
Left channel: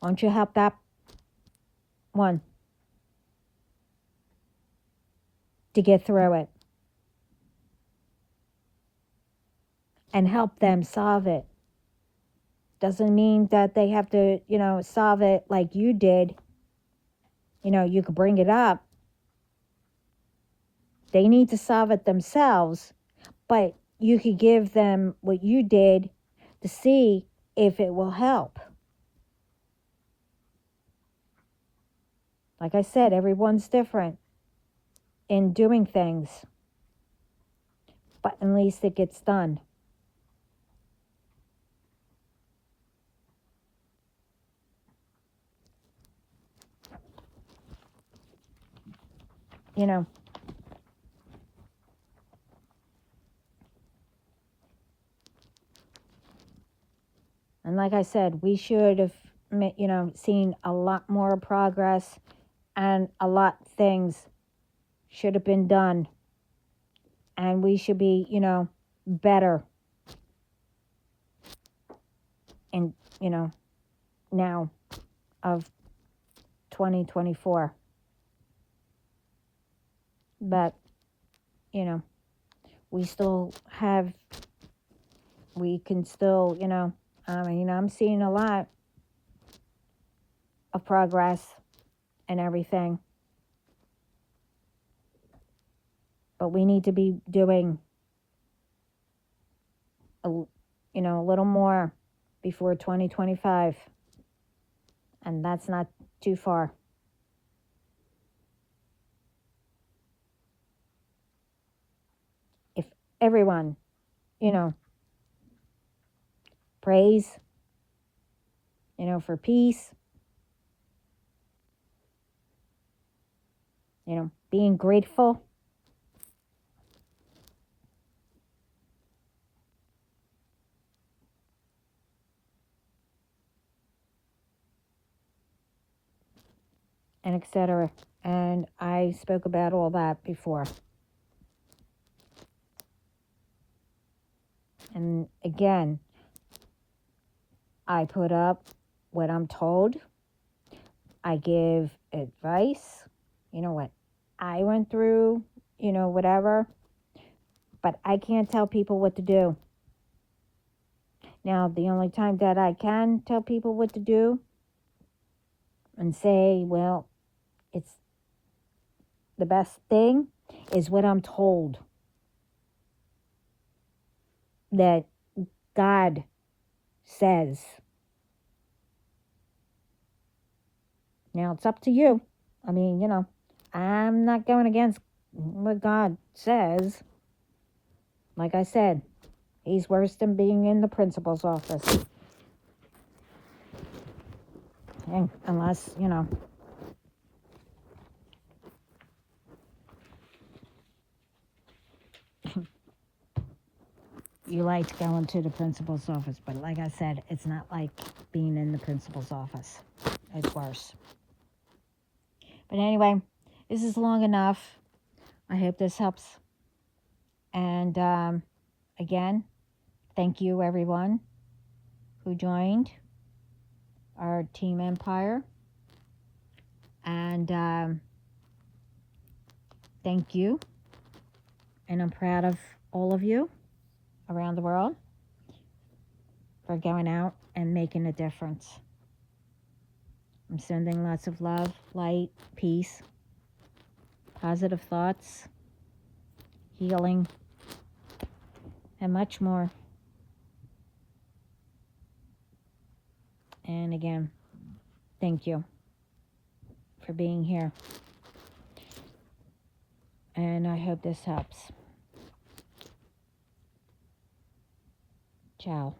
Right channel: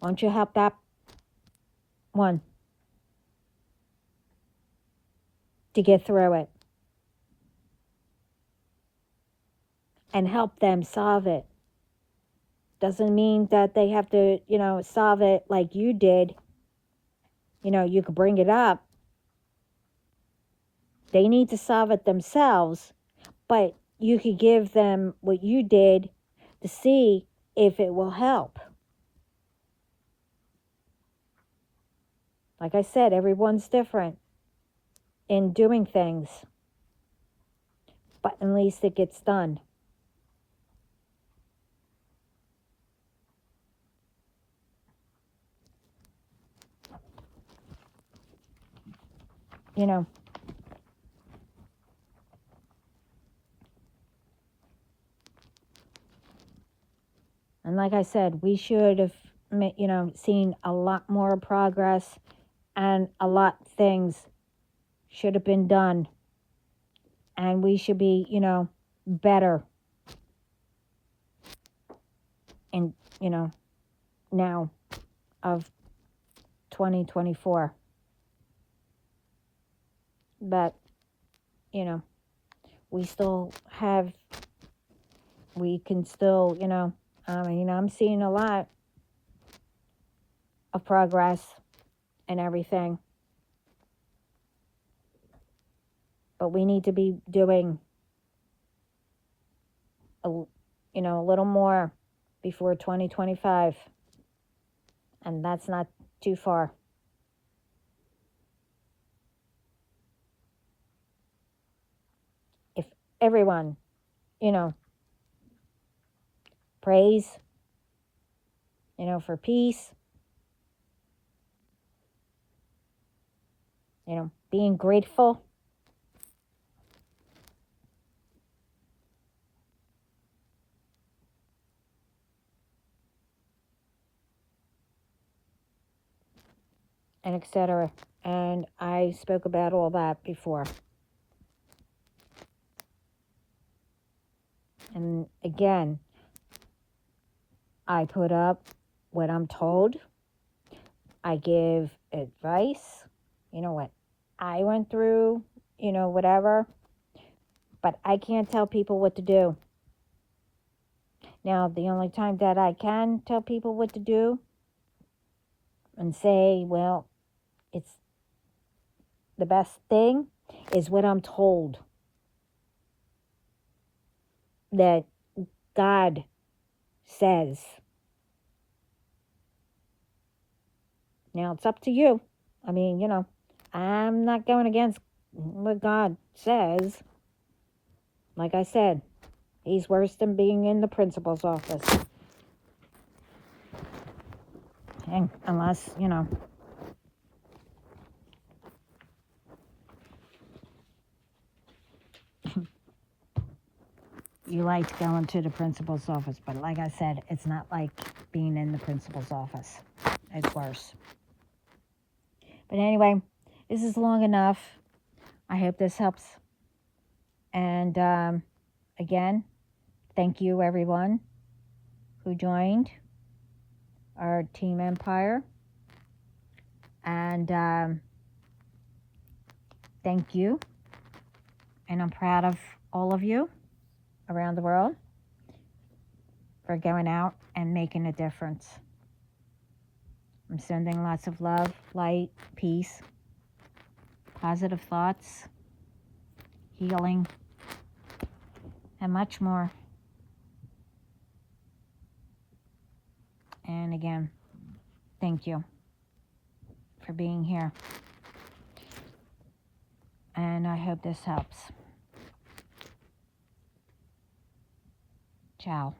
Why don't you help that one to get through it and help them solve it? Doesn't mean that they have to, solve it like you did. you could bring it up. They need to solve it themselves, but you could give them what you did to see if it will help. Like I said, everyone's different in doing things, but at least it gets done. And like I said, we should have, seen a lot more progress, and a lot of things should have been done. And we should be, better. And, now of 2024. But, we still have, we can still, I'm seeing a lot of progress and everything. But we need to be doing, a little more before 2025. And that's not too far. If everyone, prays, for peace, being grateful, and etc. And I spoke about all that before. And again, I put up what I'm told. I give advice, what I went through, whatever. But I can't tell people what to do. Now, the only time that I can tell people what to do and say, well, it's the best thing, is what I'm told. That God says. Now, it's up to you. I mean, I'm not going against what God says. Like I said, he's worse than being in the principal's office. And unless, you like going to the principal's office. But like I said, it's not like being in the principal's office. It's worse. But anyway, this is long enough. I hope this helps. And again, thank you everyone who joined our Team Empire. And thank you. And I'm proud of all of you around the world for going out and making a difference. I'm sending lots of love, light, peace, positive thoughts, healing, and much more. And again, thank you for being here. And I hope this helps. Ciao.